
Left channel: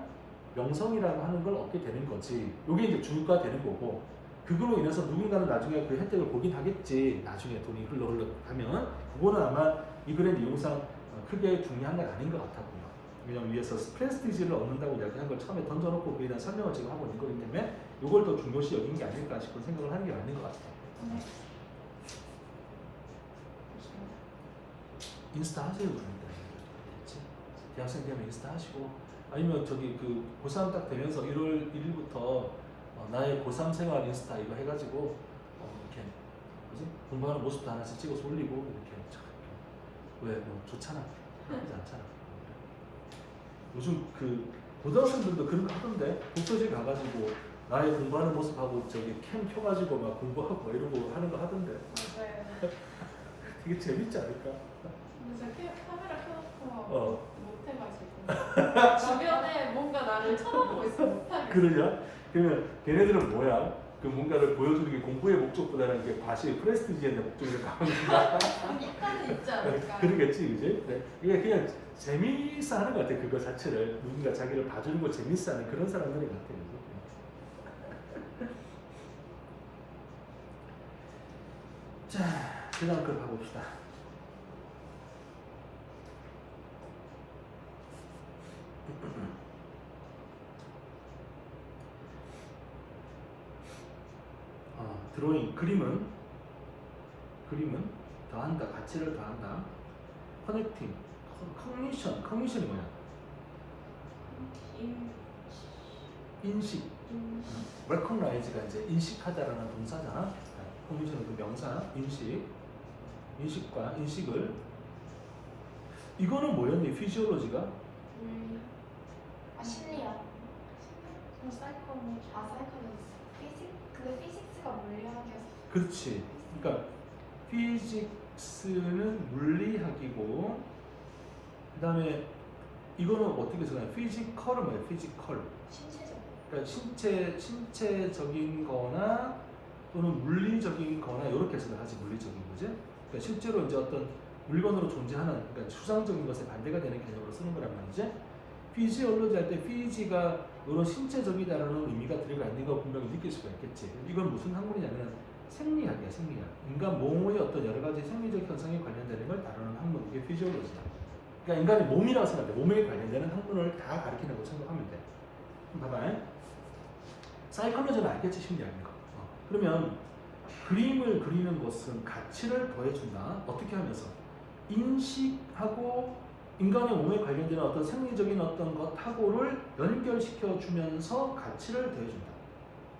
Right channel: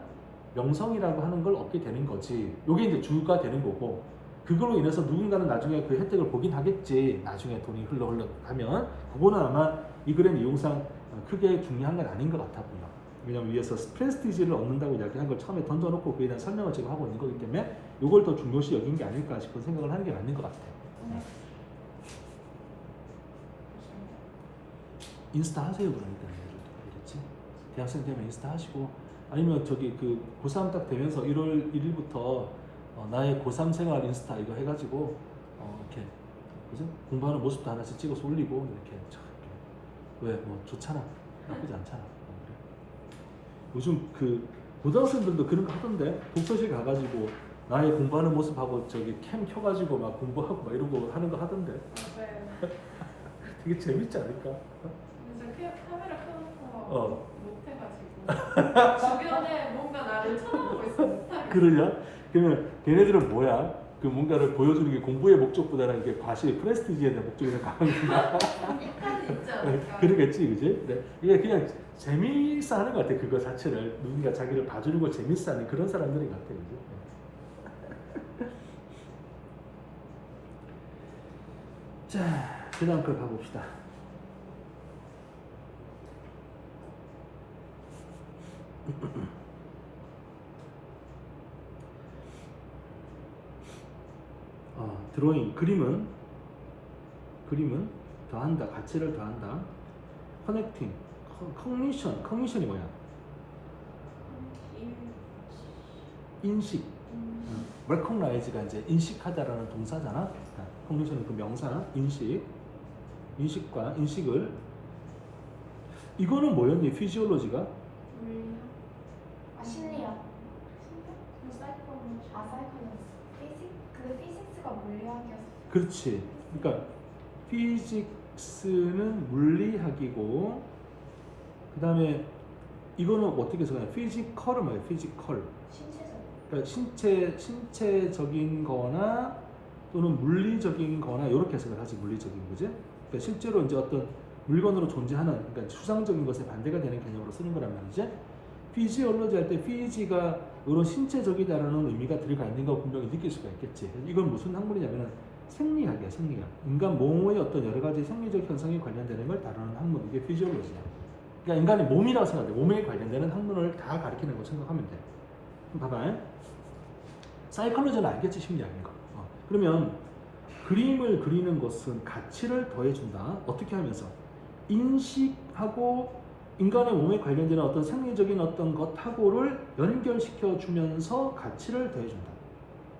명성이라고 하는 걸 얻게 되는 거지. 이게 이제 주가 되는 거고 그걸로 인해서 누군가는 나중에 그 혜택을 보긴 하겠지. 나중에 돈이 흘러 가면 그거는 아마 이 글의 내용상 크게 중요한 건 아닌 것 같아 보여. 왜냐면 위에서 프레스티지를 얻는다고 이야기한 걸 처음에 던져놓고 그에 대한 설명을 지금 하고 있는 거기 때문에 이걸 더 중요시 여긴 게 아닐까 싶은 생각을 하는 게 맞는 것 같아요. 인스타 하세요 그러면 그렇지? 대학생 되면 인스타 하시고 아니면 저기 그 고3 딱 되면서 1월 1일부터 나의 고3 생활 인스타 이거 해가지고 이렇게 그래서 공부하는 모습도 하나씩 찍어서 올리고 이렇게 왜 뭐 좋잖아 나쁘지 않잖아. 요즘 그 고등학생들도 그런 거 하던데 독서실 가가지고 나의 공부하는 모습하고 저기 캠 켜가지고 막 공부하고 막 이러고 하는 거 하던데 맞아요. 되게 재밌지 않을까? 근데 카메라 켜놓고 못해가지고 주변에 뭔가 나를 쳐다보고 있어 못하겠어. 그러냐? 그러면 걔네들은 뭐야? 그 뭔가를 보여주는 게 공부의 목적보다는 그 과시의 프레스티지에 대한 목적이 더 강한가? 약간은 있지 않을까. 그러겠지, 그지? 네. 이게 그냥 재미있어 하는 것 같아, 그거 자체를. 누군가 자기를 봐주는 걸 재밌어 하는 그런 사람들인 것 같아, 그지? 자, 그냥 그걸 가봅시다. 드로잉, 그림은 더한다, 가치를 더한다. 커넥팅, 커미션이 뭐냐? 인식. recognize가 이제 인식하다라는 동사잖아. cognition의 그 명사 인식. 인식과 인식을 이거는 뭐였니? 피지올로지가 물리학. 심리학. 그럼 사이코는 사이클은 피직? 근데 피직스가 물리학이어서 그렇지. 그러니까 피직스는 물리학이고 그다음에 이거는 어떻게 생각해? 피지컬은 뭐야? 피지컬. 신체적. 그러니까 신체적인 거나 또는 물리적인 거나 이렇게 생각하지. 물리적인 거지. 그러니까 실제로 이제 어떤 물건으로 존재하는 그러니까 추상적인 것에 반대가 되는 개념으로 쓰는 거란 말이지. 피지올로지 할 때 피지가 이런 신체적이다라는 의미가 들어가 있는 거 분명히 느낄 수가 있겠지. 이건 무슨 학문이냐면 생리학이야, 생리학. 인간 몸의 어떤 여러 가지 생리적 현상에 관련되는 걸 다루는 학문, 이게 피지올로지야. 그러니까 인간의 몸이라고 생각해. 몸에 관련되는 학문을 다 가리키는 거 생각하면 돼. 그럼 봐봐. 사이콜로지는 알겠지, 심리학인 거. 그러면 그림을 그리는 것은 가치를 더해준다. 어떻게 하면서? 인식하고 인간의 몸에 관련되는 어떤 생리적인 어떤 것하고를 연결시켜 주면서 가치를 더해준다.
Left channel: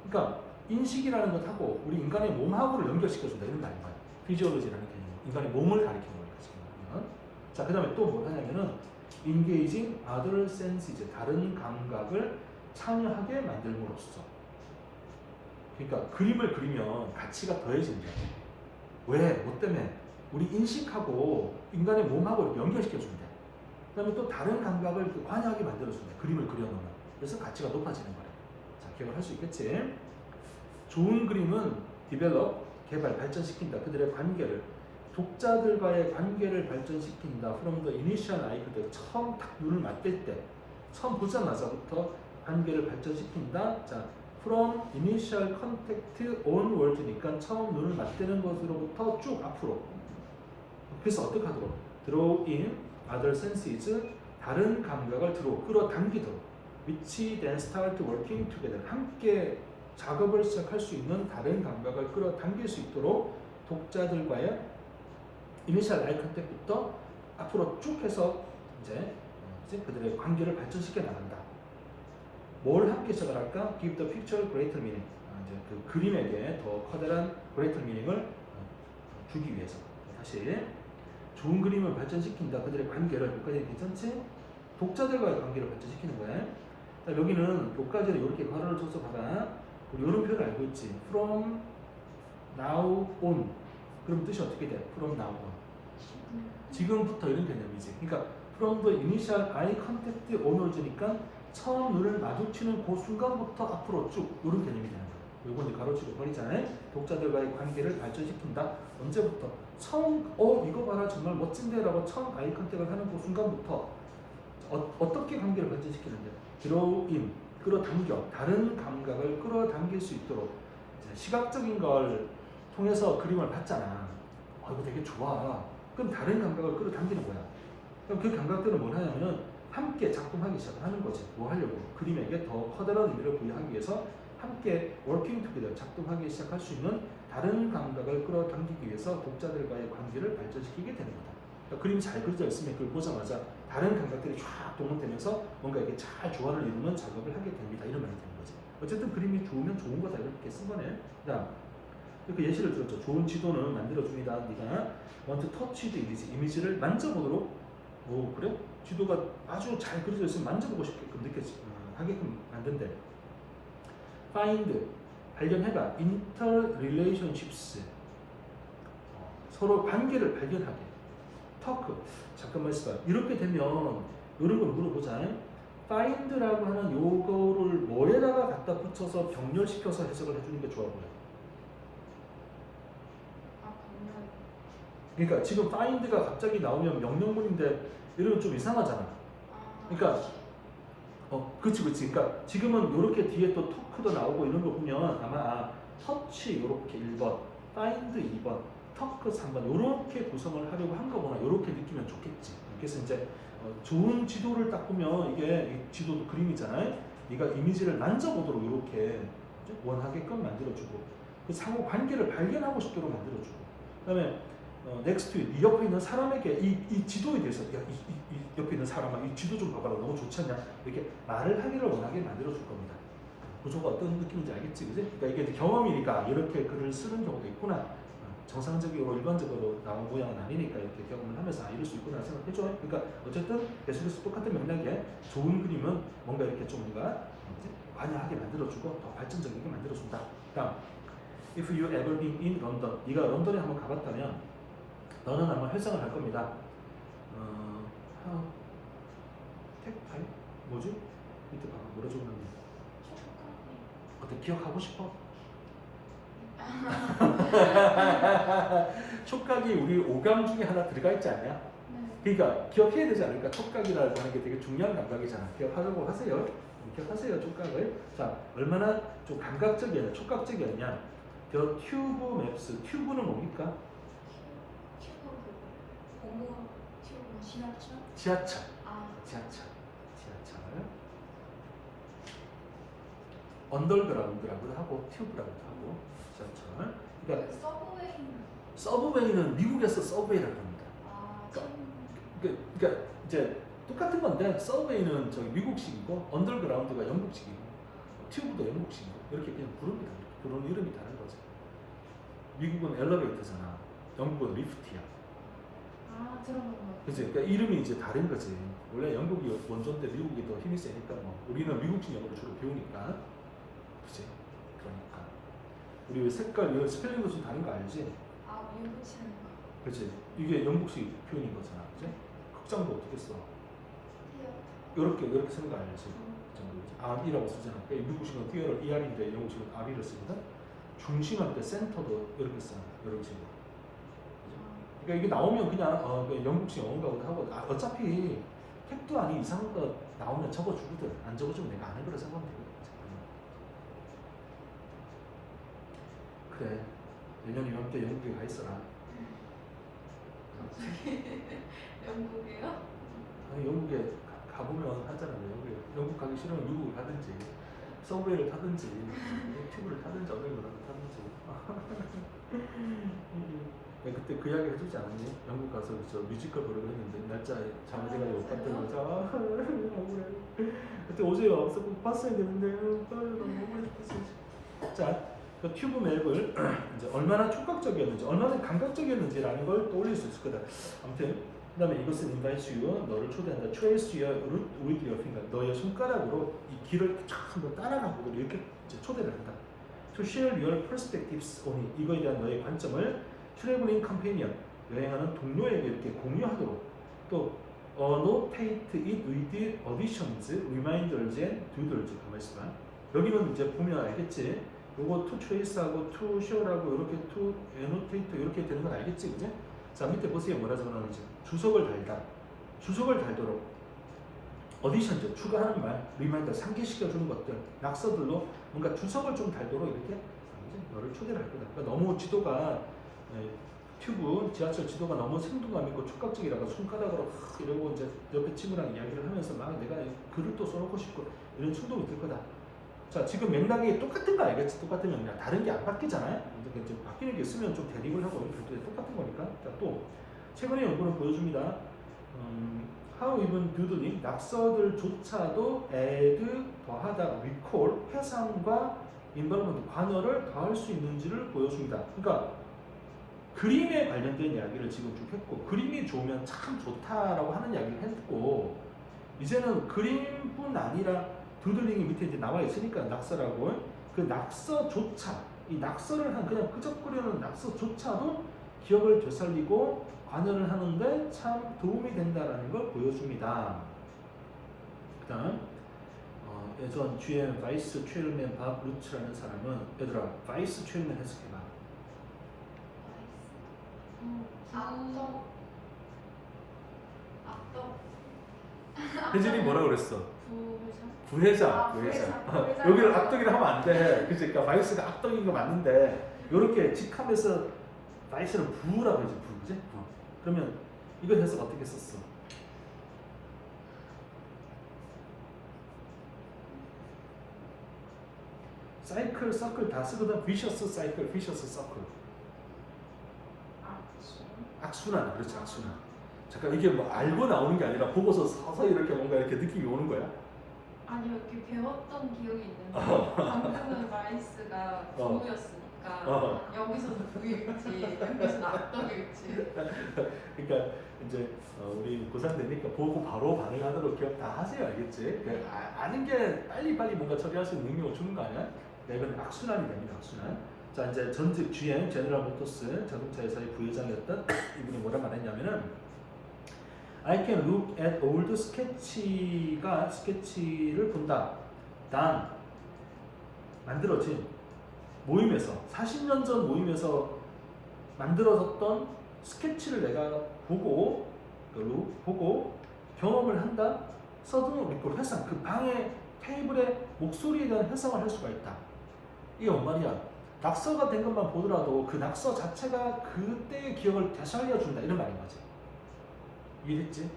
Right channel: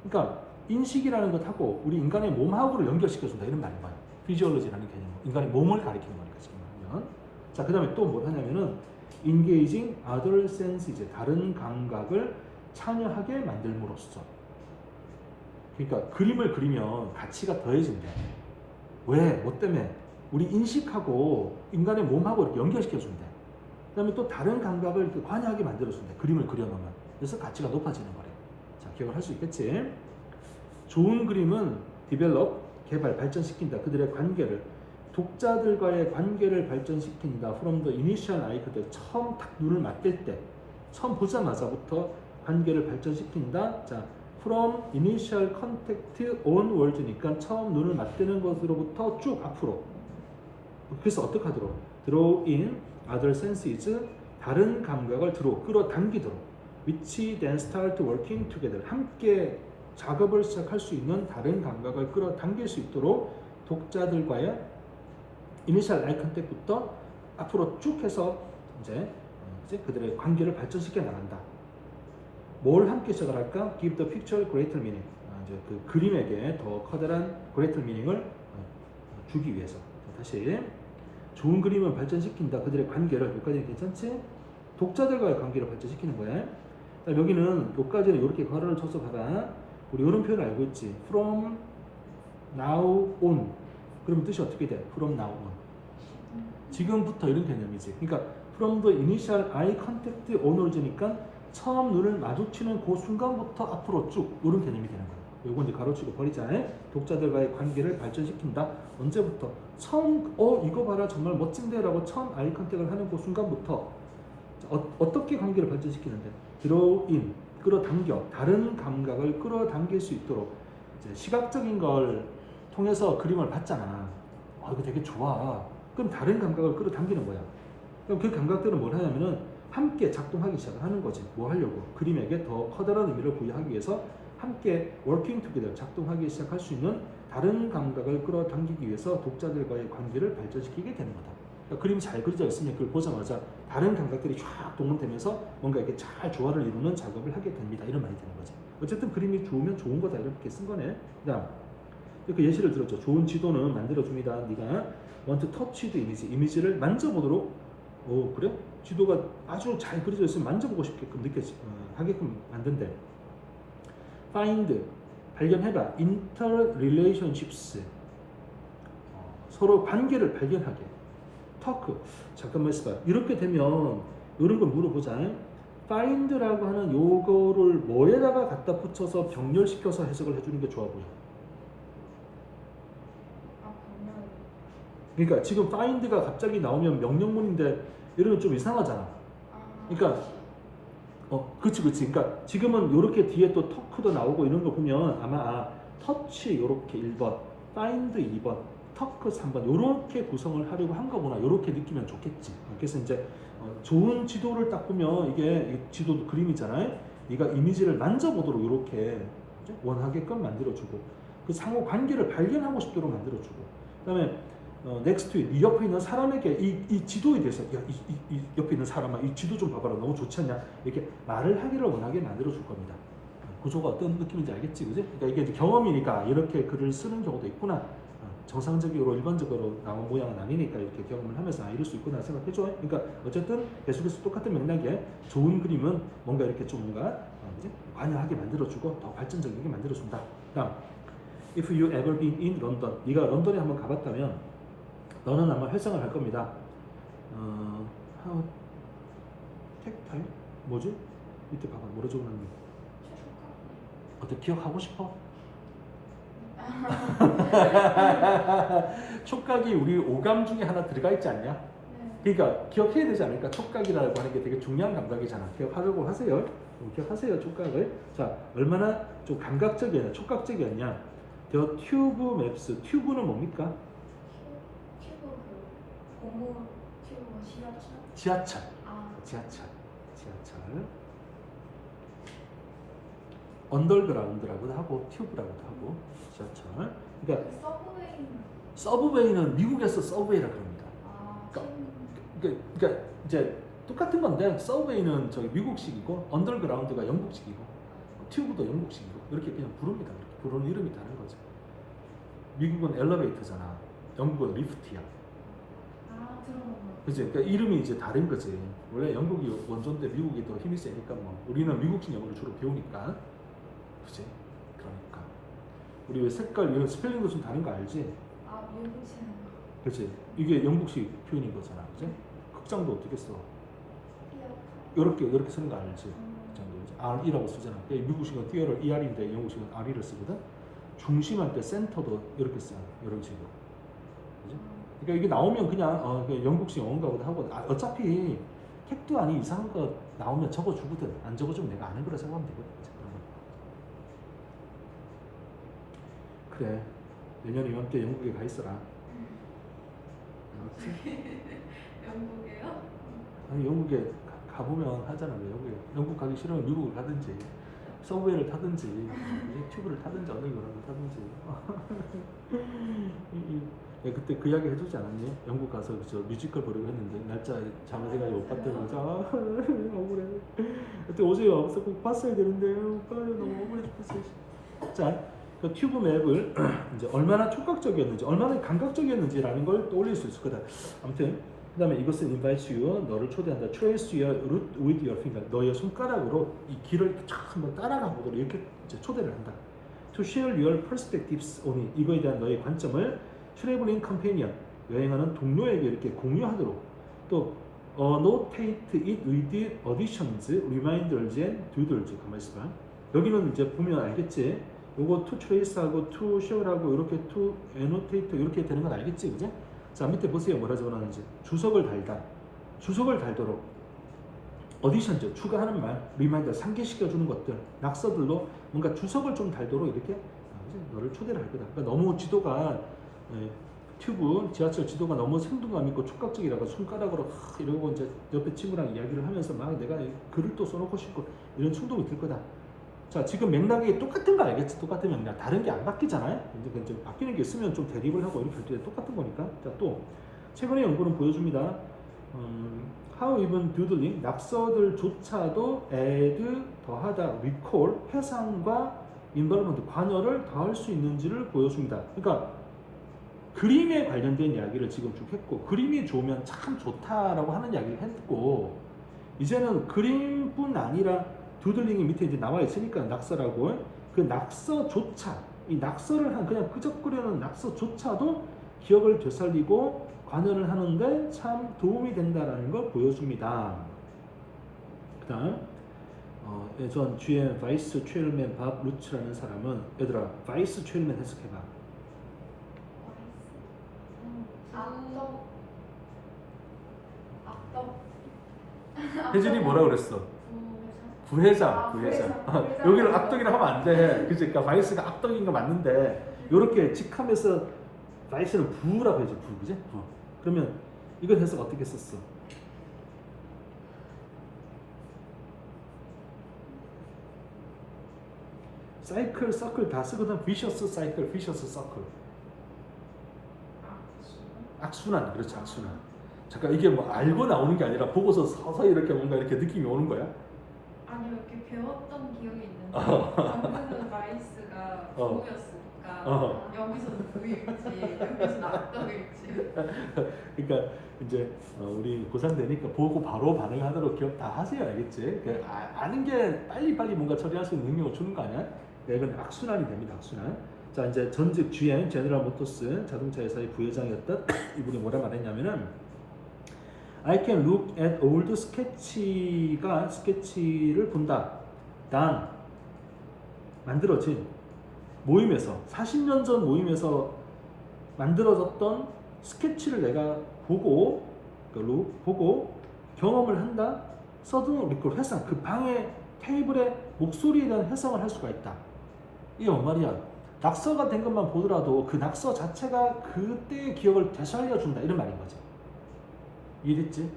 그러니까 인식이라는 것하고 우리 인간의 몸하고를 연결시켜 준다 이런 말이야. 피지올로지라는 개념. 인간의 몸을 가리키는 거니까 지금 보면. 자, 그다음에 또 뭐 하냐면은 engaging other senses, 다른 감각을 참여하게 만들므로써. 그러니까 그림을 그리면 가치가 더해진다. 왜? 뭐 때문에? 우리 인식하고 인간의 몸하고 이렇게 연결시켜준다. 그 다음에 또 다른 감각을 이렇게 관여하게 만들어준다. 그림을 그려놓으면. 그래서 가치가 높아지는 거래. 자, 기억을 할 수 있겠지? 좋은 그림은 develop, 개발, 발전시킨다. 그들의 관계를, 독자들과의 관계를 발전시킨다. From the initial eye contact, 처음 딱 눈을 맞댈 때, 처음 보자마자부터 관계를 발전시킨다. 자, from initial contact onward니까 처음 눈을 맞대는 것으로부터 쭉 앞으로. 그래서 어떻게 하도록? draw in other senses, 다른 감각을 끌어당기도록. which then start working together, 함께 작업을 시작할 수 있는 다른 감각을 끌어당길 수 있도록 독자들과의 initial eye contact부터 앞으로 쭉 해서 이제 그들의 관계를 발전시켜 나간다. 뭘 함께 시작을 할까? Give the picture greater meaning. 이제 그 그림에게 더 커다란 greater meaning을 주기 위해서. 다시 좋은 그림을 발전시킨다. 그들의 관계를 여기까지는 괜찮지? 독자들과의 관계를 발전시키는 거야. 여기는 여기까지는 이렇게 괄호를 쳐서 봐봐. 우리 이런 표현 알고 있지? From now on. 그럼 뜻이 어떻게 돼? From now on. 지금부터 이런 개념이지. 그러니까 from the initial eye contact onwards니까 처음 눈을 마주치는 그 순간부터 앞으로 쭉 이런 개념이 되는 거예요. 이건 이제 가로치고 버리자. 독자들과의 관계를 발전시킨다. 언제부터? 처음 이거 봐라 정말 멋진데라고 처음 아이 컨택을 하는 그 순간부터 어떻게 관계를 발전시키는데? draw in, 끌어당겨, 다른 감각을 끌어당길 수 있도록. 이제 시각적인 걸 통해서 그림을 봤잖아. 이거 되게 좋아. 그럼 다른 감각을 끌어당기는 거야. 그럼 그 감각들은 뭘 하냐면은 함께 작동하기 시작하는 거지. 뭐 하려고? 그림에게 더 커다란 의미를 부여하기 위해서 함께 working together, 작동하기 시작할 수 있는 다른 감각을 끌어당기기 위해서 독자들과의 관계를 발전시키게 되는 거다. 그러니까 그림이 잘 그려져 있으면 그걸 보자마자 다른 감각들이 쫙 동원되면서 뭔가 이렇게 잘 조화를 이루는 작업을 하게 됩니다. 이런 말이 되는 거죠. 어쨌든 그림이 좋으면 좋은 거다 이렇게 쓴 거네. 그다음 이렇게 예시를 들었죠. 좋은 지도는 만들어줍니다. 네가 want to touch the image, 이미지를 만져보도록. 오 그래? 지도가 아주 잘 그려져 있으면 만져보고 싶게끔 하게끔 만든대. find, 발견해라. interrelationships, 서로 관계를 발견하게. talk, 잠깐만 있어봐. 이렇게 되면 이런 걸 물어보자. find라고 하는 요거를 뭐에다가 갖다 붙여서 병렬시켜서 해석을 해주는 게 좋아 보여. 분명히 그러니까 지금 find가 갑자기 나오면 명령문인데 이러면 좀 이상하잖아. 그러니까 그치. 그러니까 지금은 이렇게 뒤에 또 토크도 나오고 이런 거 보면 아마 터치 이렇게 1번, 파인드 2번, 토크 3번 이렇게 구성을 하려고 한 거구나. 이렇게 느끼면 좋겠지. 그래서 이제 좋은 지도를 딱 보면 이게 이 지도도 그림이잖아요. 얘가 이미지를 만져보도록 이렇게 원하게끔 만들어주고 그 상호 관계를 발견하고 싶도록 만들어주고 그다음에 next to it, 이 옆에 있는 사람에게 이 지도에 대해서 야, 이 옆에 있는 사람아 이 지도 좀 봐봐라 너무 좋지 않냐 이렇게 말을 하기를 원하게 만들어 줄 겁니다. 구조가 어떤 느낌인지 알겠지, 그지? 그러니까 이게 이제 경험이니까 이렇게 글을 쓰는 경우도 있구나. 정상적으로 일반적으로 나온 모양은 아니니까 이렇게 경험을 하면서 이럴 수 있구나 생각해줘. 그러니까 어쨌든 계속해서 똑같은 맥락에 좋은 그림은 뭔가 이렇게 좀 뭔가 관여하게 만들어주고 더 발전적이게 만들어준다. 그러니까 if you ever been in London, 네가 런던에 한번 가봤다면 너는 아마 회상을 할 겁니다. 택배 뭐지? 밑에 봐봐 뭐라 적었는데 어떻게 기억하고 싶어? 촉각이 우리 오감 중에 하나 들어가 있지 않냐? 네. 그러니까 기억해야 되지 않을까? 촉각이라고 하는 게 되게 중요한 감각이잖아. 기억하려고 하세요. 기억하세요, 촉각을. 자, 얼마나 좀 감각적이었냐, 촉각적이었냐. The tube maps. 튜브는 뭡니까? 튜브 그 고무 튜브 지하철? 지하철. 아, 지하철. 언더그라운드라고도 하고 튜브라고도 하고 지하철. 그러니까 서브웨이는 서브웨이는 미국에서 서브웨이라고 합니다. 아, 그러니까 이제 똑같은 건데 서브웨이는 저기 미국식이고 언더그라운드가 영국식이고 튜브도 영국식이고 이렇게 그냥 부릅니다. 부르는 이름이 다른 거죠. 미국은 엘리베이터잖아. 영국은 리프트야. 아 들어봤네. 그치? 그러니까 이름이 이제 다른 거지. 원래 영국이 원조인데 미국이 더 힘이 세니까 뭐 우리는 미국식 영어를 주로 배우니까. 그치? 그러니까 우리 왜 색깔 왜 스펠링도 좀 다른 거 알지? 아 밀붙이는 거. 그치? 이게 영국식 표현인 거잖아. 그치? 극장도 어떻게 써? 이렇게. 이렇게 쓰는 거 알지? R이라고 쓰잖아. 그러니까 미국식은 띄어를 ER인데 영국식은 R이를 쓰거든. 중심할 때 센터도 이렇게 써. 이런 식으로. 그죠? 그러니까 이게 나오면 그냥 영국식 영어인가 보다 하고 어차피 택도 아닌 이상한 거 나오면 적어주거든. 안 적어주면 내가 아는 거라 생각하면 되거든. 그래. 내년에 이맘때 영국에 가 있어라. 영국이에요? 아니, 영국에 가보면 하잖아. 영국 가기 싫으면 미국을 가든지 서브웨이를 타든지 튜브를 타든지 언더그라운드 타든지. 야, 그때 그 이야기 해주지 않았니? 영국 가서 저 뮤지컬 보려고 했는데 날짜 잘못해가지고 못 갔다는 거죠. 그때 오세요. 없어 꼭 봤어야 되는데 너무 억울해 죽겠어요. 자, 그 튜브 맵을 이제 얼마나 촉각적이었는지, 얼마나 감각적이었는지라는 걸 떠올릴 수 있을 거다. 아무튼 그 다음에 이것은 invite you, 너를 초대한다. trace your route with your finger. 너의 손가락으로 이 길을 쫙 한번 따라가 보도록 이렇게 이제 초대를 한다. to share your perspectives on it. 이거에 대한 너의 관점을 traveling companion, 여행하는 동료에게 이렇게 공유하도록. 또 annotate it with additions, reminders and doodles. 가만 있어봐. 여기는 이제 보면 알겠지. 요거 to trace하고 to share하고 이렇게 to annotate 이렇게 되는 건 알겠지, 그죠? 자, 밑에 보세요. 뭐라 적어놨는지. 주석을 달다. 주석을 달도록. 어디션죠. 추가하는 말. 리마인더 상기시켜주는 것들. 낙서들로 뭔가 주석을 좀 달도록 이렇게 너를 초대를 할 거다. 그러니까 너무 지도가 튜브, 지하철 지도가 너무 생동감 있고 촉각적이라서 손가락으로 이러고 이제 옆에 친구랑 이야기를 하면서 막 내가 글을 또 써놓고 싶고 이런 충동이 들 거다. 자, 지금 맥락이 똑같은 거 알겠지? 똑같은 맥락. 다른 게 안 바뀌잖아요? 근데 좀 바뀌는 게 있으면 좀 대립을 하고 이렇게 똑같은 거니까. 자, 또, 최근에 연구는 보여줍니다. How even doodling, 낙서들조차도 add, 더하다, recall, 해상과 involvement, 관여를 더할 수 있는지를 보여줍니다. 그러니까, 그림에 관련된 이야기를 지금 쭉 했고, 그림이 좋으면 참 좋다라고 하는 이야기를 했고, 이제는 그림뿐 아니라 두들링이 밑에 이제 나와 있으니까 낙서라고 그 낙서조차 이 낙서를 한 그냥 끄적거리는 낙서조차도 기억을 되살리고 관여를 하는데 참 도움이 된다라는 걸 보여줍니다. 그다음 예전 GM 바이스 체일맨 밥 루츠라는 사람은 얘들아 바이스 체일맨 해석해봐. 악덕. 혜진이 뭐라 그랬어? 부회장. 부회장. 여기를 악덕이라 하면 안 돼. 그치? 그러니까 바이스가 악덕인 거 맞는데 이렇게 직함에서 바이스를 부라고 해줘. 부, 그지? 부. 그러면 이건 해석 어떻게 썼어? 사이클, 서클 다 쓰거든. 비셔스 사이클, 비셔스 서클. 악순환, 그렇지 악순환. 잠깐 이게 뭐 알고 나오는 게 아니라 보고서 서서히 이렇게 뭔가 이렇게 느낌이 오는 거야? 아니요, 이렇게 배웠던 기억이 있는데 방금은 라이스가 부였으니까 여기서도 부일지 여기서도 악덕일지. 그러니까 이제 우리 고3 되니까 보고 바로 반응하도록 기억 다 하세요, 알겠지? 아는 게 빨리빨리 뭔가 처리할 수 있는 능력을 주는 거 아니야? 이건 악순환이 됩니다, 악순환. 자, 이제 전직 GM, 제너럴 모터스 자동차회사의 부회장이었던 이분이 뭐라 말했냐면은 I can look at old 스케치를 본다. 단 만들어진 모임에서 40년 전 모임에서 만들어졌던 스케치를 내가 보고 경험을 한다. 서든 리콜 회상, 그 방의 테이블의 목소리에 대한 회상을 할 수가 있다. 이게 뭔 말이야? 낙서가 된 것만 보더라도 그 낙서 자체가 그때의 기억을 되살려준다 이런 말인 거지. 이해됐지?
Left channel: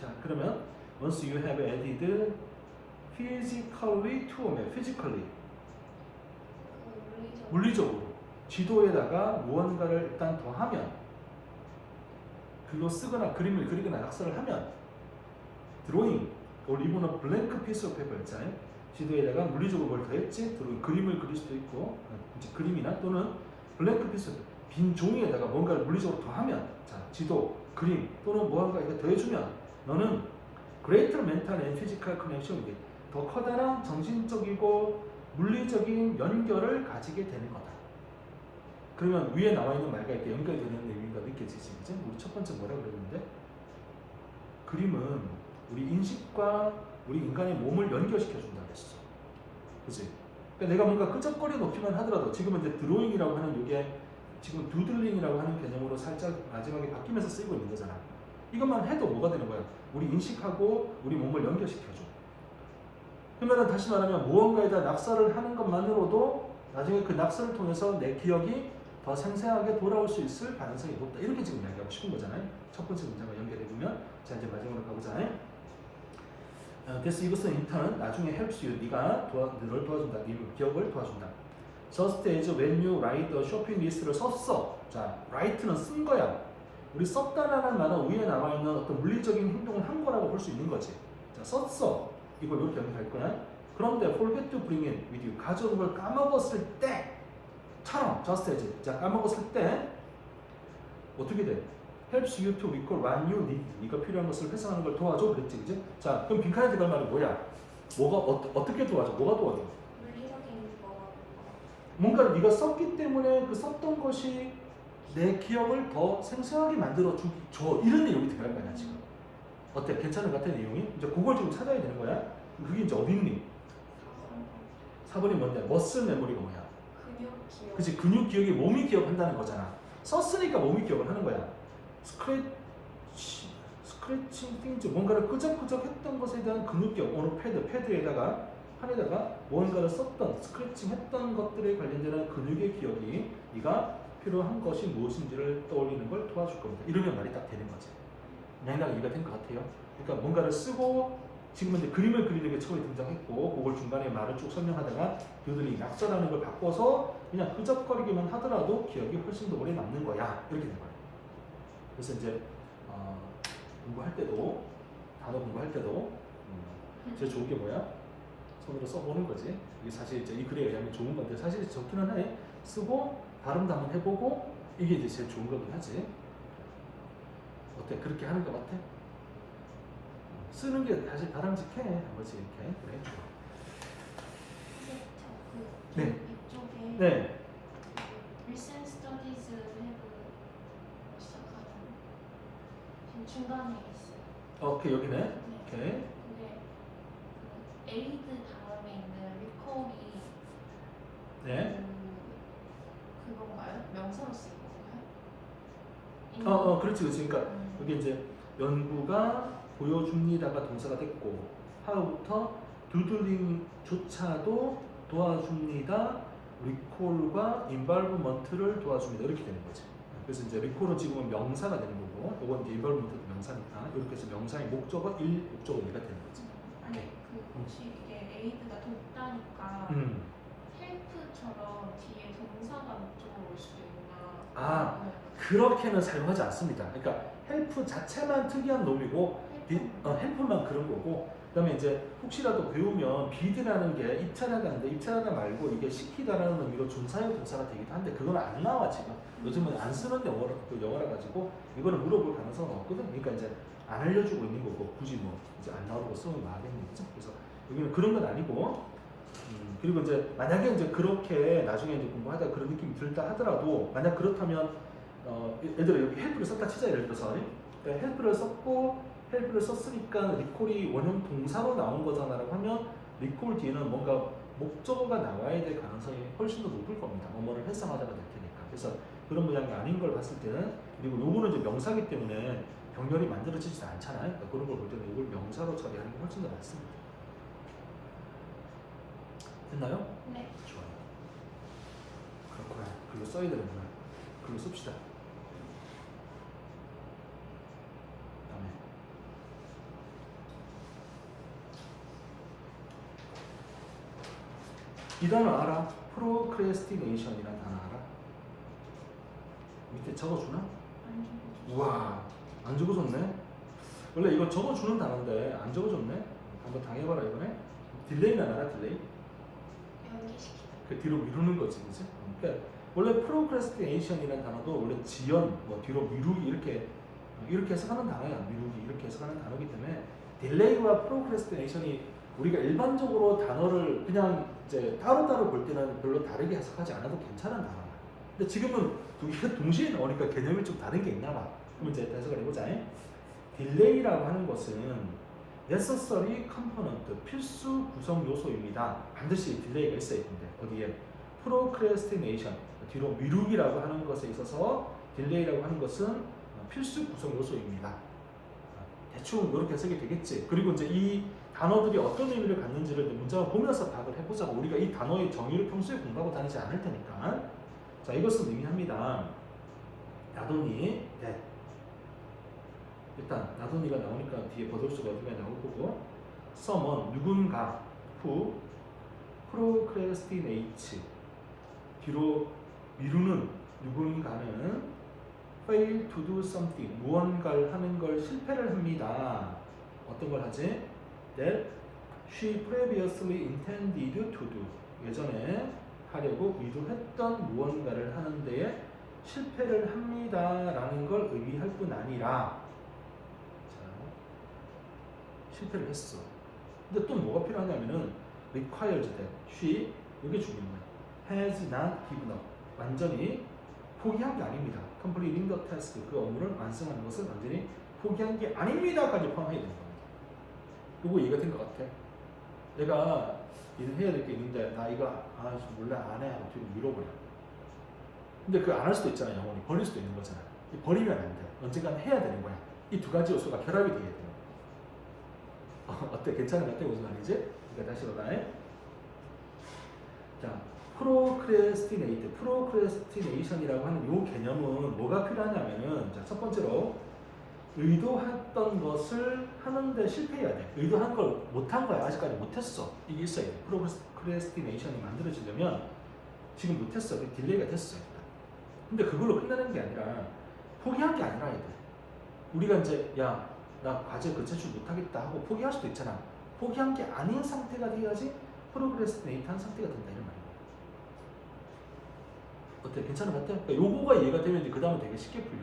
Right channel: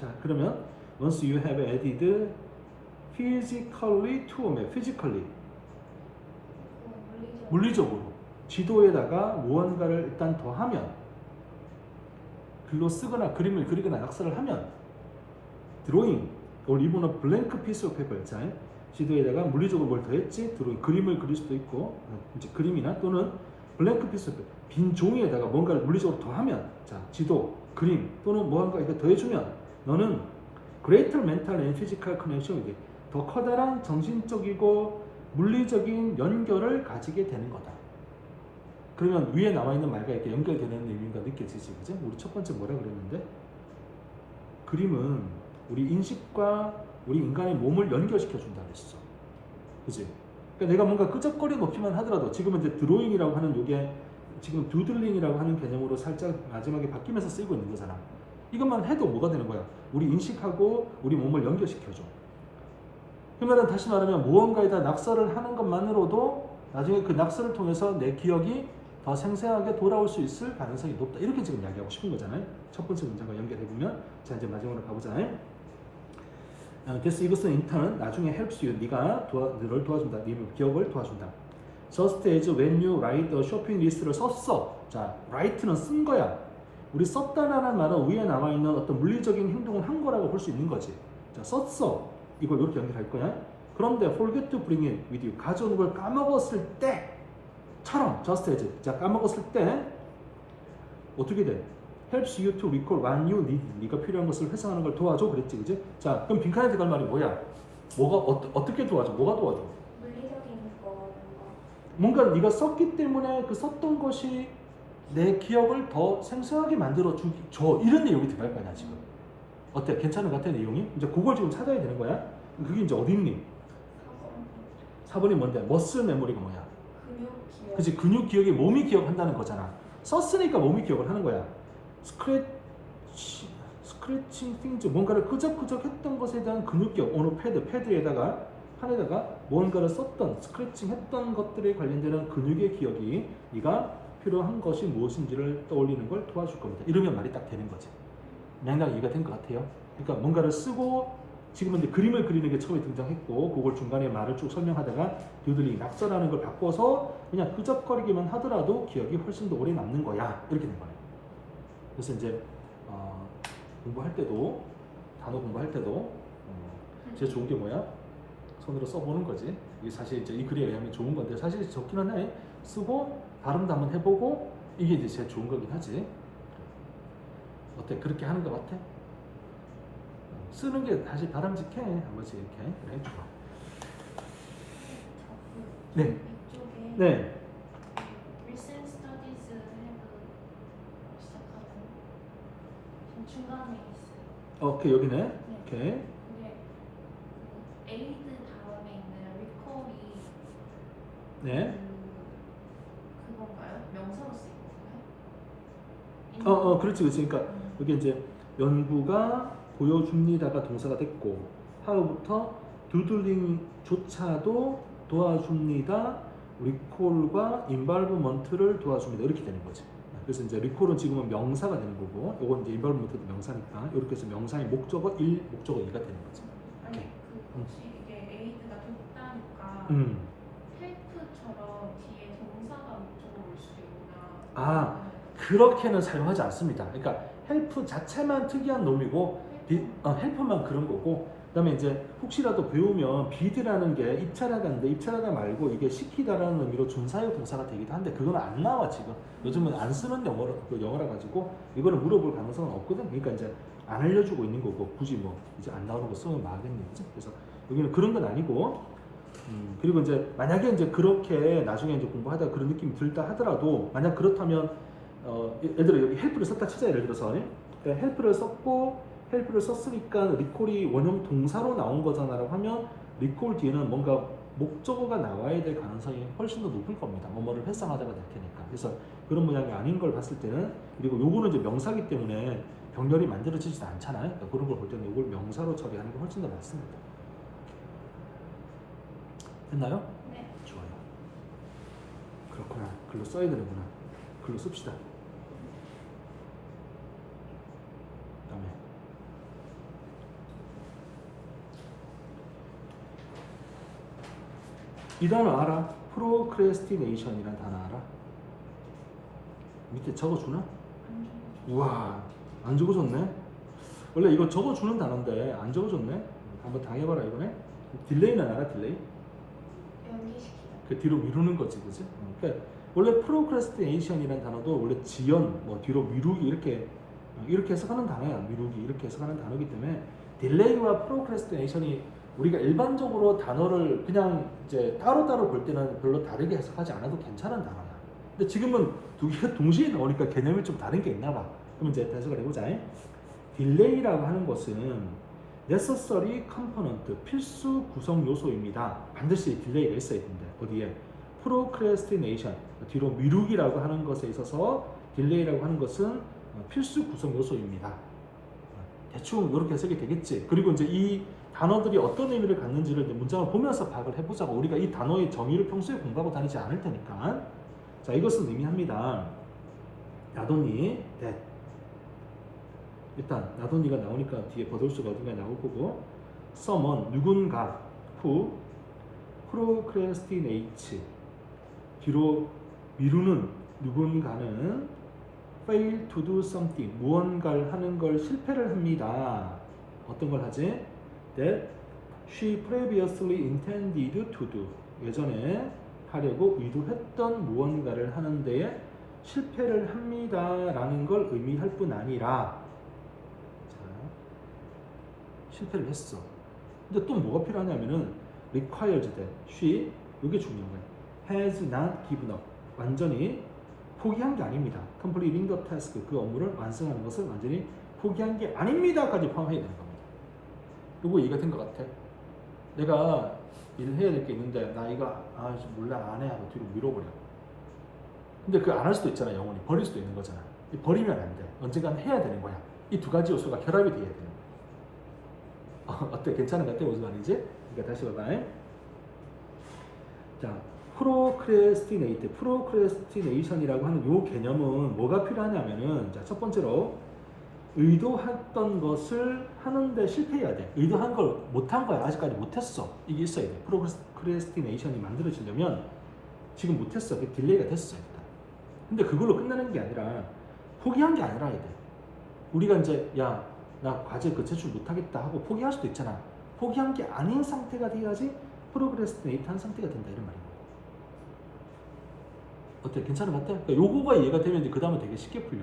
자, 그러면 once you have added physically to physically 물리적으로 지도에다가 무언가를 일단 더하면 글로 쓰거나 그림을 그리거나 낙서를 하면 drawing or even a blank piece of paper 자, 지도에다가 물리적으로 뭘 더했지? 드로잉, 그림을 그릴 수도 있고 이제 그림이나 또는 blank piece of paper 빈 종이에다가 뭔가를 물리적으로 더하면 자, 지도, 그림 또는 무언가 이렇게 더해주면 너는 greater mental and physical connection 더 커다란 정신적이고 물리적인 연결을 가지게 되는 거다. 그러면 위에 나와 있는 말과 이렇게 연결되는 의미가 느껴지지, 그죠? 우리 첫 번째 뭐라 그랬는데 그림은 우리 인식과 우리 인간의 몸을 연결시켜 준다고 했어, 그지? 그러니까 내가 뭔가 끄적거려 놓기만 하더라도 지금은 이제 드로잉이라고 하는 이게 지금 듀들링이라고 하는 개념으로 살짝 마지막에 바뀌면서 쓰이고 있는 거잖아. 이것만 해도 뭐가 되는 거야? 우리 인식하고 우리 몸을 연결시켜줘. 그러면 다시 말하면 무언가에다 낙서를 하는 것만으로도 나중에 그 낙서를 통해서 내 기억이 더 생생하게 돌아올 수 있을 가능성이 높다. 이렇게 지금 이야기하고 싶은 거잖아요. 첫 번째 문제가 연결해보면 자 이제 마지막으로 가보잖아요. 그래서 이것은 인턴은 나중에 helps you 너를 도와준다. 네 기억을 도와준다. Just as when you write a shopping list를 썼어. 자, write는 쓴 거야. 우리 썼다라는 말은 위에 나와 있는 어떤 물리적인 행동을 한 거라고 볼 수 있는 거지. 자, 썼어. 이걸 이렇게 연결할 거야. 그런데 forget to bring it with you. 가져오는 걸 까먹었을 때처럼 just as. 자, 까먹었을 때 어떻게 돼? helps you to recall when you need. 네가 필요한 것을 회상하는 걸 도와줘. 그랬지, 그지? 자, 그럼 빈칸에 들어갈 말이 뭐야? 뭐가 어떻게 도와줘? 뭐가 도와줘? 물리적인 거 뭔가를 네가 썼기 때문에 그 썼던 것이 내 기억을 더 생생하게 만들어 줘. 이런 내용이 들어갈 거야 지금. 어때? 괜찮은 것 같아 내용이? 이제 그걸 지금 찾아야 되는 거야. 그게 이제 어디 있니? 4번이 뭔데? 머슬 메모리가 뭐야? 근육 기억. 그치, 근육 기억이 몸이 기억한다는 거잖아. 썼으니까 몸이 기억을 하는 거야. 스크래칭 띵즈, 뭔가를 끄적끄적 했던 것에 대한 근육 기억. 오늘 패드에다가 판에다가 뭔가를 썼던, 스크래칭 했던 것들에 관련되는 근육의 기억이 네가 필요한 것이 무엇인지를 떠올리는 걸 도와줄 겁니다. 이러면 말이 딱 되는 거지. 맥락 이해가 된 것 같아요. 그러니까 뭔가를 쓰고 지금은 이제 그림을 그리는 게 처음에 등장했고 그걸 중간에 말을 쭉 설명하다가 듀들링 낙서라는 걸 바꿔서 그냥 끄적거리기만 하더라도 기억이 훨씬 더 오래 남는 거야. 이렇게 된 거예요. 그래서 이제 공부할 때도 단어 공부할 때도 제일 좋은 게 뭐야? 손으로 써보는 거지. 이게 사실 이제 이 글에 의하면 좋은 건데 사실 좋기는 해. 쓰고 발음도 한번 해보고 이게 이제 제일 좋은 거긴 하지. 어때? 그렇게 하는 것 같아? 쓰는 게 다시 바람직해. 한 번씩 이렇게. 그래. 네. 이쪽에 네. recent studies have 시작하고 지금 중간에 있어요. 오케이 여기네. 오케이. 그게 aid 다음에 있는 recall이 네. 그건가요? 명사로 쓰인 건가요? 그렇지. 그러니까 여기 이제 연구가 보여줍니다가 동사가 됐고 하루부터 듀들링조차도 도와줍니다. 리콜과 인발브먼트를 도와줍니다. 이렇게 되는 거죠. 그래서 이제 리콜은 지금은 명사가 되는 거고, 이건 이제 인발브먼트도 명사니까 이렇게 해서 명사의 목적어 1, 목적어 2가 되는 거죠. 아니 그 혹시 이게 aid가 좀 있다니까 헬프처럼 뒤에 동사가 목적어로 올 수도 있구나. 아, 그렇게는 사용하지 않습니다. 그러니까 help 자체만 특이한 놈이고 help만 그런 거고, 그다음에 이제 혹시라도 배우면 be라는 게 입찰하다는데 입찰하다 말고 이게 시키다라는 의미로 준사역 동사가 되기도 한데 그건 안 나와 지금. 요즘은 안 쓰는 영어라 가지고 이거는 물어볼 가능성은 없거든. 그러니까 이제 안 알려주고 있는 거고 굳이 뭐 이제 안 나오는 거 쓰면 나가겠는 거죠. 그래서 이거는 그런 건 아니고. 그리고 이제 만약에 이제 그렇게 나중에 이제 공부하다 그런 느낌이 들다 하더라도 만약 그렇다면 예를 들어 여기 헬프를 썼다 치자. 예를 들어서 그러니까 헬프를 썼고 헬프를 썼으니까 리콜이 원형 동사로 나온 거잖아라고 하면 리콜 뒤에는 뭔가 목적어가 나와야 될 가능성이 훨씬 더 높을 겁니다. 뭐뭐를 회상하다가 나타내니까. 그래서 그런 모양이 아닌 걸 봤을 때는, 그리고 요거는 이제 명사기 때문에 병렬이 만들어지지도 않잖아요. 그러니까 그런 걸 볼 때는 이걸 명사로 처리하는 게 훨씬 더 맞습니다. 됐나요? 네. 좋아요. 그렇구만. 글로 써야 되는구나. 글로 씁시다. 다음에 이 단어 알아? procrastination이라는 단어 알아? 밑에 적어주나? 우와, 안 적어줬네. 원래 이거 적어주는 단어인데 안 적어줬네. 한번 당해봐라 이거네. 딜레이는 알아? 딜레이? 연기시키다. 그 뒤로 미루는 거지, 그지? 그러니까 원래 procrastination이라는 단어도 원래 지연, 뭐 뒤로 미루기 이렇게 해석하는 단어야. 미루기 이렇게 해석하는 단어이기 때문에 딜레이와 procrastination이 우리가 일반적으로 단어를 그냥 이제 따로따로 볼 때는 별로 다르게 해석하지 않아도 괜찮은 단어야. 근데 지금은 두 개가 동시에 나오니까 개념이 좀 다른 게 있나 봐. 그럼 이제 해석을 해보자. 딜레이라고 하는 것은 necessary component, 필수 구성 요소입니다. 반드시 딜레이가 있어야 된대. 어디에? procrastination, 뒤로 미루기라고 하는 것에 있어서 딜레이라고 하는 것은 필수 구성 요소입니다. 대충 이렇게 해석이 되겠지. 그리고 이제 이 단어들이 어떤 의미를 갖는지를 문장을 보면서 파악을 해보자고. 우리가 이 단어의 정의를 평소에 공부하고 다니지 않을 테니까. 자, 이것은 의미합니다. 나돈이 that. 일단 나돈이가 나오니까 뒤에 버돌수가 어딘가 나올 거고, someone 누군가 who procrastinates 뒤로 미루는 누군가는 fail to do something 무언가를 하는 걸 실패를 합니다. 어떤 걸 하지? That she previously intended to do 예전에 하려고 의도했던 무언가를 하는 데에 실패를 합니다라는 걸 의미할 뿐 아니라 실패를 했어. 근데 또 뭐가 필요하냐면은 requires that she 이게 중요한 거야. has not given up 완전히 포기한 게 아닙니다. completing the task 그 업무를 완성한 것을 완전히 포기한 게 아닙니다까지 포함해야 된다. 이거 이해가 된 것 같아. 내가 일을 해야 될 게 있는데 나 이거 몰라 안 해 하고 뒤로 밀어버려. 근데 그 안 할 수도 있잖아. 영원히 버릴 수도 있는 거잖아. 버리면 안 돼. 언젠간 해야 되는 거야. 이 두 가지 요소가 결합이 돼야 돼. 어때? 괜찮은 것 같아? 무슨 말인지? 그러니까 다시 봐봐. 자, procrastination이라고 하는 요 개념은 뭐가 필요하냐면은 자, 첫 번째로 의도했던 것을 하는데 실패해야 돼. 의도한 걸 못한 거야. 아직까지 못했어. 이게 있어야 돼. procrastination이 만들어지려면 지금 못했어. 딜레이가 됐어. 일단. 근데 그걸로 끝나는 게 아니라 포기한 게 아니라 해야 돼. 우리가 이제 나 과제 그 제출 못하겠다 하고 포기할 수도 있잖아. 포기한 게 아닌 상태가 돼야지 프로그레스티네이트한 상태가 된다 이런 말이야. 어때? 괜찮은 것 같아? 그러니까 요거가 이해가 되면 이제 그 다음에 되게 쉽게 풀려.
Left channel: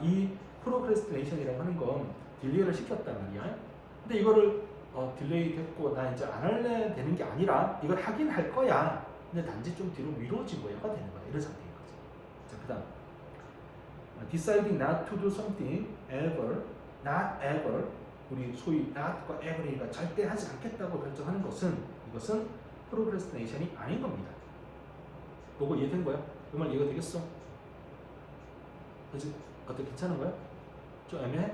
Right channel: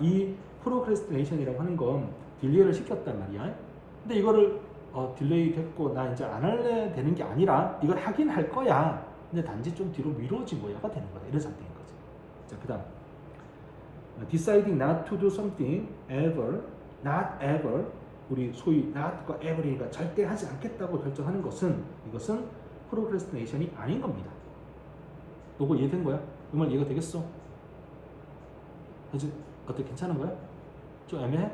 이 프로크레스티네이션이라고 하는 건 딜레이를 시켰단 말이야. 근데 이거를 딜레이 됐고 나 이제 안 할래 되는 게 아니라 이걸 하긴 할 거야. 근데 단지 좀 뒤로 미뤄진 거야가 되는 거야. 이런 상태인 거지. 자, 그다음 deciding not to do something ever, not ever. 우리 소위 not과 ever이니까 절대 하지 않겠다고 결정하는 것은 이것은 프로크레스티네이션이 아닌 겁니다. 요거 이해된 거야? 이 말 이해가 되겠어? 그치? 어때? 괜찮은 거야? 좀 애매해?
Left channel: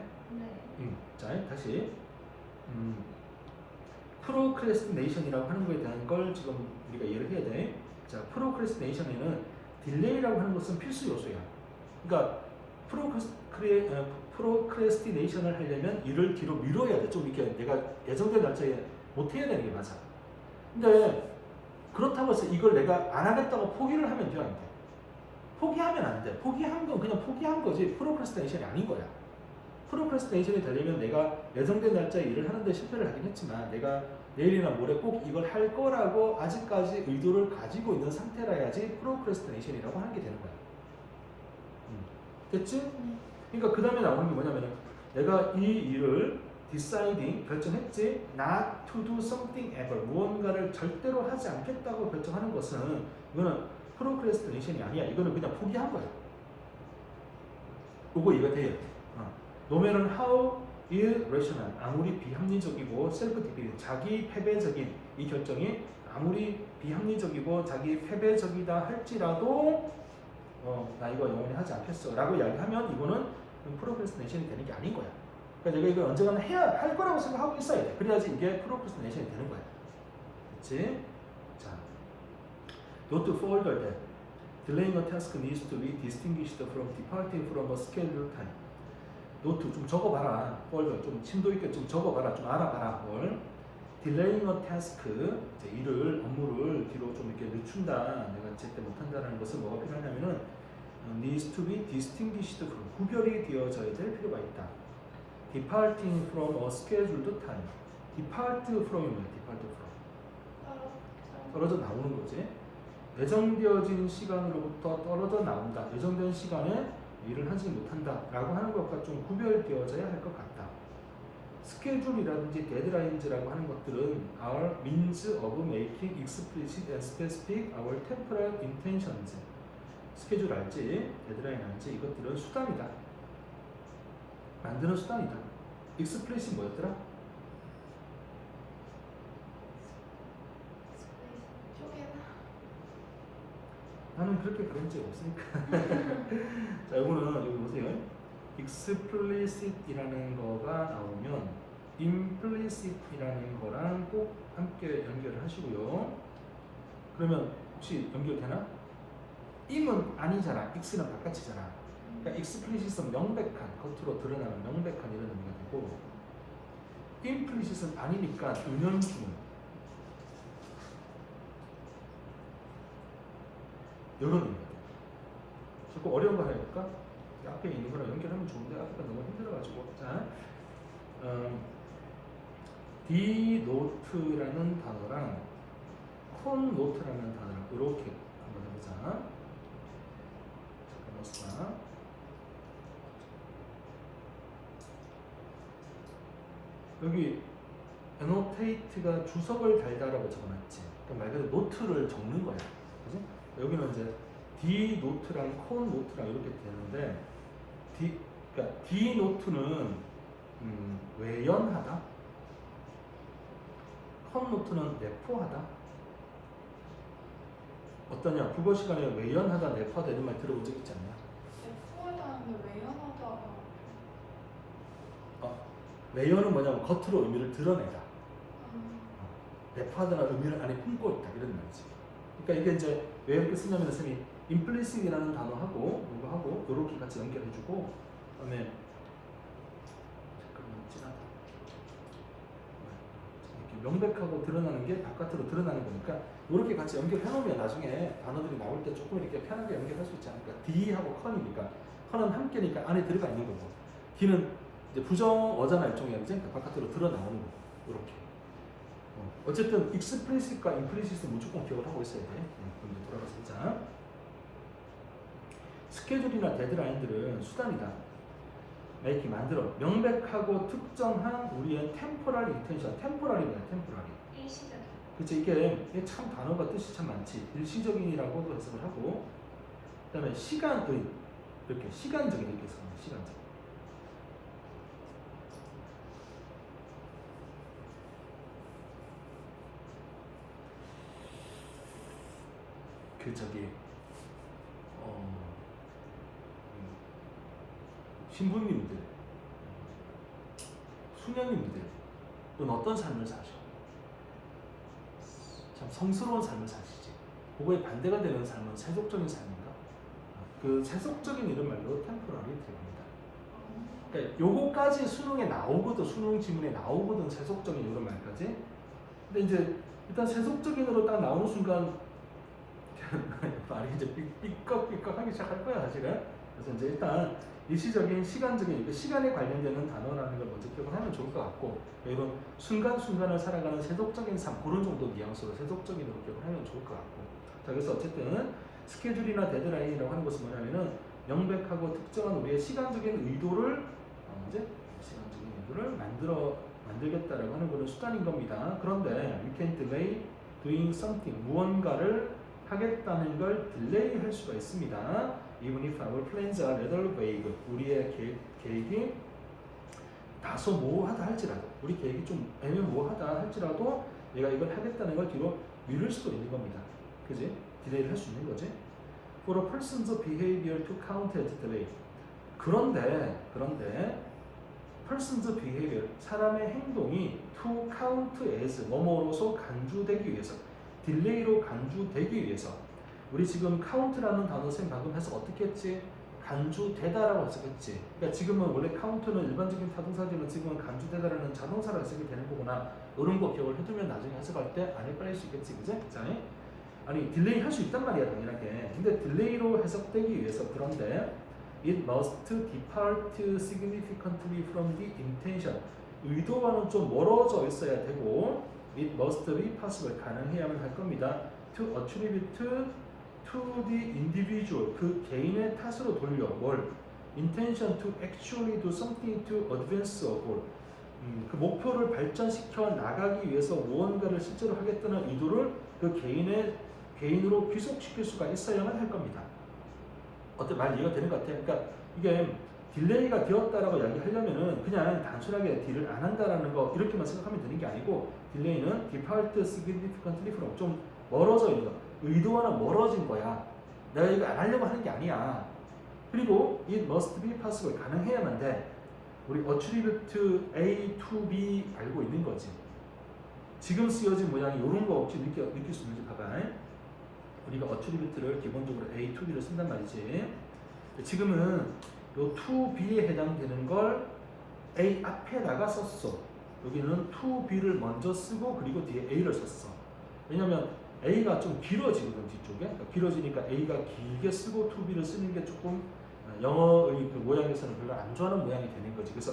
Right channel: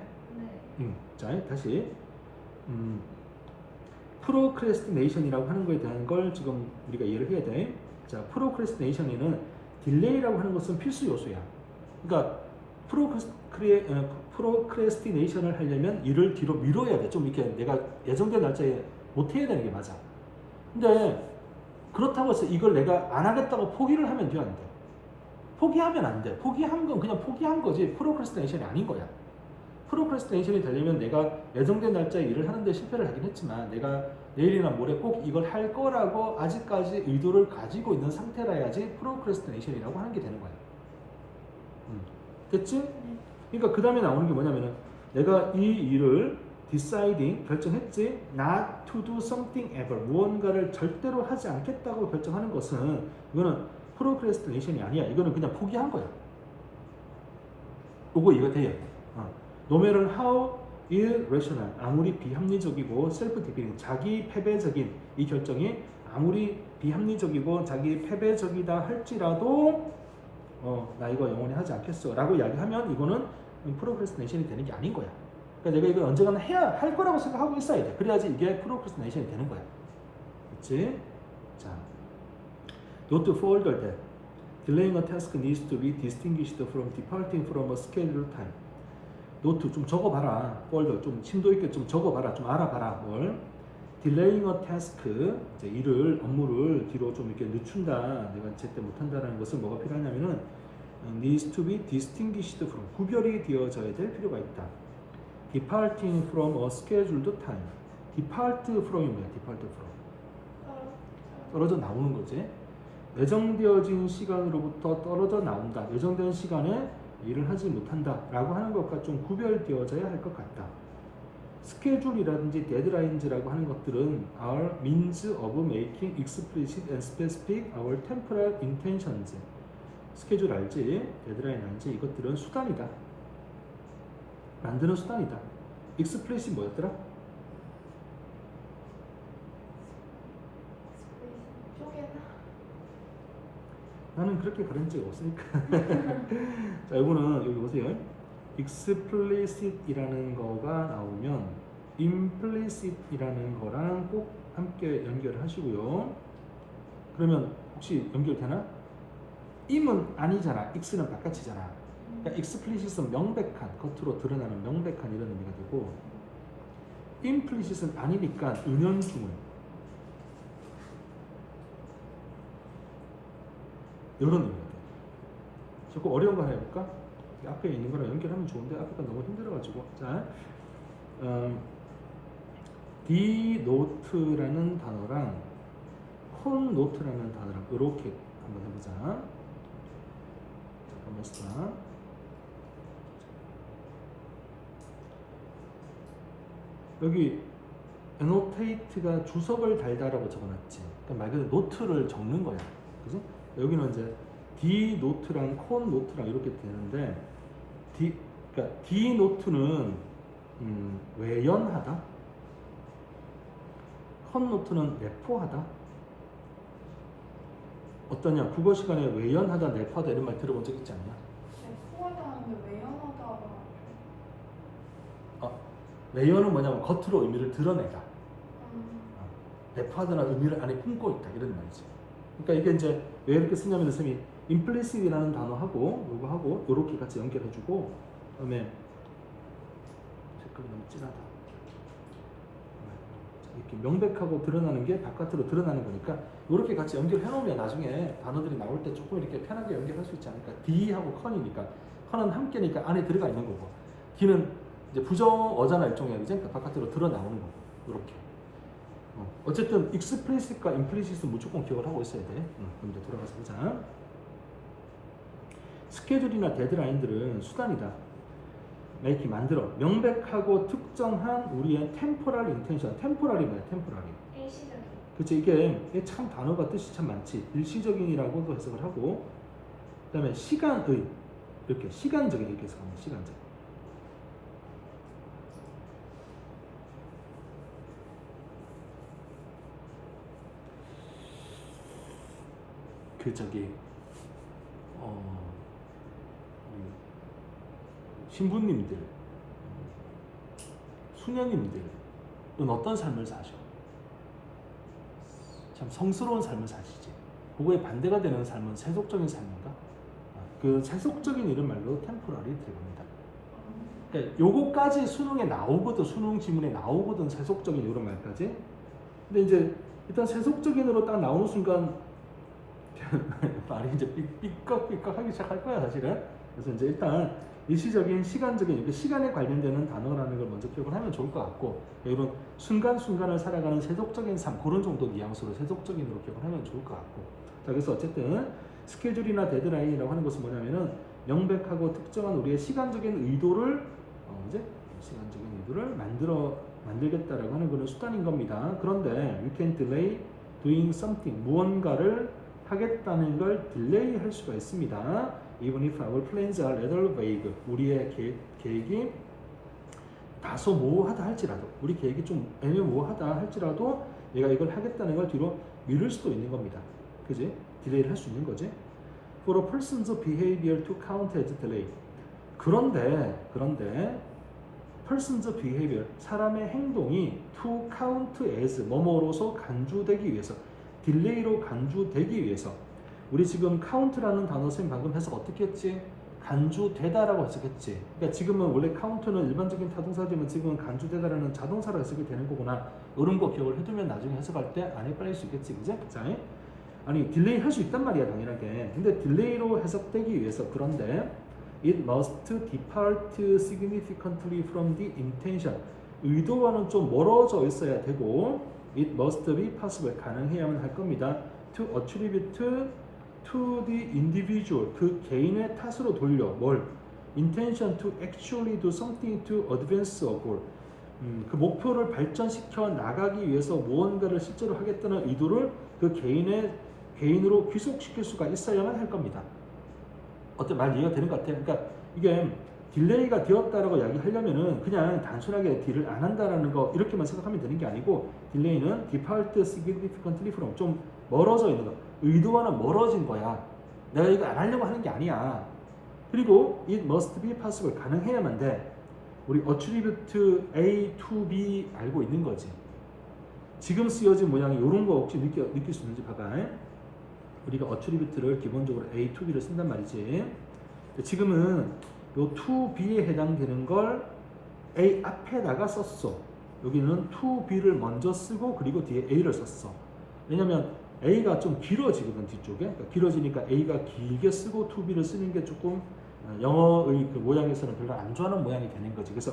네. 자, 다시 프로크레스티네이션이라고 하는 거에 대한 걸 지금 우리가 이해를 해야 돼. 자, 프로크레스티네이션에는 딜레이라고 하는 것은 필수 요소야. 그러니까 프로크레스티네이션을 하려면 일을 뒤로 미뤄야 돼. 좀 이렇게 내가 예정된 날짜에 못 해야 되는 게 맞아. 근데 그렇다고 해서 이걸 내가 안 하겠다고 포기를 하면 돼요, 안 돼? 포기하면 안 돼. 포기한 건 그냥 포기한 거지 프로크래스티네이션이 아닌 거야. 프로크래스티네이션이 되려면 내가 예정된 날짜에 일을 하는데 실패를 하긴 했지만 내가 내일이나 모레 꼭 이걸 할 거라고 아직까지 의도를 가지고 있는 상태라야지 프로크래스티네이션이라고 하는 게 되는 거야. 됐지? 네. 그러니까 그 다음에 나오는 게 뭐냐면 내가 이 일을 deciding 결정했지 not to do something ever 무언가를 절대로 하지 않겠다고 결정하는 것은 이거는 프로크래스티네이션이 아니야. 이거는 그냥 포기한 거야. 요거 이해가 돼요. No matter how irrational 아무리 비합리적이고 self-defeating 자기 패배적인 이 결정이 아무리 비합리적이고 자기 패배적이다 할지라도 나 이거 영원히 하지 않겠어 라고 이야기하면 이거는 프로크래스티네이션이 되는 게 아닌 거야. 그러니까 내가 이걸 언젠가는 해야 할 거라고 생각하고 있어야 돼. 그래야지 이게 프로크래스티네이션이 되는 거야. 그렇지? 자, not to further that delaying a task needs to be distinguished from departing from a scheduled time. 노트 좀 적어봐라. further 좀 심도 있게 좀 적어봐라. 좀 알아봐라. 뭘? delaying a task 이제 일을 업무를 뒤로 좀 이렇게 늦춘다. 내가 제때 못한다라는 것은 뭐가 필요하냐면은 needs to be distinguished from 구별이 되어져야 될 필요가 있다. departing from a scheduled time. depart from이 뭐야? depart from 떨어져 나오는 거지. 예정되어진 시간으로부터 떨어져 나온다. 예정된 시간에 일을 하지 못한다 라고 하는 것과 좀 구별되어져야 할 것 같다. 스케줄이라든지 데드라인즈라고 하는 것들은 are means of making explicit and specific our temporal intentions. 스케줄 알지? 데드라인 알지? 이것들은 수단이다. 만드는 수단이다. explicit 뭐였더라? 쪼개나. 나는 그렇게 그런 적이 없으니까. 자, 이거는 여기 보세요. explicit이라는 거가 나오면 implicit이라는 거랑 꼭 함께 연결을 하시고요. 그러면 혹시 연결되나? im은 아니잖아. x는 바깥이잖아. 그러니까 explicit은 명백한, 겉으로 드러나는 명백한 이런 의미가 되고 implicit은 아니니까 은연중에 이런 의미가 돼. 자꾸 어려운 거 하나 해볼까? 앞에 있는 거랑 연결하면 좋은데 앞에가 너무 힘들어가지고. 자, denote라는 단어랑 connote라는 단어랑 이렇게 한번 해보자. 잠깐만. 여기 annotate가 주석을 달다라고 적어놨지. 그러니까 말 그대로 노트를 적는 거야. 그죠? 여기는 이제 denote랑 connote랑 이렇게 되는데 그러니까 denote는 외연하다. connote는 내포하다. 어떠냐? 국어 시간에 외연하다, 내포하다 이런 말 들어본 적 있지 않냐? 내포하다는 게 외연하다. 외연은 뭐냐면 겉으로 의미를 드러내다. 내포하다는 의미를 안에 품고 있다 이런 말이지. 그러니까 이게 이제 왜 이렇게 쓰냐면 선생님이 implicit이라는 단어하고 이거하고 이렇게 같이 연결해주고 그다음에 색깔이 진하다. 이렇게 명백하고 드러나는 게 바깥으로 드러나는 거니까 이렇게 같이 연결해놓으면 나중에 단어들이 나올 때 조금 이렇게 편하게 연결할 수 있지 않을까. D하고 con이니까 con은 함께니까 안에 들어가 있는 거고 D는 이제 부정어잖아 일종의 이제 바깥으로 드러나오는 거고 이렇게. 어쨌든 explicit과 implicit은 무조건 기억을 하고 있어야 돼. 그럼 이제 돌아가서 보자. 스케줄이나 데드라인들은 수단이다. make 만들어 명백하고 특정한 우리의 temporal intention. temporal이 뭐야? temporary. 일시적인. 그치 이게 참 단어가 뜻이 참 많지. 일시적인이라고도 해석을 하고 그다음에 시간의 이렇게 시간적인 이렇게 해석하는 시간적. 그 저기 신부님들, 수녀님들은 어떤 삶을 사셔? 참 성스러운 삶을 사시지. 그거에 반대가 되는 삶은 세속적인 삶인가? 그 세속적인 이런 말로 템포럴이 들어갑니다. 그러니까 요거까지 수능에 나오거든, 수능 지문에 나오거든, 세속적인 이런 말까지. 근데 이제 일단 세속적인으로 딱 나오는 순간 말이 이제 삐걱삐걱하기 시작할 거야 사실은. 그래서 이제 일단 일시적인 시간적인 이게 시간에 관련되는 단어라는 걸 먼저 기억을 하면 좋을 것 같고 이런 순간순간을 살아가는 세속적인 삶 그런 정도 뉘앙스로 세속적인으로 기억을 하면 좋을 것 같고 자 그래서 어쨌든 스케줄이나 데드라인이라고 하는 것은 뭐냐면은 명백하고 특정한 우리의 시간적인 의도를 이제 시간적인 의도를 만들겠다라고 하는 그런 수단인 겁니다. 그런데 we can delay doing something 무언가를 하겠다는 걸 딜레이 할 수가 있습니다. Even if our plans are rather vague 우리의 계획이 다소 모호하다 할지라도 우리 계획이 좀 애매모호하다 할지라도 얘가 이걸 하겠다는 걸 뒤로 미룰 수도 있는 겁니다. 그지? 딜레이를 할 수 있는 거지. For a person's behavior to count as delay 그런데 person's behavior 사람의 행동이 to count as 뭐뭐로서 간주되기 위해서 딜레이로 간주되기 위해서 우리 지금 count라는 단어 쌤 방금 해석 어떻게 했지? 간주되다라고 해석했지. 그러니까 지금은 원래 count는 일반적인 타동사지만 지금은 간주되다라는 자동사로 해석이 되는 거구나. 이런 거 기억을 해두면 나중에 해석할 때 안 헷갈릴 수 있겠지, 그지? 자, 아니 딜레이 할 수 있단 말이야 당연하게. 근데 딜레이로 해석되기 위해서 그런데 it must depart significantly from the intention 의도와는 좀 멀어져 있어야 되고 it must be possible 가능해야만 할 겁니다. to attribute to the individual 그 개인의 탓으로 돌려 뭘 intention to actually do something to advance a goal 그 목표를 발전시켜 나가기 위해서 무언가를 실제로 하겠다는 의도를 그 개인으로 귀속시킬 수가 있어야만 할 겁니다. 어때 말 이해가 되는 것 같아요? 그러니까 이게 딜레이가 되었다라고 이야기하려면은 그냥 단순하게 딜을 안 한다라는 거 이렇게만 생각하면 되는 게 아니고 딜레이는 depart significantly from 좀 멀어져 있는 거 의도와는 멀어진 거야. 내가 이거 안 하려고 하는 게 아니야. 그리고 it must be possible 가능해야만 돼. 우리 attribute A to B 알고 있는 거지. 지금 쓰여진 모양이 이런 거 혹시 느낄 수 있는지 봐봐. 우리가 attribute를 기본적으로 A to B를 쓴단 말이지. 지금은 요 to B에 해당되는 걸 A 앞에다가 썼어. 여기는 to B를 먼저 쓰고 그리고 뒤에 A를 썼어. 왜냐면 A가 좀 길어지거든 뒤쪽에. 그러니까 길어지니까 A가 길게 쓰고 to B를 쓰는 게 조금 영어의 그 모양에서는 별로 안 좋아하는 모양이 되는 거지. 그래서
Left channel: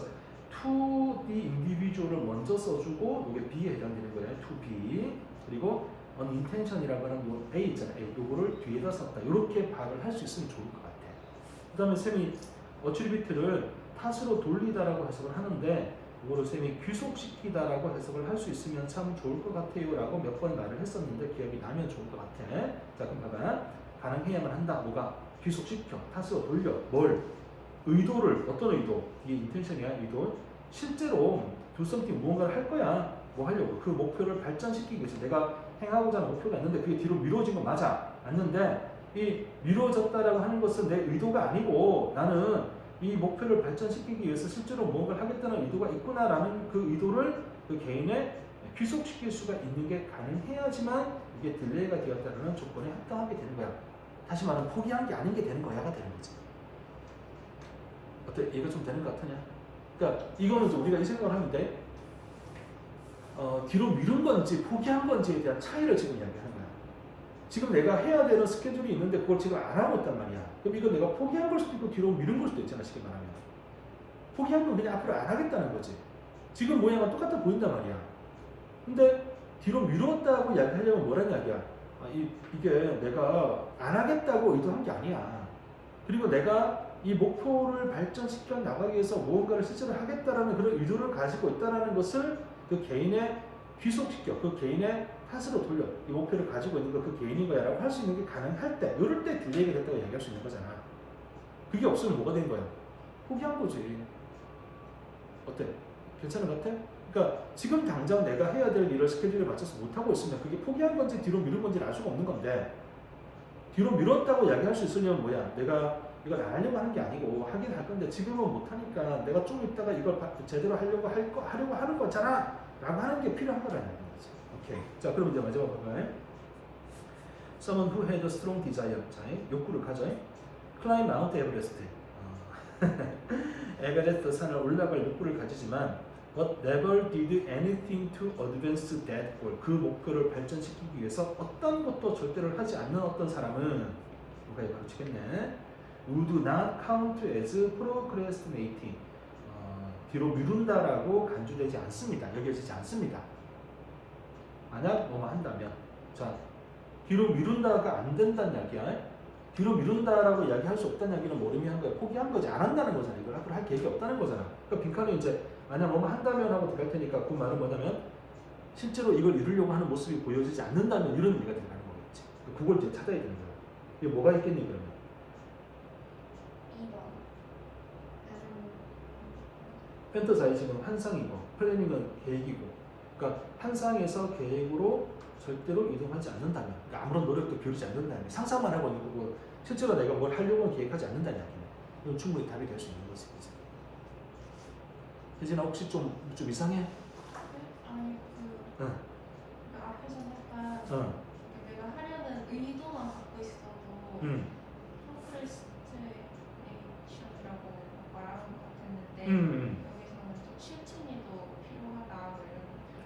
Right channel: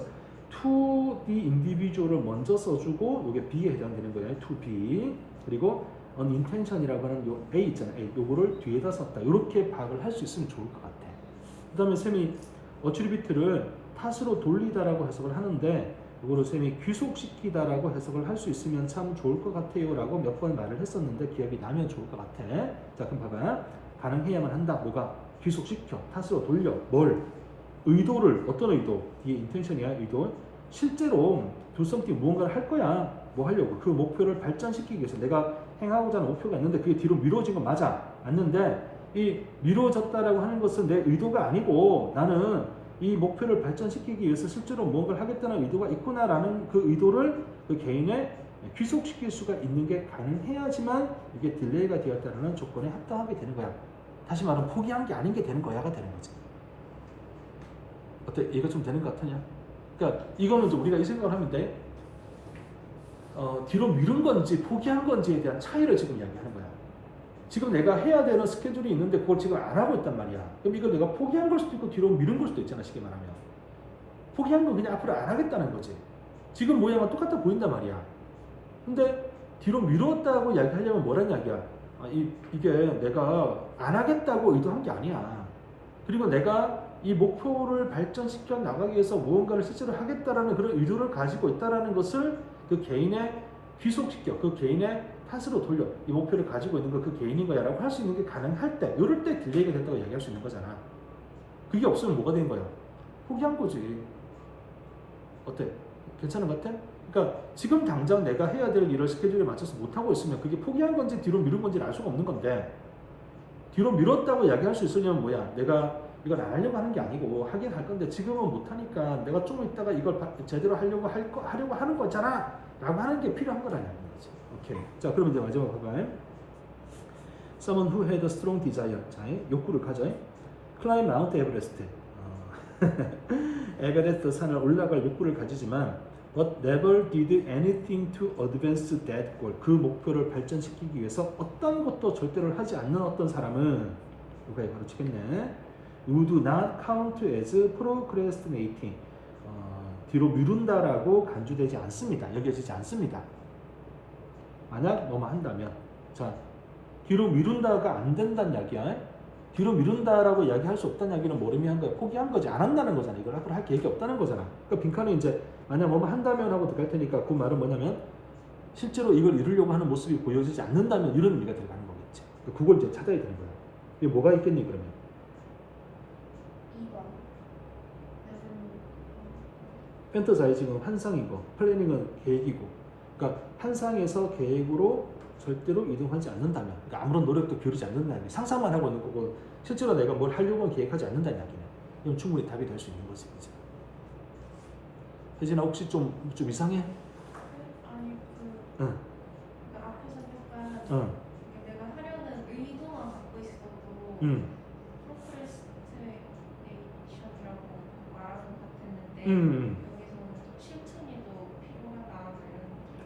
to the individual을 먼저 써주고 이게 B에 해당되는 거예요. to B 그리고 unintention이라고 하는 요 A 있잖아요. A 요거를 뒤에다 썼다. 이렇게 파악을 할 수 있으면 좋을 것 같아. 그 다음에 쌤이 attribute를 탓으로 돌리다라고 해석을 하는데 이거를 쌤이 귀속시키다라고 해석을 할 수 있으면 참 좋을 것 같아요 라고 몇 번 말을 했었는데 기억이 나면 좋을 것 같아. 자 그럼 봐봐. 가능해야만 한다. 뭐가? 귀속시켜. 탓으로 돌려. 뭘? 의도를. 어떤 의도? 이게 intention이야. 의도. 실제로 do something 무언가를 할 거야. 뭐 하려고? 그 목표를 발전시키기 위해서 내가 행하고자 하는 목표가 있는데 그게 뒤로 미뤄진 거 맞아. 맞는데 이 미뤄졌다라고 하는 것은 내 의도가 아니고 나는 이 목표를 발전시키기 위해서 실제로 무언가를 하겠다는 의도가 있구나라는 그 의도를 그 개인에 귀속시킬 수가 있는 게 가능해야지만 이게 딜레이가 되었다는 조건에 합당하게 되는 거야. 다시 말하면 포기한 게 아닌 게 되는 거야가 되는 거지. 어때? 이해가 좀 되는 것 같으냐? 그러니까 이거는 좀 우리가 이 생각을 하면 돼. 뒤로 미룬 건지 포기한 건지에 대한 차이를 지금 이야기하는 거야. 지금 내가 해야 되는 스케줄이 있는데 그걸 지금 안 하고 있단 말이야. 그럼 이걸 내가 포기한 걸 수도 있고 뒤로 미룬 걸 수도 있잖아. 쉽게 말하면. 포기한 건 그냥 앞으로 안 하겠다는 거지. 지금 모양은 똑같아 보인단 말이야. 근데 뒤로 미뤘다고 이야기하려면 뭐란 이야기야? 이게 내가 안 하겠다고 의도한 게 아니야. 그리고 내가 이 목표를 발전시켜 나가기 위해서 무언가를 실제로 하겠다라는 그런 의도를 가지고 있다라는 것을 그 개인의 귀속시켜 그 개인의 탓으로 돌려 이 목표를 가지고 있는 거 그 개인인 거야 라고 할 수 있는 게 가능할 때 이럴 때 딜레이가 됐다고 얘기할 수 있는 거잖아. 그게 없으면 뭐가 된 거야? 포기한 거지. 어때? 괜찮은 것 같아? 그러니까 지금 당장 내가 해야 될 일을 스케줄에 맞춰서 못하고 있으면 그게 포기한 건지 뒤로 미룬 건지를 알 수가 없는 건데 뒤로 미뤘다고 이야기할 수 있으려면 뭐야? 내가 이걸 안 하려고 하는 게 아니고 하긴 할 건데 지금은 못하니까 내가 좀 이따가 이걸 제대로 하려고 하는 거잖아 라고 하는 게 필요한 거라는 거지. 오케이. 자 그럼 이제 마지막 볼까요? Someone who had a strong desire. 자, 욕구를 가져. Climb Mount Everest. 에베레스트 산을 올라갈 욕구를 가지지만 but never did anything to advance that goal. 그 목표를 발전시키기 위해서 어떤 것도 절대로 하지 않는 어떤 사람은 누가 이걸 치겠네. would not count as procrastinating. 뒤로 미룬다라고 간주되지 않습니다. 여겨지지 않습니다. 만약 뭐뭐 한다면, 자, 뒤로 미룬다가 안 된다는 이야기야. 뒤로 미룬다라고 이야기할 수 없다는 이야기는 뭐 의미한 거야? 포기한 거지, 안 한다는 거잖아. 이걸 앞으로 할 계획이 없다는 거잖아. 그러니까 빈칸에 이제 만약 뭐뭐 한다면 하고 들어갈 테니까 그 말은 뭐냐면 실제로 이걸 이루려고 하는 모습이 보여지지 않는다면 이런 의미가 들어가는 거겠지. 그걸 이제 찾아야 되는 거야. 이게 뭐가 있겠니 그러면? 2번. 펜터자이징은 환상이고 플래닝은 계획이고, 그러니까 환상에서 계획으로 절대로 이동하지 않는다면, 그러니까 아무런 노력도 기울이지 않는다면, 상상만 하고 있는 거고 실제로 내가 뭘 하려고 계획하지 않는다는 이야기네. 그럼 충분히 답이 될 수 있는 거지. 혜진아 혹시 좀 이상해? 아니 응. 그 앞에서 약간 응. 내가 하려는 의도만 갖고 있어도 응. 프로크레스테이션이라고 말하는 것 같았는데 응. 여기서 실천이 더 필요하다 이런.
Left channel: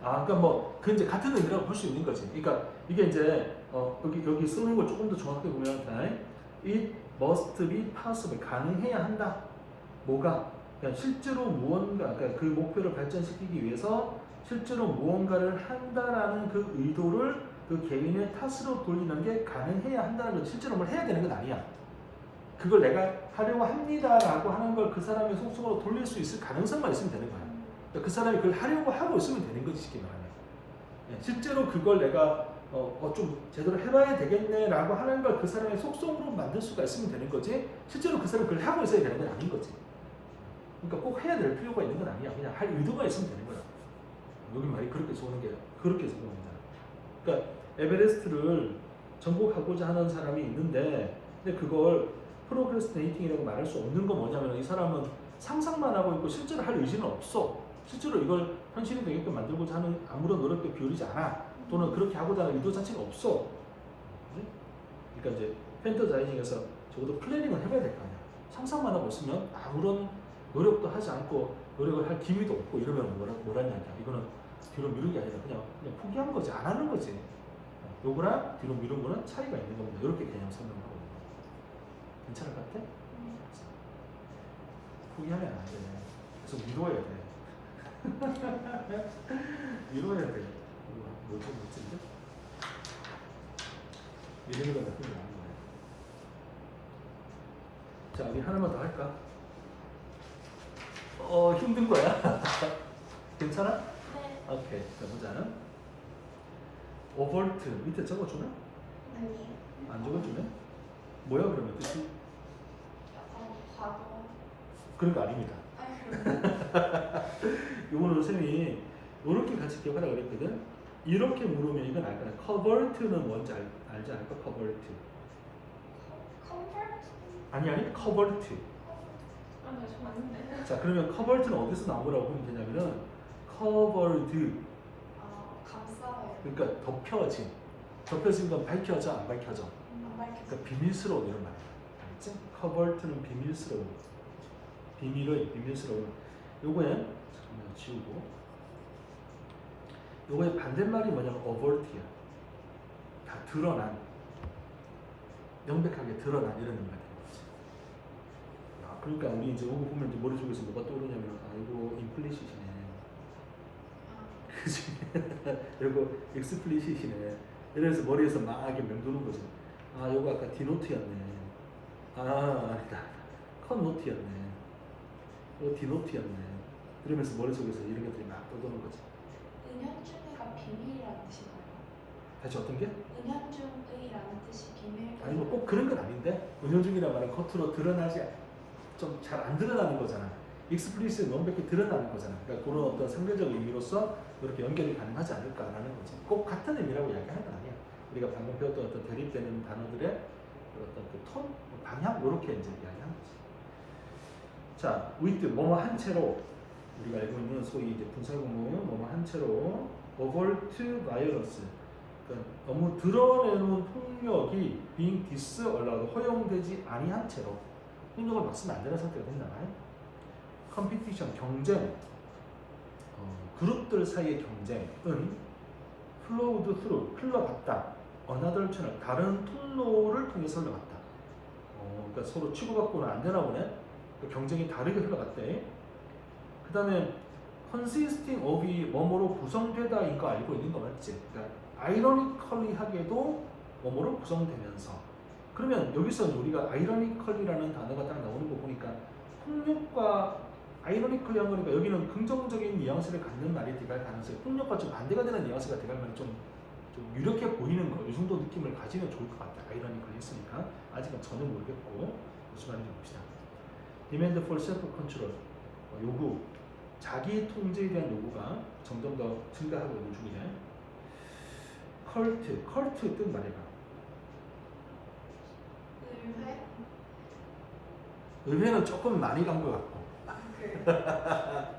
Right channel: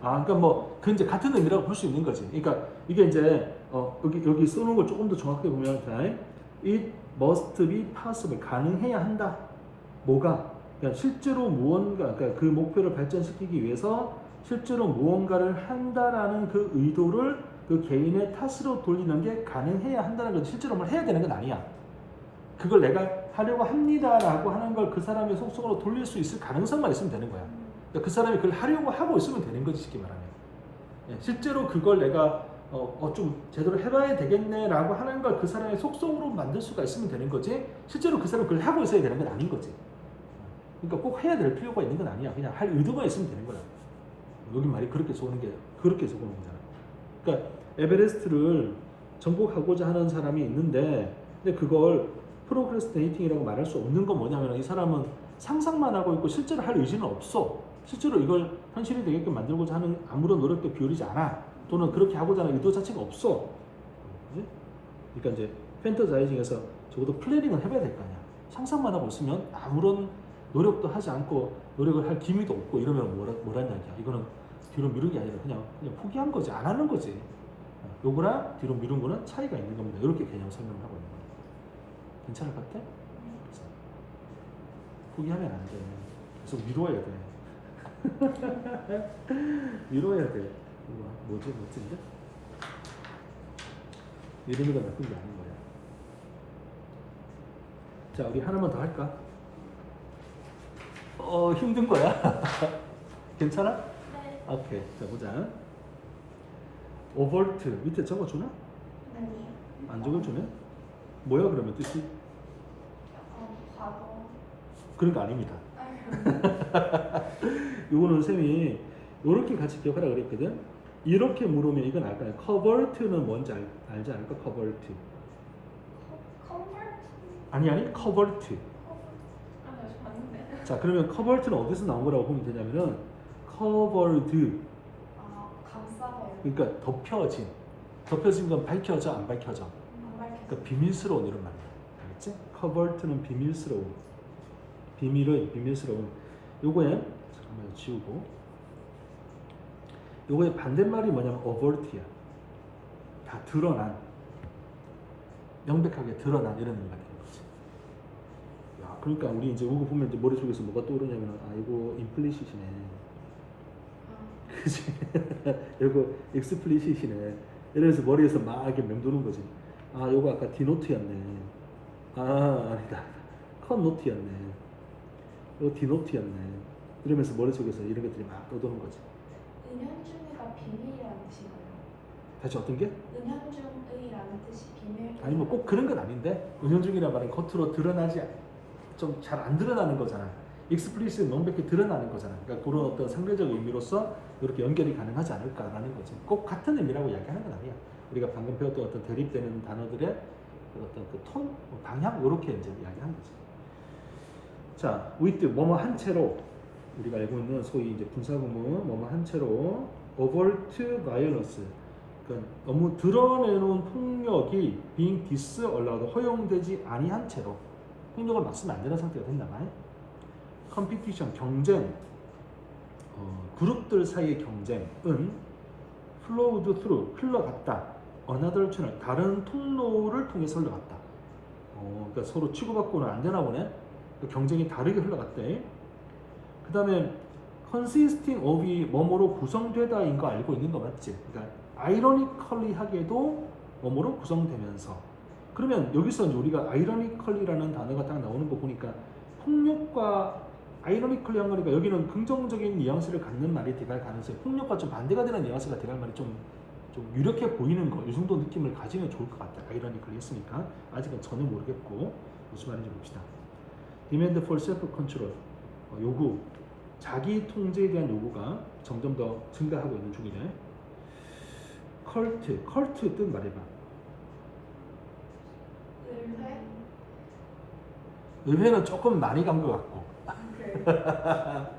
아, 그러니까 뭐 그 이제 같은 의미라고 볼 수 있는 거지. 그러니까 이게 이제 여기 쓰는 걸 조금 더 정확하게 보면 그냥 it must be possible, 가능해야 한다. 뭐가? 그러니까 실제로 무언가, 그러니까 그 목표를 발전시키기 위해서 실제로 무언가를 한다라는 그 의도를 그 개인의 탓으로 돌리는 게 가능해야 한다는 건 실제로 뭘 해야 되는 건 아니야. 그걸 내가 하려고 합니다라고 하는 걸 그 사람의 속성으로 돌릴 수 있을 가능성만 있으면 되는 거야. 그러니까 그 사람이 그걸 하려고 하고 있으면 되는 거지, 쉽게 말하면. 실제로 그걸 내가 좀 제대로 해봐야 되겠네라고 하는 걸 그 사람의 속성으로 만들 수가 있으면 되는 거지, 실제로 그 사람이 그걸 하고 있어야 되는 건 아닌 거지. 그러니까 꼭 해야 될 필요가 있는 건 아니야. 그냥 할 의도가 있으면 되는 거야. 여기 말이 그렇게 적는 게 그렇게 적는 거잖아. 그러니까 에베레스트를 정복하고자 하는 사람이 있는데, 근데 그걸 프로크레스티네이팅이라고 말할 수 없는 건 뭐냐면 이 사람은 상상만 하고 있고 실제로 할 의지는 없어. 실제로 이걸 현실이 되게끔 만들고자 하는 아무런 노력도 기울이지 않아. 또는 그렇게 하고자 하는 의도 자체가 없어. 그러니까 이제 펜터자이징에서 적어도 플래닝은 해봐야 될 거 아니야. 상상만 하고 있으면 아무런 노력도 하지 않고 노력을 할 기미도 없고 이러면 뭐란 얘기야. 이거는 뒤로 미룬 게 아니라 그냥 포기한 거지, 안 하는 거지. 요거랑 뒤로 미룬 거는 차이가 있는 겁니다. 이렇게 개념 설명을 하고 있는 거야. 괜찮을 것 같아? 포기하면 안 돼. 그래서 미뤄야 돼. 미뤄야 돼. 뭐지? 이름이가 나쁜 게 아닌 거야. 자, 우리 하나만 더 할까? 힘든 거야? 괜찮아? 네. 오케이. 자, 보자. 오버트 밑에 적어주나? 아니. 안 적어주면? 뭐야 그러면 뜻이? 약간 과거. 그런 거 아닙니다. 이거는 쌤이 이렇게 같이 기억하라 그랬거든. 이렇게 물으면 이건 알거나. 커버트는 뭔지 알지 않을까? 커버트. 컴포트? 아니 커버트. 아니 저 아닌데. 자, 그러면 커버트는 어디서 나온 거라고 보면 되냐면은 covered. 아 감싸봐요. 그러니까 덮여진 건 밝혀져 안 밝혀져. 안 밝혔어. 그러니까 비밀스러운 이런 말. 알겠지? covert는 비밀스러운. 비밀스러운. 요거에 잠깐만 지우고. 요거의 반대말이 뭐냐면 overt야. 다 드러난, 명백하게 드러난 이런 의미가 되는 거지. 야, 그러니까 우리 이제 요거 보면 이제 머릿속에서 뭐가 떠오르냐면 아이고 임플리시시네. 그치? 이거 익스플리시시네. 이래서 머리에서 막 이렇게 맴도는 거지. 아, 요거 아까 디노트였네. 아, 아니다. 컵노트였네. 이거 디노트였네. 이러면서 머릿속에서 이런 것들이 막 떠도는 거지. 은연중의가 비밀이라는 뜻인가요? 대체 어떤 게? 은연중의라는 뜻이 비밀. 아니 뭐 꼭 그런 건 아닌데, 은연중이란 말은 겉으로 드러나지 좀 잘 안 드러나는 거잖아. 익스플리시트 명백히 드러나는 거잖아. 그러니까 그런 어떤 상대적 의미로서 이렇게 연결이 가능하지 않을까라는 거지. 꼭 같은 의미라고 이야기하는 건 아니야. 우리가 방금 배웠던 어떤 대립되는 단어들의 어떤 그 톤, 방향 이렇게 이제 이야기하는 거지. 자, with 뭐뭐 한 채로, 우리가 알고 있는 소위 이제 분사구문 뭐뭐 한 채로 overt violence, 그러니까 너무 드러내는 폭력이 being disallowed, 허용되지 아니한 채로, 폭력을 막 쓰면 안 되는 상태가 된다. 컴피티션, 경쟁, 그룹들 사이의 경쟁은 flowed through, 흘러갔다. another channel, 다른 통로를 통해서 흘러갔다. 그러니까 서로 치고받고는 안 되나 보네. 그러니까 경쟁이 다르게 흘러갔대. 그 다음에 consisting of이 뭐뭐로 구성되다인 거 알고 있는 거 맞지? 그러니까 ironically하게도 뭐뭐로 구성되면서. 그러면 여기서 우리가 ironically라는 단어가 딱 나오는 거 보니까 폭력과 ironically 하는 거니까 여기는 긍정적인 뉘앙스를 갖는 말이 돼갈 가능성이, 폭력과 좀 반대가 되는 뉘앙스가 돼갈 말이 좀 유력해 보이는 거, 이 정도 느낌을 가지면 좋을 것 같아요. ironically 했으니까 아직은 전혀 모르겠고 무슨 말인지 봅시다. demand for self-control, 요구, 자기 통제에 대한 요구가 점점 더 증가하고 있는 중이네. 컬트 뜻 말해봐. 의회? 의회는 조금 많이 간 것 같고.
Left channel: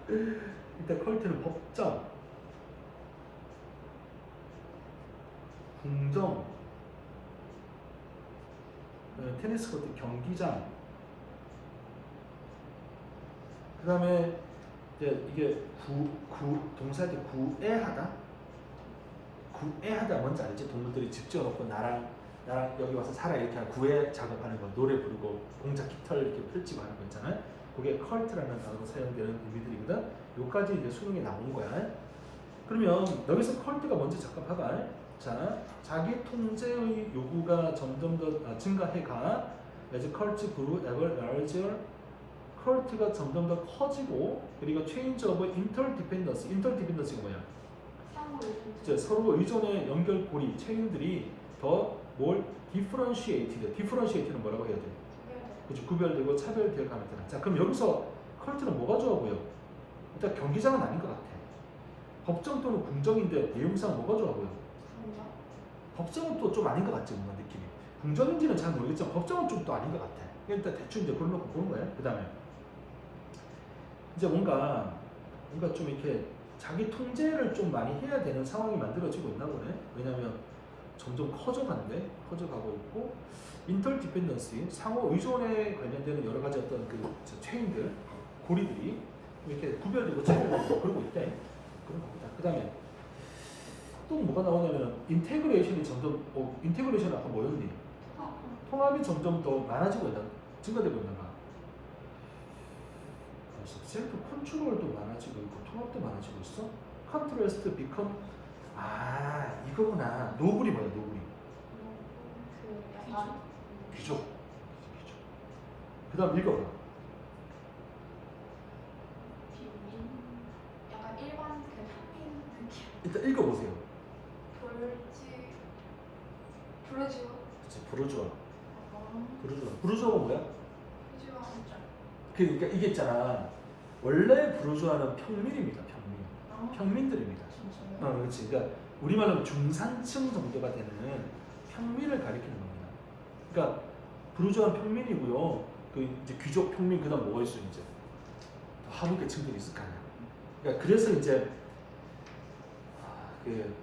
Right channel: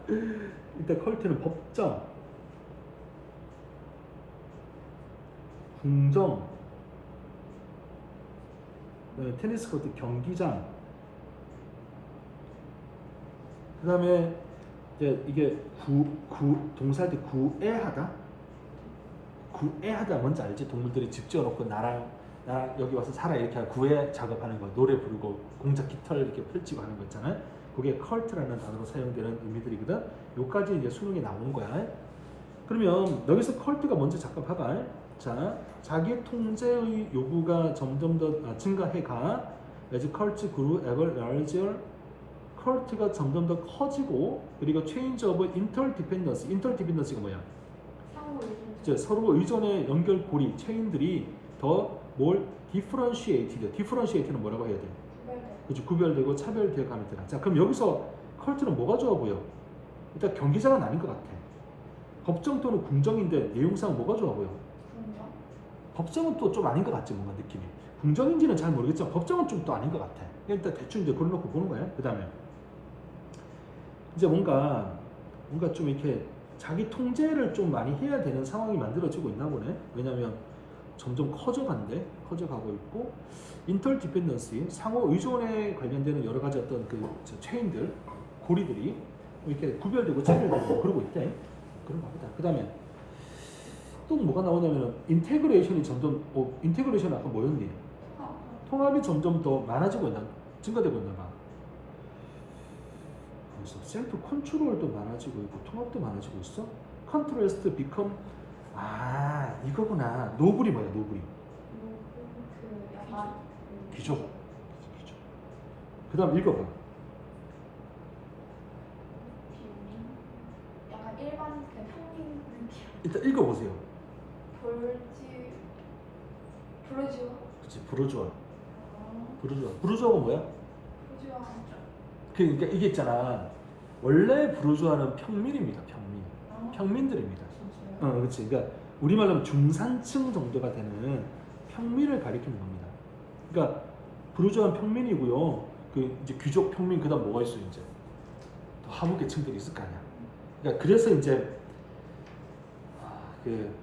그 일단 컬트는 법정, 궁정, 테니스 코트 경기장, 그 다음에 이게 동사할 때 구애하다? 구애하다 뭔지 알지? 동물들이 집 지어놓고 나랑 여기 와서 살아 이렇게 구애 작업하는 거, 노래 부르고 공작 깃털 이렇게 펼치고 하는 거 있잖아요. 그게 컬트라는 단어로 사용되는 의미들이거든. 요까지 이제 수능에 나온 거야. 그러면 여기서 컬트가 뭔지 잠깐 봐봐. 자, 자기 통제의 요구가 점점 더 증가해가 as cult grew ever larger, 컬트가 점점 더 커지고, 그리고 change of interdependence, interdependency가 뭐야? 이제 서로 의존의 연결고리, 체인들이 더 뭘 differentiate는 뭐라고 해야 돼? 그치, 구별되고 차별되어 가는 거다. 자, 그럼 여기서 컬트는 뭐가 좋아 보여? 일단 경기장은 아닌 것 같아. 법정 또는 궁정인데 내용상 뭐가 좋아 보여? 법정은 또 좀 아닌 것 같지, 뭔가 느낌이. 궁정인지는 잘 모르겠지만 법정은 좀 또 아닌 것 같아. 일단 대충 이제 걸어놓고 보는 거야. 그 다음에 이제 뭔가 좀 이렇게 자기 통제를 좀 많이 해야 되는 상황이 만들어지고 있나 보네. 왜냐면 점점 커져가고 있고, 인터디펜던시, 상호 의존에 관련되는 여러 가지 어떤 그 체인들, 고리들이 이렇게 구별되고 차별되고 그러고 있다. 그런 겁니다. 그 다음에 또 뭐가 나오냐면 인테그레이션이 점점, 인테그레이션 아까 뭐였니? 통합이 점점 더 많아지고 있나, 증가되고 있나 봐. 그래서 셀프 컨트롤도 많아지고 있고 통합도 많아지고 있어. 컨트레스트 비컴, 이거구나. 노블이 뭐야? 노블이 그 약간 귀족. 그 다음 읽어봐. 약간 일반 그 평민 느낌. 일단 읽어보세요. 브루주아? 그치, 부르주아. 부르주아가 뭐야? 브루주아 진짜. 그러니까 이게 있잖아. 원래 부르주아는 평민입니다. 평민들입니다. 그렇지. 그러니까 우리말로 하면 중산층 정도가 되는 평민을 가리키는 겁니다. 그러니까 부르주아는 평민이고요. 그 이제 귀족 평민, 그다음 뭐가 있어요? 이제 더 하부 계층들이 있을 거 아니야. 그러니까 그래서 이제 그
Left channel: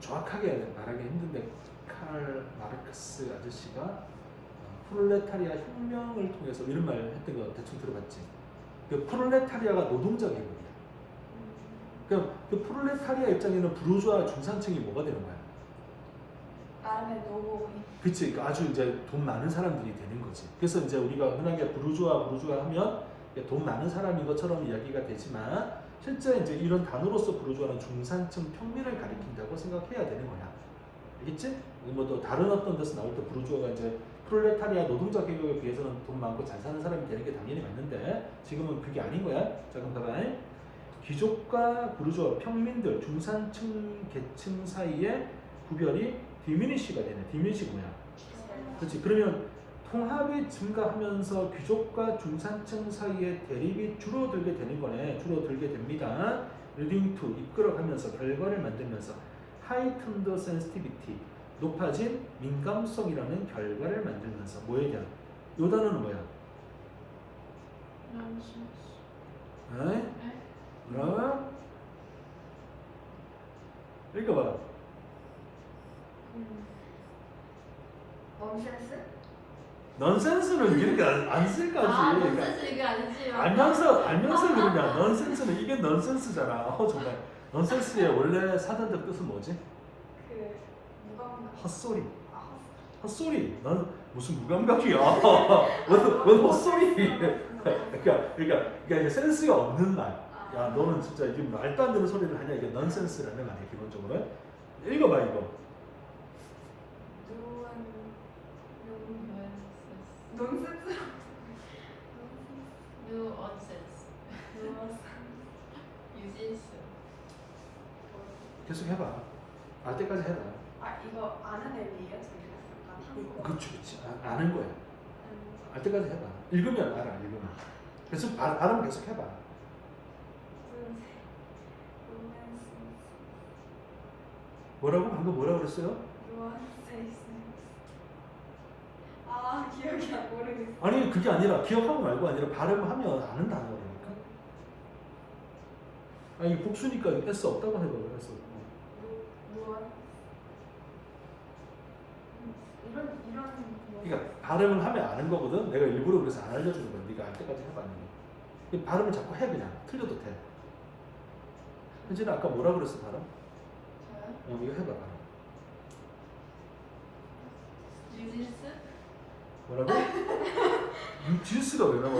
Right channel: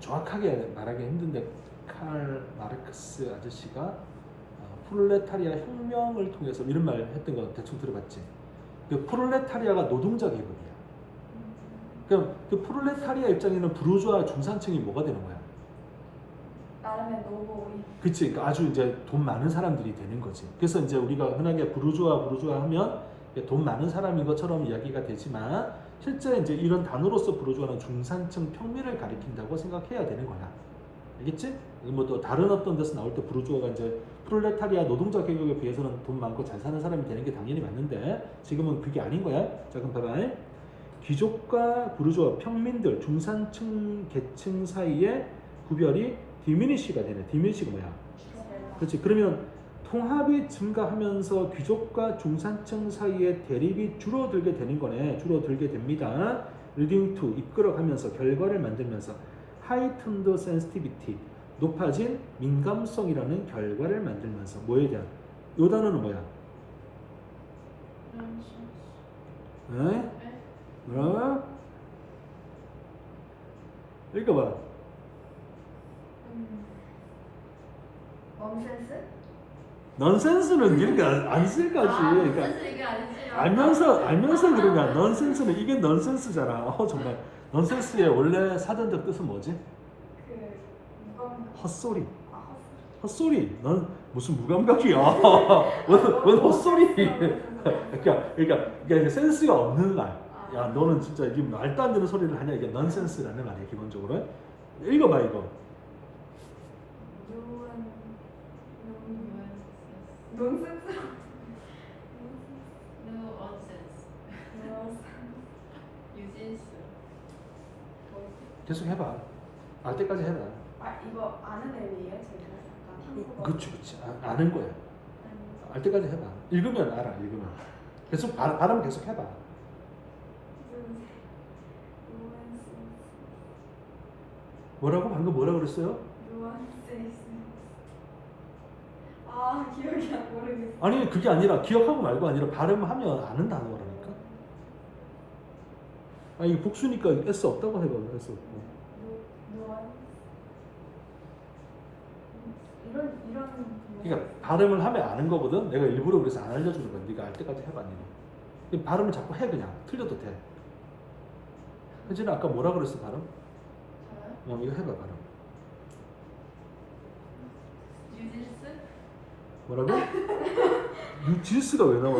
정확하게 말하기 힘든데 칼 마르크스 아저씨가 프롤레타리아 혁명을 통해서 이런 말 했던 거 대충 들어봤지. 그 프롤레타리아가 노동자 계급이야. 그럼 그 프롤레타리아 입장에는 부르주아 중산층이 뭐가 되는 거야? 나름의 노고이. 그치, 그러니까 아주 이제 돈 많은 사람들이 되는 거지. 그래서 이제 우리가 흔하게 부르주아 하면 돈 많은 사람인 것처럼 이야기가 되지만 실제 이제 이런 단어로서 부르주아는 중산층 평민을 가리킨다고 생각해야 되는 거야. 알겠지? 뭐 또 다른 어떤 데서 나올 때 부르주아가 이제 프롤레타리아 노동자 계급에 비해서는 돈 많고 잘 사는 사람이 되는 게 당연히 맞는데 지금은 그게 아닌 거야. 자, 그럼 봐봐. 귀족과 부르주아, 평민들, 중산층 계층 사이의 구별이 디미니시가 되네. 디미니시가 뭐야? 그렇지. 그러면 통합이 증가하면서 귀족과 중산층 사이의 대립이 줄어들게 되는 거네. 줄어들게 됩니다. leading to, 이끌어가면서, 결과를 만들면서 heightened sensitivity, 높아진 민감성이라는 결과를 만들면서 뭐에 대한? 요 단어는 뭐야? 네? 읽어봐. 넌센스? 넌센스는 이렇게 안 쓸 거지. 아, 그러니까 사실 이게 아니지만 알면서 그러냐. 넌센스는 이게 넌센스잖아. 정말 넌센스의 원래 사전적 뜻은 뭐지? 그 무감. 헛소리. 아 헛소리. 넌 무슨 무감각이야. 왜 헛소리? 그러니까 센스가 없는 말. 야, 너는 진짜 이게 말도 안 되는 소리를 하냐. 이게 넌센스라는 말이야, 기본적으로. 읽어봐, 이거. 논센스. nuances 유진스 계속 해봐. 알 때까지 해봐. 아 이거 아는 의미예요? 저희가 약간 한국어. 그치. 아는 거야. 알 때까지 해봐. 읽으면 알아, 읽으면. 계속 발음 계속 해봐. 뭐라고? 방금 뭐라고 그랬어요? 아 기억이 안 모르겠어. 아니, 그게 아니라 기억하고 말고 아니라 발음하면 아는 단어라니까. 아니, 복수니까 S 없다고 해봐. S 없고. 이런 그러니까 발음을 하면 아는 거거든. 내가 일부러 그래서 안 알려주는 거야. 네가 알 때까지 해봐. 니는. 발음을 자꾸 해 그냥. 틀려도 돼. 혜진아 아까 뭐라 그랬어 발음? 저요? 이거 해봐 발음. 유진스 뭐라고? 유진스가 왜 나와?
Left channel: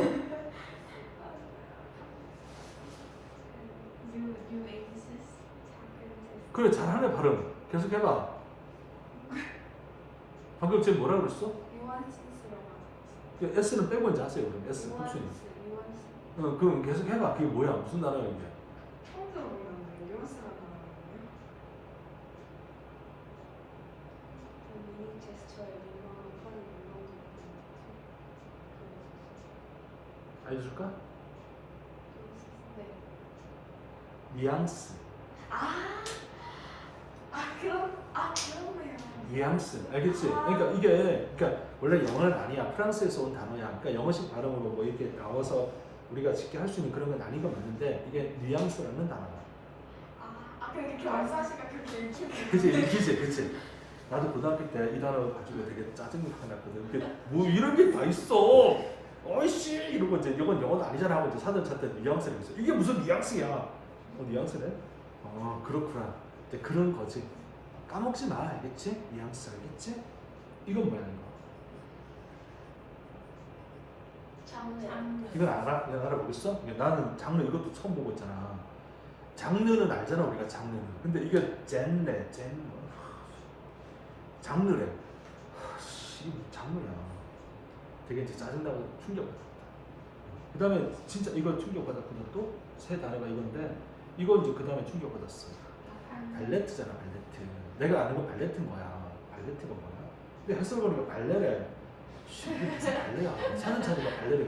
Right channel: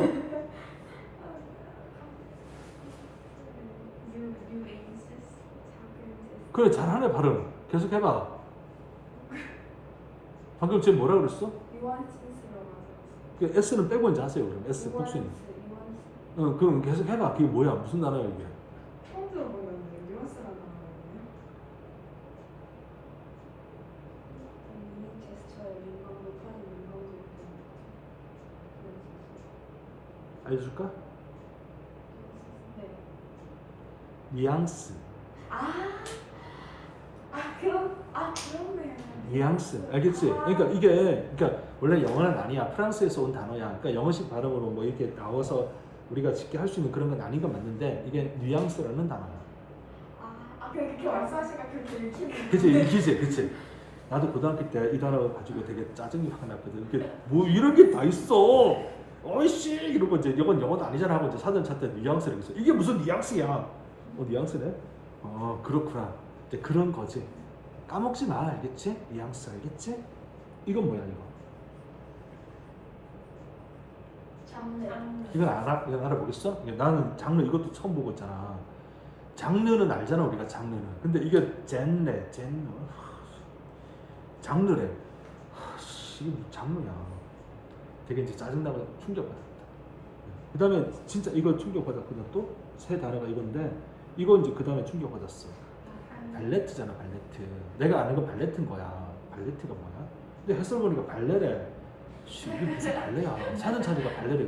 유인스 그래 잘하네 발음. 계속 해봐. 방금 쟤 뭐라 그랬어? 유한신스라고 그 S는 빼고 이제 하세요. 그럼 S 복수는. 유한신. 그럼 계속 해봐. 그게 뭐야? 무슨 단어야 이게? 처음 들어보는데 유한스라는 단어거든요. 미니 제스처에 민감도 파는 민감도 알려줄까? 네. 뉘앙스. 그렇네요. 뉘앙스. 알겠지? 그러니까 이게 원래 영어는 아니야. 프랑스에서 온 단어야. 그러니까 영어식 발음으로 뭐 이렇게 나와서 우리가 쉽게 할 수 있는 그런 건 아닌 건 맞는데 이게 뉘앙스라는 단어야. 그냥 이렇게 말씀하시니까 그렇게 읽히네요. 그치. 나도 고등학교 때 이 단어 가지고 되게 짜증이 확 났거든. 이게 뭐 이런 게 다 있어. 어이씨 이러고 이제 이건 영어도 아니잖아 하고 이제 사전 찾던 뉘앙스를 했어. 이게 무슨 뉘앙스야? 뉘앙스네? 그렇구나. 이제 그런 거지. 까먹지 마, 알겠지? 뉘앙스 알겠지? 이건 뭐야 이거? 장르 이건 알아? 이건 알아보겠어? 나는 장르 이것도 처음 보고 있잖아. 장르는 알잖아 우리가 장르는. 근데 이게 젠레 장르래. 이게 뭐 장르야. 되게 이제 짜증나고 충격받았다. 그 다음에 진짜 이거 충격받았거든. 또 새 단어가 이건데 이거 이제 그 다음에 충격받았어. 발레트잖아 발레트. 내가 아는 건 발레트인 거야. 발레트가 뭐야? 근데 해설 보니까 발레래. 이게 무슨 발레야? 사는 차이가 발레래.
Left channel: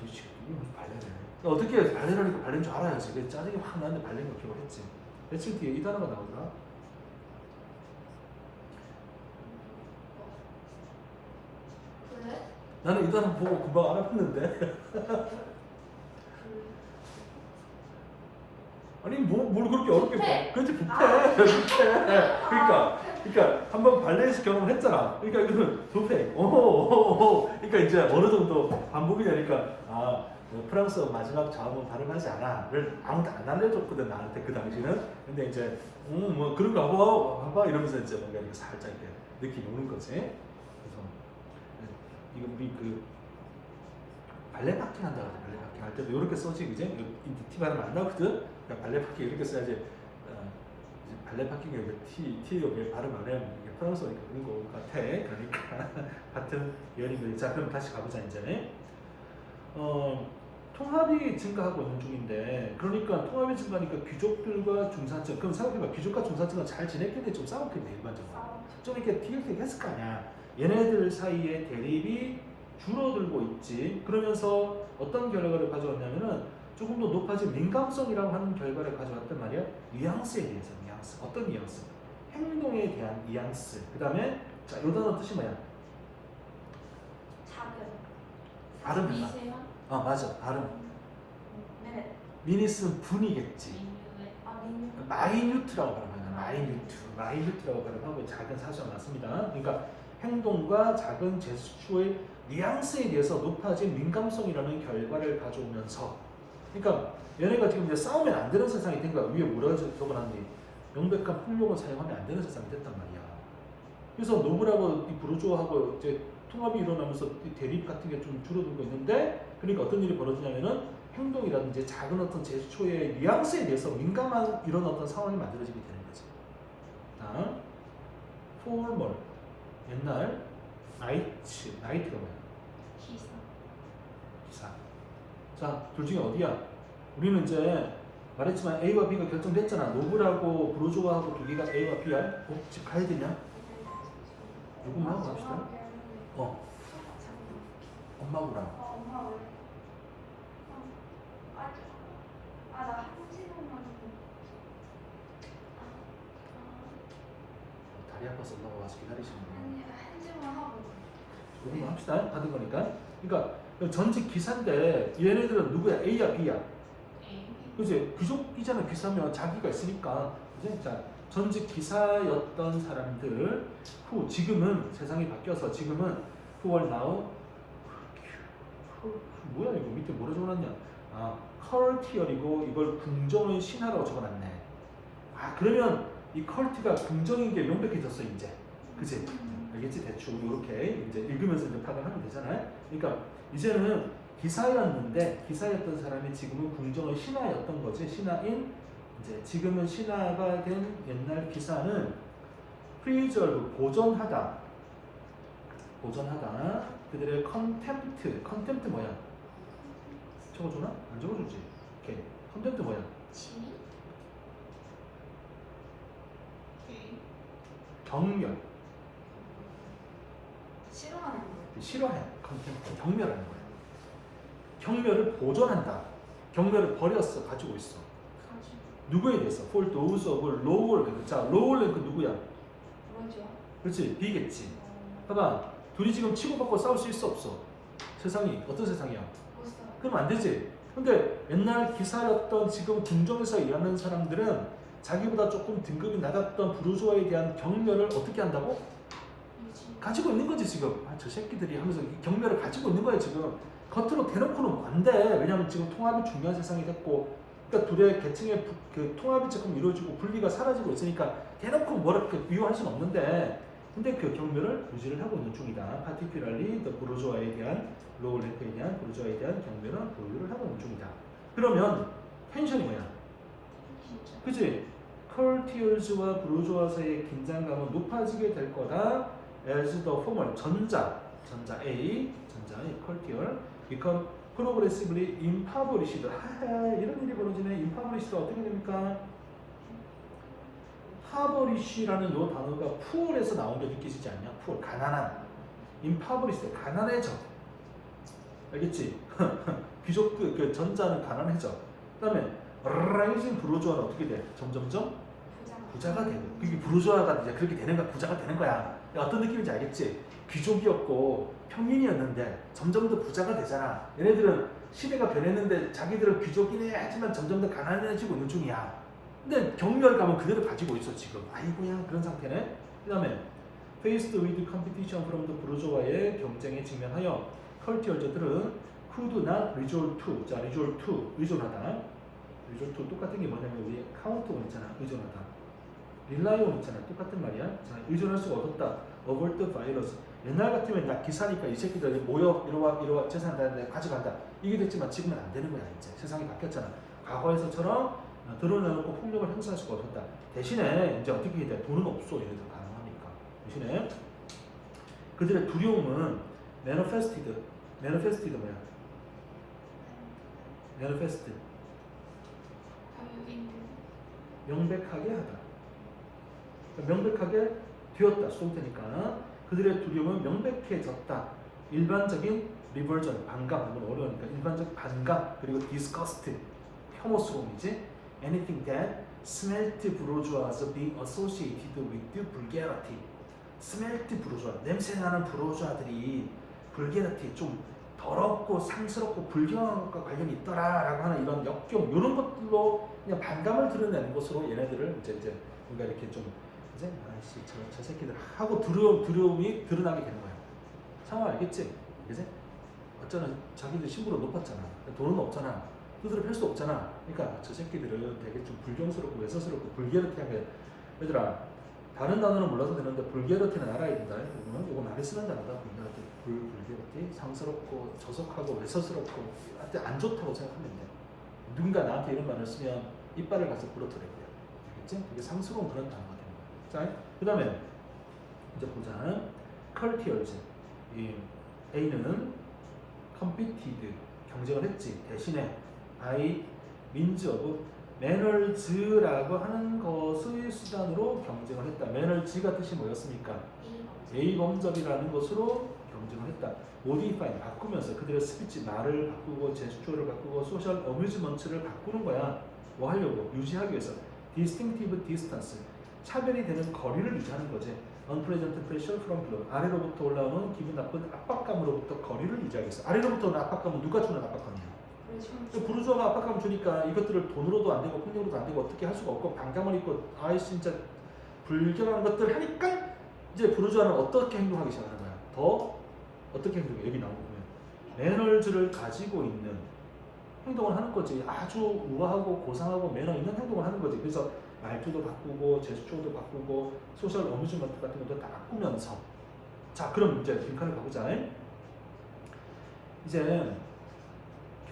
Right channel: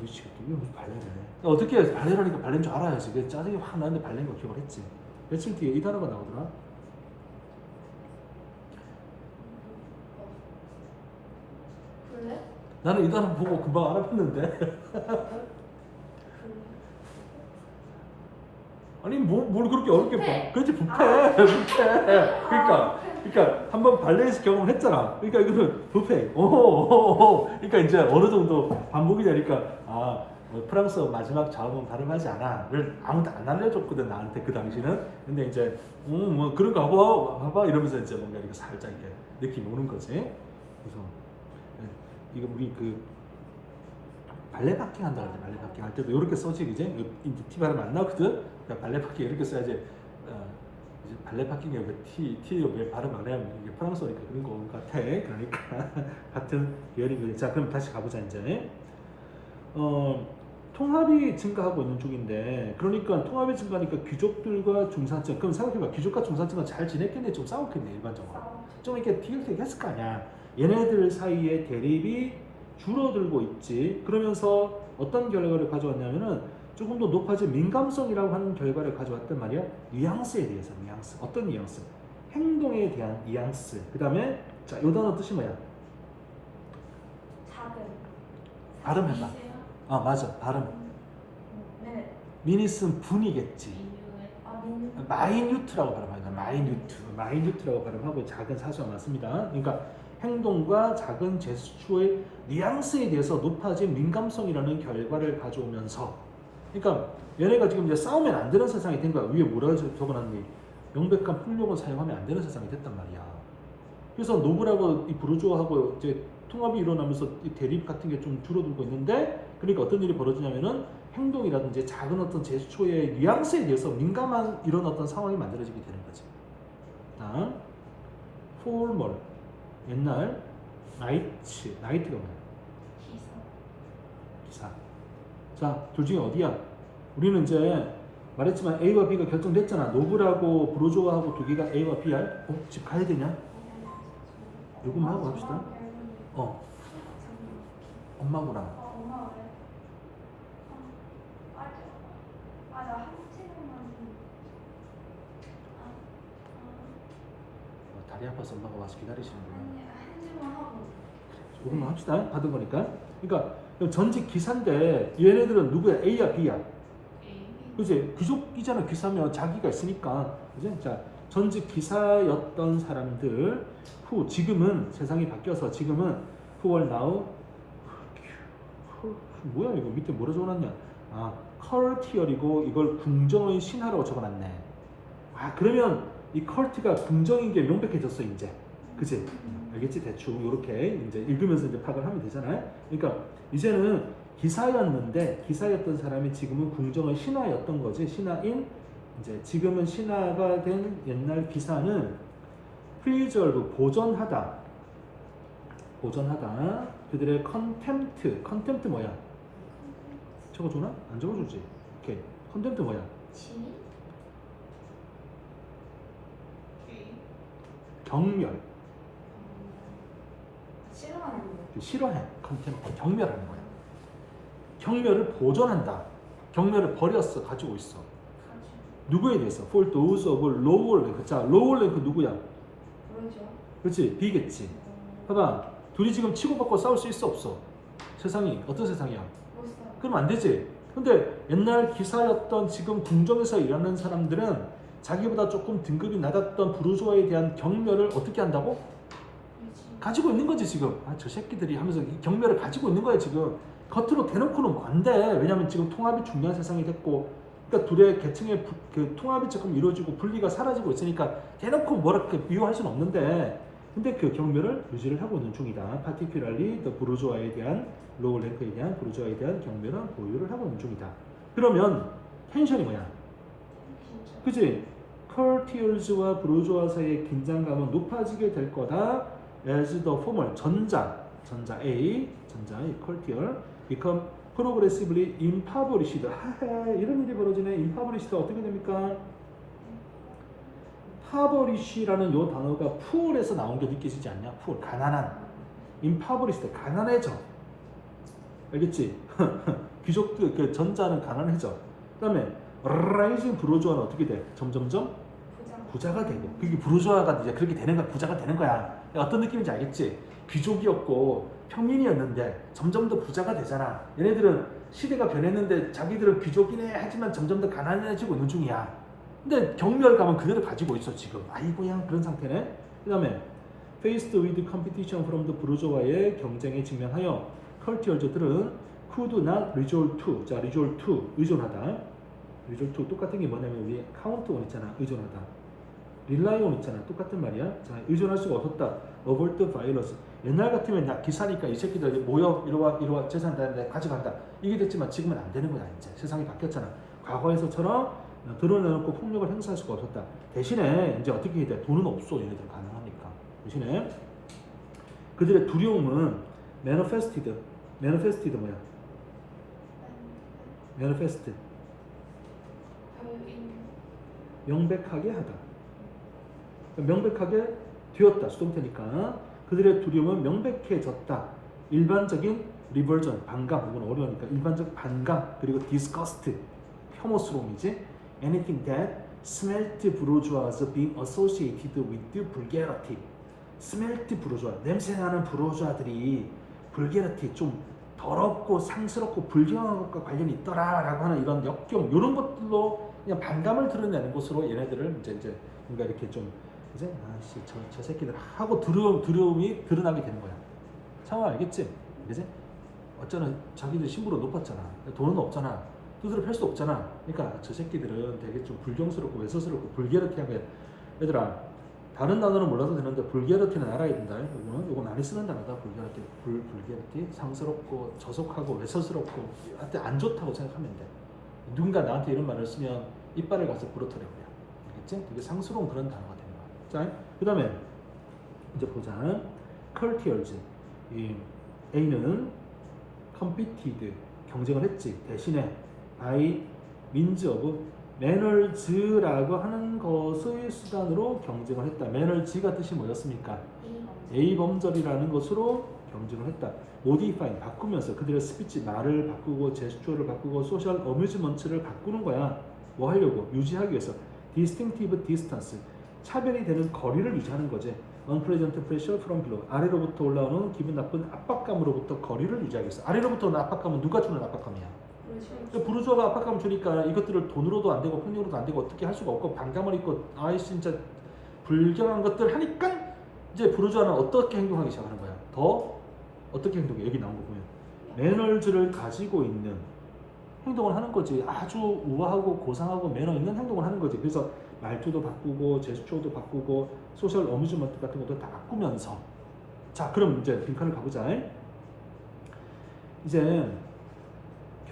미치겠다. 이게 무슨 발레래? 어떻게 발레라니까 발레인 줄 알아야지. 그게 짜증이 확 나는데 발레인 거 기억했지. 며칠 뒤에 이 단어가 나오더라. 블랙 나는 이 단어 보고 금방 알아봤는데. 아니 뭘 그렇게 어렵게 봐. 그렇지 부패. 그러니까 한번 발레에서 경험했잖아. 그러니까 이거는 부패. 그러니까 이제 어느 정도 반복이 되니까 뭐 프랑스어 마지막 자음은 발음하지 않아를 아무도 안 알려줬거든 나한테 그 당시는. 근데 이제 뭐 그런 거 봐봐 이러면서 이제 뭔가 이렇게 살짝 이렇게 느낌 오는 거지. 그래서 이거 우리 그 발레 파킹 한다 그러지. 발레 파킹 할 때도 이렇게 써지 그지? 이 T 발음이 안 나거든. 그러니까 발레 파킹 이렇게 써야지. 이제 발레 파킹을 T를 왜 발음 안 하냐면 이게 프랑스어니까 그런 거 같아. 그러니까 같은 예를 자 그럼 다시 가보자 이제. 통합이 증가하고 있는 중인데 그러니까 통합이 증가하니까 귀족들과 중산층 그럼 생각해봐. 귀족과 중산층은 잘 지냈겠네 좀 싸웠겠네 일반적으로. 좀 이렇게 티격태격 했을 거 아니야. 얘네들 사이에 대립이 줄어들고 있지. 그러면서 어떤 결과를 가져왔냐면은 조금 더 높아진 민감성이라고 하는 결과를 가져왔단 말이야. 뉘앙스에 대해서 뉘앙스. 어떤 뉘앙스? 행동에 대한 뉘앙스. 그 다음에 자, 이 단어 뜻이 뭐야? 발음이다. 이세요? 맞아. 발음. 네. 미니스는 분이겠지. 민유. 마이뉴트라고 발음하냐. 마이뉴트라고 발음하고 작은 사수가 많습니다. 그러니까 행동과 작은 제스처의 뉘앙스에 대해서 높아진 민감성이라는 결과를 가져오면서, 그러니까 얘네가 지금 이제 싸우면 안 되는 세상이 된 거야. 위에 뭐라고 적어놨니? 명백한 폭력을 사용하면 안 되는 세상이 됐단 말이야. 그래서 노블하고 이 부르주아하고 이제 통합이 일어나면서 이 대립 같은 게 좀 줄어들고 있는데, 그러니까 어떤 일이 벌어지냐면은 행동이라든지 작은 어떤 제스처의 뉘앙스에 대해서 민감한 이런 어떤 상황이 만들어지게 되는 거지. 다음, formal, 옛날, 나이트가 뭐야? 기사. 기사. 자, 둘 중에 어디야? 우리는 이제 말했지만 A와 B가 결정됐잖아. 노블하고 브루조아하고 두 개가 A와 B야. 집 가야 되냐? 이것만 하고 갑시다. 엄마구나. 엄마 왜? 나 한지만 다리 아파서 엄마가 와서 기다리시는 거야. 아니 한지만 하고. 조금만 합시다. 받은 거니까. 그러니까 전직 기사인데 얘네들은 누구야? A야 B야? A. 그지? 귀족이잖아. 기사면 자기가 있으니까. 그지? 자, 전직 기사였던 사람들 후 지금은 세상이 바뀌어서 지금은 who are now 뭐야 이거 밑에 뭐라 적어놨냐? 컬티얼이고 이걸 궁정의 신하라고 적어놨네. 그러면 이 컬트가 궁정인 게 명백해졌어 이제. 그지? 알겠지? 대충 이렇게 이제 읽으면서 이제 파악을 하면 되잖아요. 그러니까 이제는 기사였는데 기사였던 사람이 지금은 궁정의 신하였던 거지. 신하인 이제 지금은 신하가 된 옛날 기사는 프리저브 보전하다. 그들의 컨템트 뭐야? 적어주나? 안 적어주지. 오케이. 컨템트 뭐야? 지민. A. 경멸. 싫어하는 거. 싫어해. 컨템트. 경멸하는 거야. 경멸을 보존한다. 경멸을 버렸어. 가지고 있어. 가지고. 누구에 대해서? For those of lower rank. 자, lower rank 누구야? 그러죠. 그렇지? B겠지. 봐봐. 둘이 지금 치고받고 싸울 수 있어 없어? 세상이 어떤 세상이야? 못 살아. 그럼 안 되지. 근데 옛날 기사였던 지금 궁정에서 일하는 사람들은 자기보다 조금 등급이 낮았던 부르주아에 대한 경멸을 어떻게 한다고? 가지고 있는 거지 지금. 저 새끼들이 하면서 이 경멸을 가지고 있는 거야 지금. 겉으로 대놓고는 안 돼. 왜냐면 지금 통합이 중요한 세상이 됐고, 그러니까 둘의 계층의 그 통합이 조금 이루어지고 분리가 사라지고 있으니까 대놓고 뭐라 이렇게 비유할 수는 없는데, 근데 그 경멸을 유지를 하고 있는 중이다. particularly the 부르주아에 대한 lower rank에 대한 부르주아에 대한 경멸은 보유를 하고 있는 중이다. 그러면 텐션이 뭐야? 그지? 컬티얼즈와 부르주아 사이의 긴장감은 높아지게 될 거다. as the former 전자 A 컬티얼 become progressively impoverished. 이런 일이 벌어지네. impoverished 어떻게 됩니까? impoverish라는 요 단어가 poor에서 나온 게 느껴지지 않냐? poor 가난한. impoverished 가난해져. 알겠지? 귀족 그 전자는 가난해져. 그다음에 rising 부르주아는 어떻게 돼? 점점점 부자가 되고. 그게 부르주아가 이제 그렇게 되는 거야. 부자가 되는 거야. 어떤 느낌인지 알겠지? 귀족이었고 평민이었는데 점점 더 부자가 되잖아. 얘네들은 시대가 변했는데 자기들은 귀족이네 하지만 점점 더 가난해지고 있는 중이야. 근데 경멸감은 그대로 가지고 있어 지금. 아이고야 그런 상태네. 그 다음에 faced with competition from the 부르주아의 경쟁에 직면하여 컬티얼즈들은 could not resort to. 자, resort to 의존하다. resort to 똑같은 게 뭐냐면 우리 count on 있잖아. 의존하다. rely on 있잖아. 똑같은 말이야. 자, 의존할 수가 없었다. avert the virus. 옛날 같으면 야 기사니까 이 새끼들 모여 이리와 재산 되는데 가져간다. 이게 됐지만 지금은 안 되는 거야. 이제 세상이 바뀌었잖아. 과거에서처럼 드러내놓고 폭력을 행사할 수가 없었다. 대신에 이제 어떻게 해야 돼? 돈은 없어. 얘네들 가능하니까. 대신에 그들의 두려움은 manifested 뭐야? manifest 명백하게 하다. 명백하게 되었다. 수동태니까 그들의 두려움은 명백해졌다. 일반적인 리버전 반감, 이건 어려우니까 일반적 반감 그리고 disgust 혐오스러움이지. Anything that smelt bourgeois being associated with vulgarity. smelt bourgeois 냄새나는 부르주아들이 vulgarity 좀 더럽고 상스럽고 불경한 것과 관련이 있더라라고 하는 이런 역경 이런 것들로 그냥 반감을 드러내는 것으로 얘네들을 이제 뭔가 이렇게 좀 그지? 아씨 저 새끼들 하고 두려움이 드러나게 되는 거야. 상황 알겠지? 그지? 어쩌나 자기들 신부로 높았잖아. 돈은 없잖아. 두드려 팰 수 없잖아. 그러니까 저 새끼들은 되게 좀 불경스럽고 외서스럽고 불게르티한 거야. 얘들아 다른 단어는 몰라도 되는데 불게르티는 알아야 된다. 이거 많이 쓰는 단어다. 불게르티 상스럽고 저속하고 외서스럽고 한테 안 좋다고 생각하면 돼. 누군가 나한테 이런 말을 쓰면 이빨을 가서 부러뜨려. 알겠지? 되게 상스러운 그런 단어가 되는 거야. 자, 그 다음에 이제 보자. courtiers. 이 A는 competed 경쟁을 했지. 대신에 by means of manners라고 하는 것의 수단으로 경쟁을 했다. manners가 뜻이 뭐였습니까? A 범접이라는 것으로 경쟁을 했다. modify 바꾸면서 그들의 스피치 말을 바꾸고 제스처를 바꾸고 소셜 어뮤즈먼트를 바꾸는 거야. 뭐 하려고? 유지하기 위해서. distinctive distance 차별이 되는 거리를 유지하는 거지. unpleasant pressure from below 아래로부터 올라오는 기분 나쁜 압박감으로부터 거리를 유지하기 위해서. 아래로부터 오는 압박감은 누가 주는 압박감이야? 부르주아가 압박감 주니까 이것들을 돈으로도 안 되고 폭력으로도 안 되고 어떻게 할 수가 없고 방장을 입고 아이 진짜 불경한 것들 하니까 이제 부르주아는 어떻게 행동하기 시작하는 거야? 더 어떻게 행동해? 여기 나온 거 보면 매너즈를 가지고 있는 행동을 하는 거지. 아주 우아하고 고상하고 매너 있는 행동을 하는 거지. 그래서 말투도 바꾸고 제스처도 바꾸고 소셜 어뮤즈먼트 같은 것도 다 바꾸면서 자 그럼 이제 빈칸을 가보자. 이제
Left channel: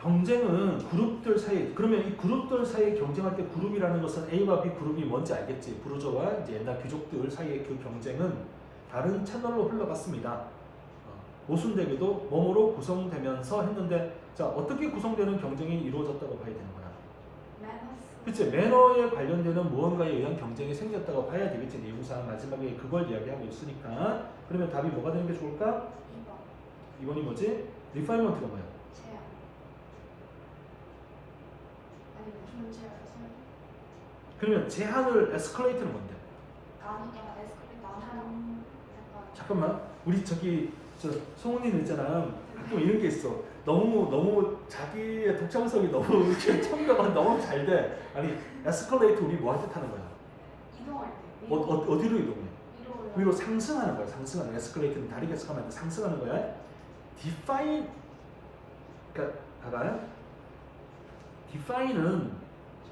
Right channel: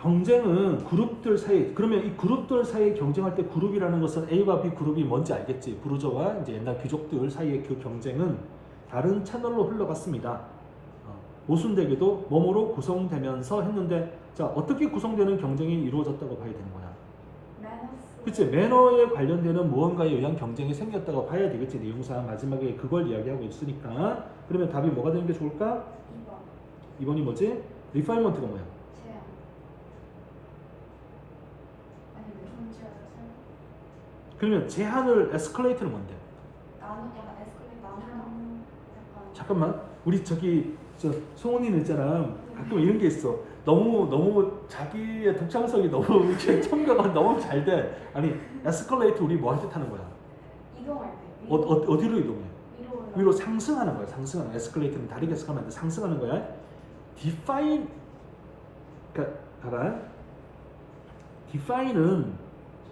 경쟁은 그룹들 사이 그러면 이 그룹들 사이 경쟁할 때 그룹이라는 것은 A와 B 그룹이 뭔지 알겠지. 부르저와 이제 옛날 귀족들 사이의 그 경쟁은 다른 채널로 흘러갔습니다. 모순되게도 몸으로 구성되면서 했는데 자 어떻게 구성되는 경쟁이 이루어졌다고 봐야 되는 거야? 그치? 매너에 관련되는 무언가에 의한 경쟁이 생겼다고 봐야 되겠지. 내용상 마지막에 그걸 이야기하고 있으니까 그러면 답이 뭐가 되는 게 좋을까? 2번이 뭐지? 리파이먼트가 뭐야? 제한. 아니면 존재하는 그러면 제한을 에스컬레이트는 뭔데? 나누는 에스컬레이트 나누는 약간 잠깐만 우리 저기 저 송원이는 있잖아 가끔 이런 게 있어. 너무 자기의 독창성이 너무 이렇게 청가가 너무 잘 돼. 아니 에스컬레이트 우리 뭐 할 때 타는 거야? 이동할 때 어디로 이동해? 위로 위로 상승하는 거야. 상승하는 에스컬레이트는 다리가 에스컬레이트 상승하는 거야. define 그러니까 봐봐. define은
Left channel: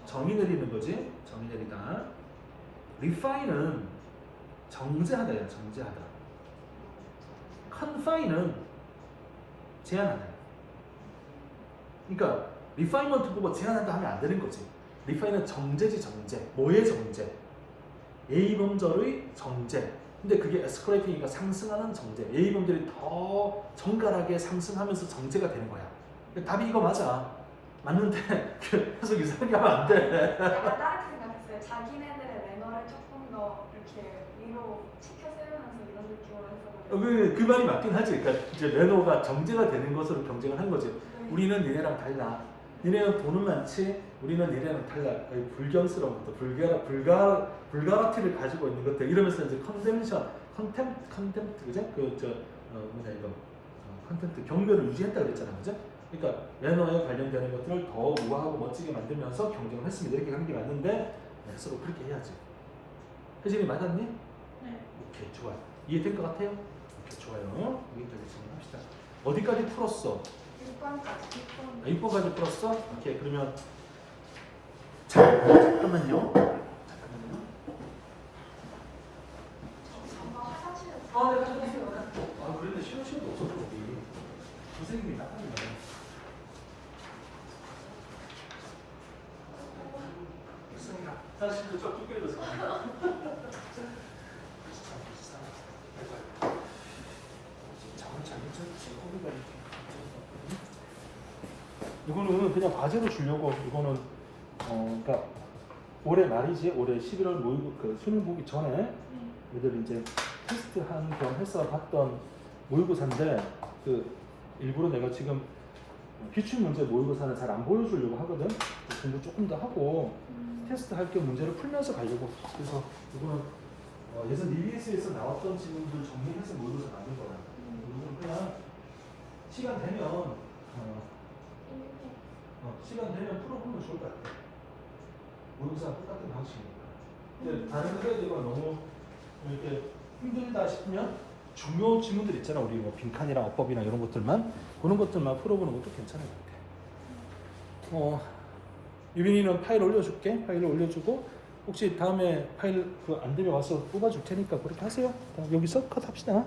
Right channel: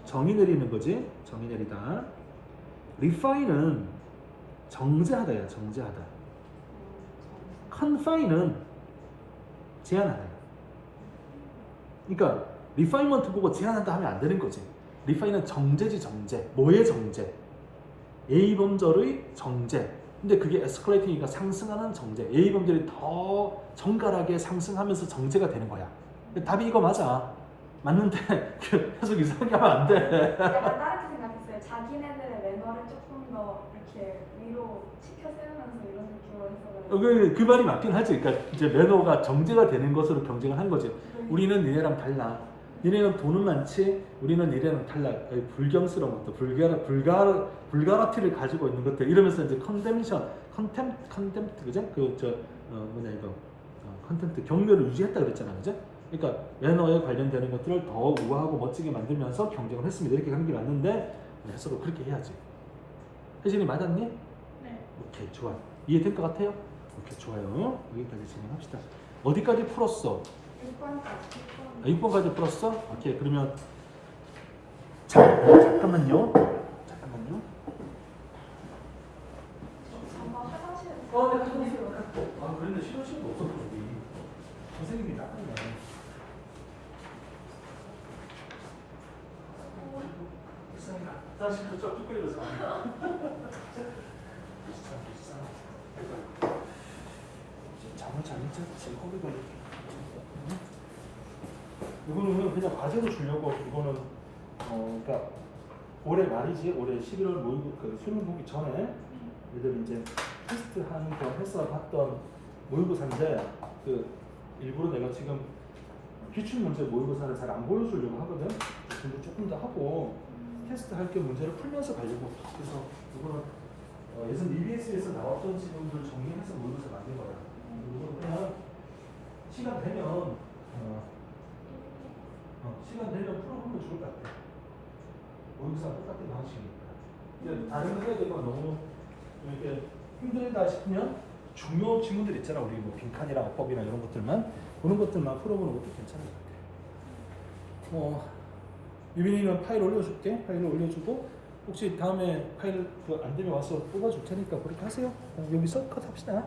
정의 내리는 거지. 정의 내리다. refine은 정제하다야. 정제하다. confine은 제한하다. 그러니까 refinement 보고 제한한다 하면 안 되는 거죠. refine은 정제지 정제. 뭐의 정제? A 범절의 정제. 근데 그게 에스컬레이팅이니까 상승하는 정제. A 범절이 더 정갈하게 상승하면서 정제가 되는 거야. 답이 이거 맞아. 맞는데 계속 이상하게 하면 안 돼. 약간 다르게 생각했어요. 자기네들의 매너를 조금 더 이렇게 위로 치켜 세우면서 이런 느낌으로 해서 그 말이 맞긴 하지. 그러니까 이제 매너가 정제가 되는 것으로 경쟁을 한 거지. 우리는 니네랑 달라. 니네는 돈은 많지. 우리는 니네랑 달라. 불경스러운 것도 불가라티를 가지고 있는 것들 이러면서 이제 컨템프트 그죠? 컨텐트 경멸을 유지했다 그랬잖아, 그죠? 그러니까 매너에 관련되는 것들을 더 우아하고 멋지게 만들면서 경쟁을 했습니다. 이렇게 하는 게 맞는데 해석을 그렇게 해야지. 혜진이 맞았니? 네. 오케이 좋아. 이해될 것 같아요? 오케이 좋아요. 여기까지 진행합시다. 어디까지 풀었어? 6번까지 6번까지 풀었어? 오케이 그러면 잠깐만요. 잠깐 화장실에 네 가져오세요. 아 그런데 시험도 없었어 우리. 선생님이 나쁘네. 사실도 좀 삐끗해졌어. 제코비가 이렇게. 이거는 그냥 과제로 주려고. 이거는 그러니까 올해 말이지. 올해 11월 모의고 그 수능 보기 전에 얘들 이제 테스트한 거 해서 봤던 모의고사인데 그 일부러 내가 지금 기출 문제 모의고사는 잘 안 보여주려고 하거든. 공부 조금 더 하고 테스트 할 게 문제를 풀면서 가려고. 그래서 이거는 예전 EBS에서 나왔던 질문들 정리해서 모의고사 만든 거야. 이거는 그냥 시간 되면 시간 되면 풀어보면 좋을 것 같아. 모의고사 똑같은 방식이니까. 다른 거 해야 되고 너무 이렇게 힘들다 싶으면 중요 지문들 있잖아. 우리 뭐 빈칸이랑 어법이나 이런 것들만 그런 것들만 풀어보는 것도 괜찮은 것 같아. 유빈이는 파일 올려줄게. 파일을 올려주고 혹시 다음에 파일 안 되면 와서 뽑아줄 테니까 그렇게 하세요. 여기서 컷합시다.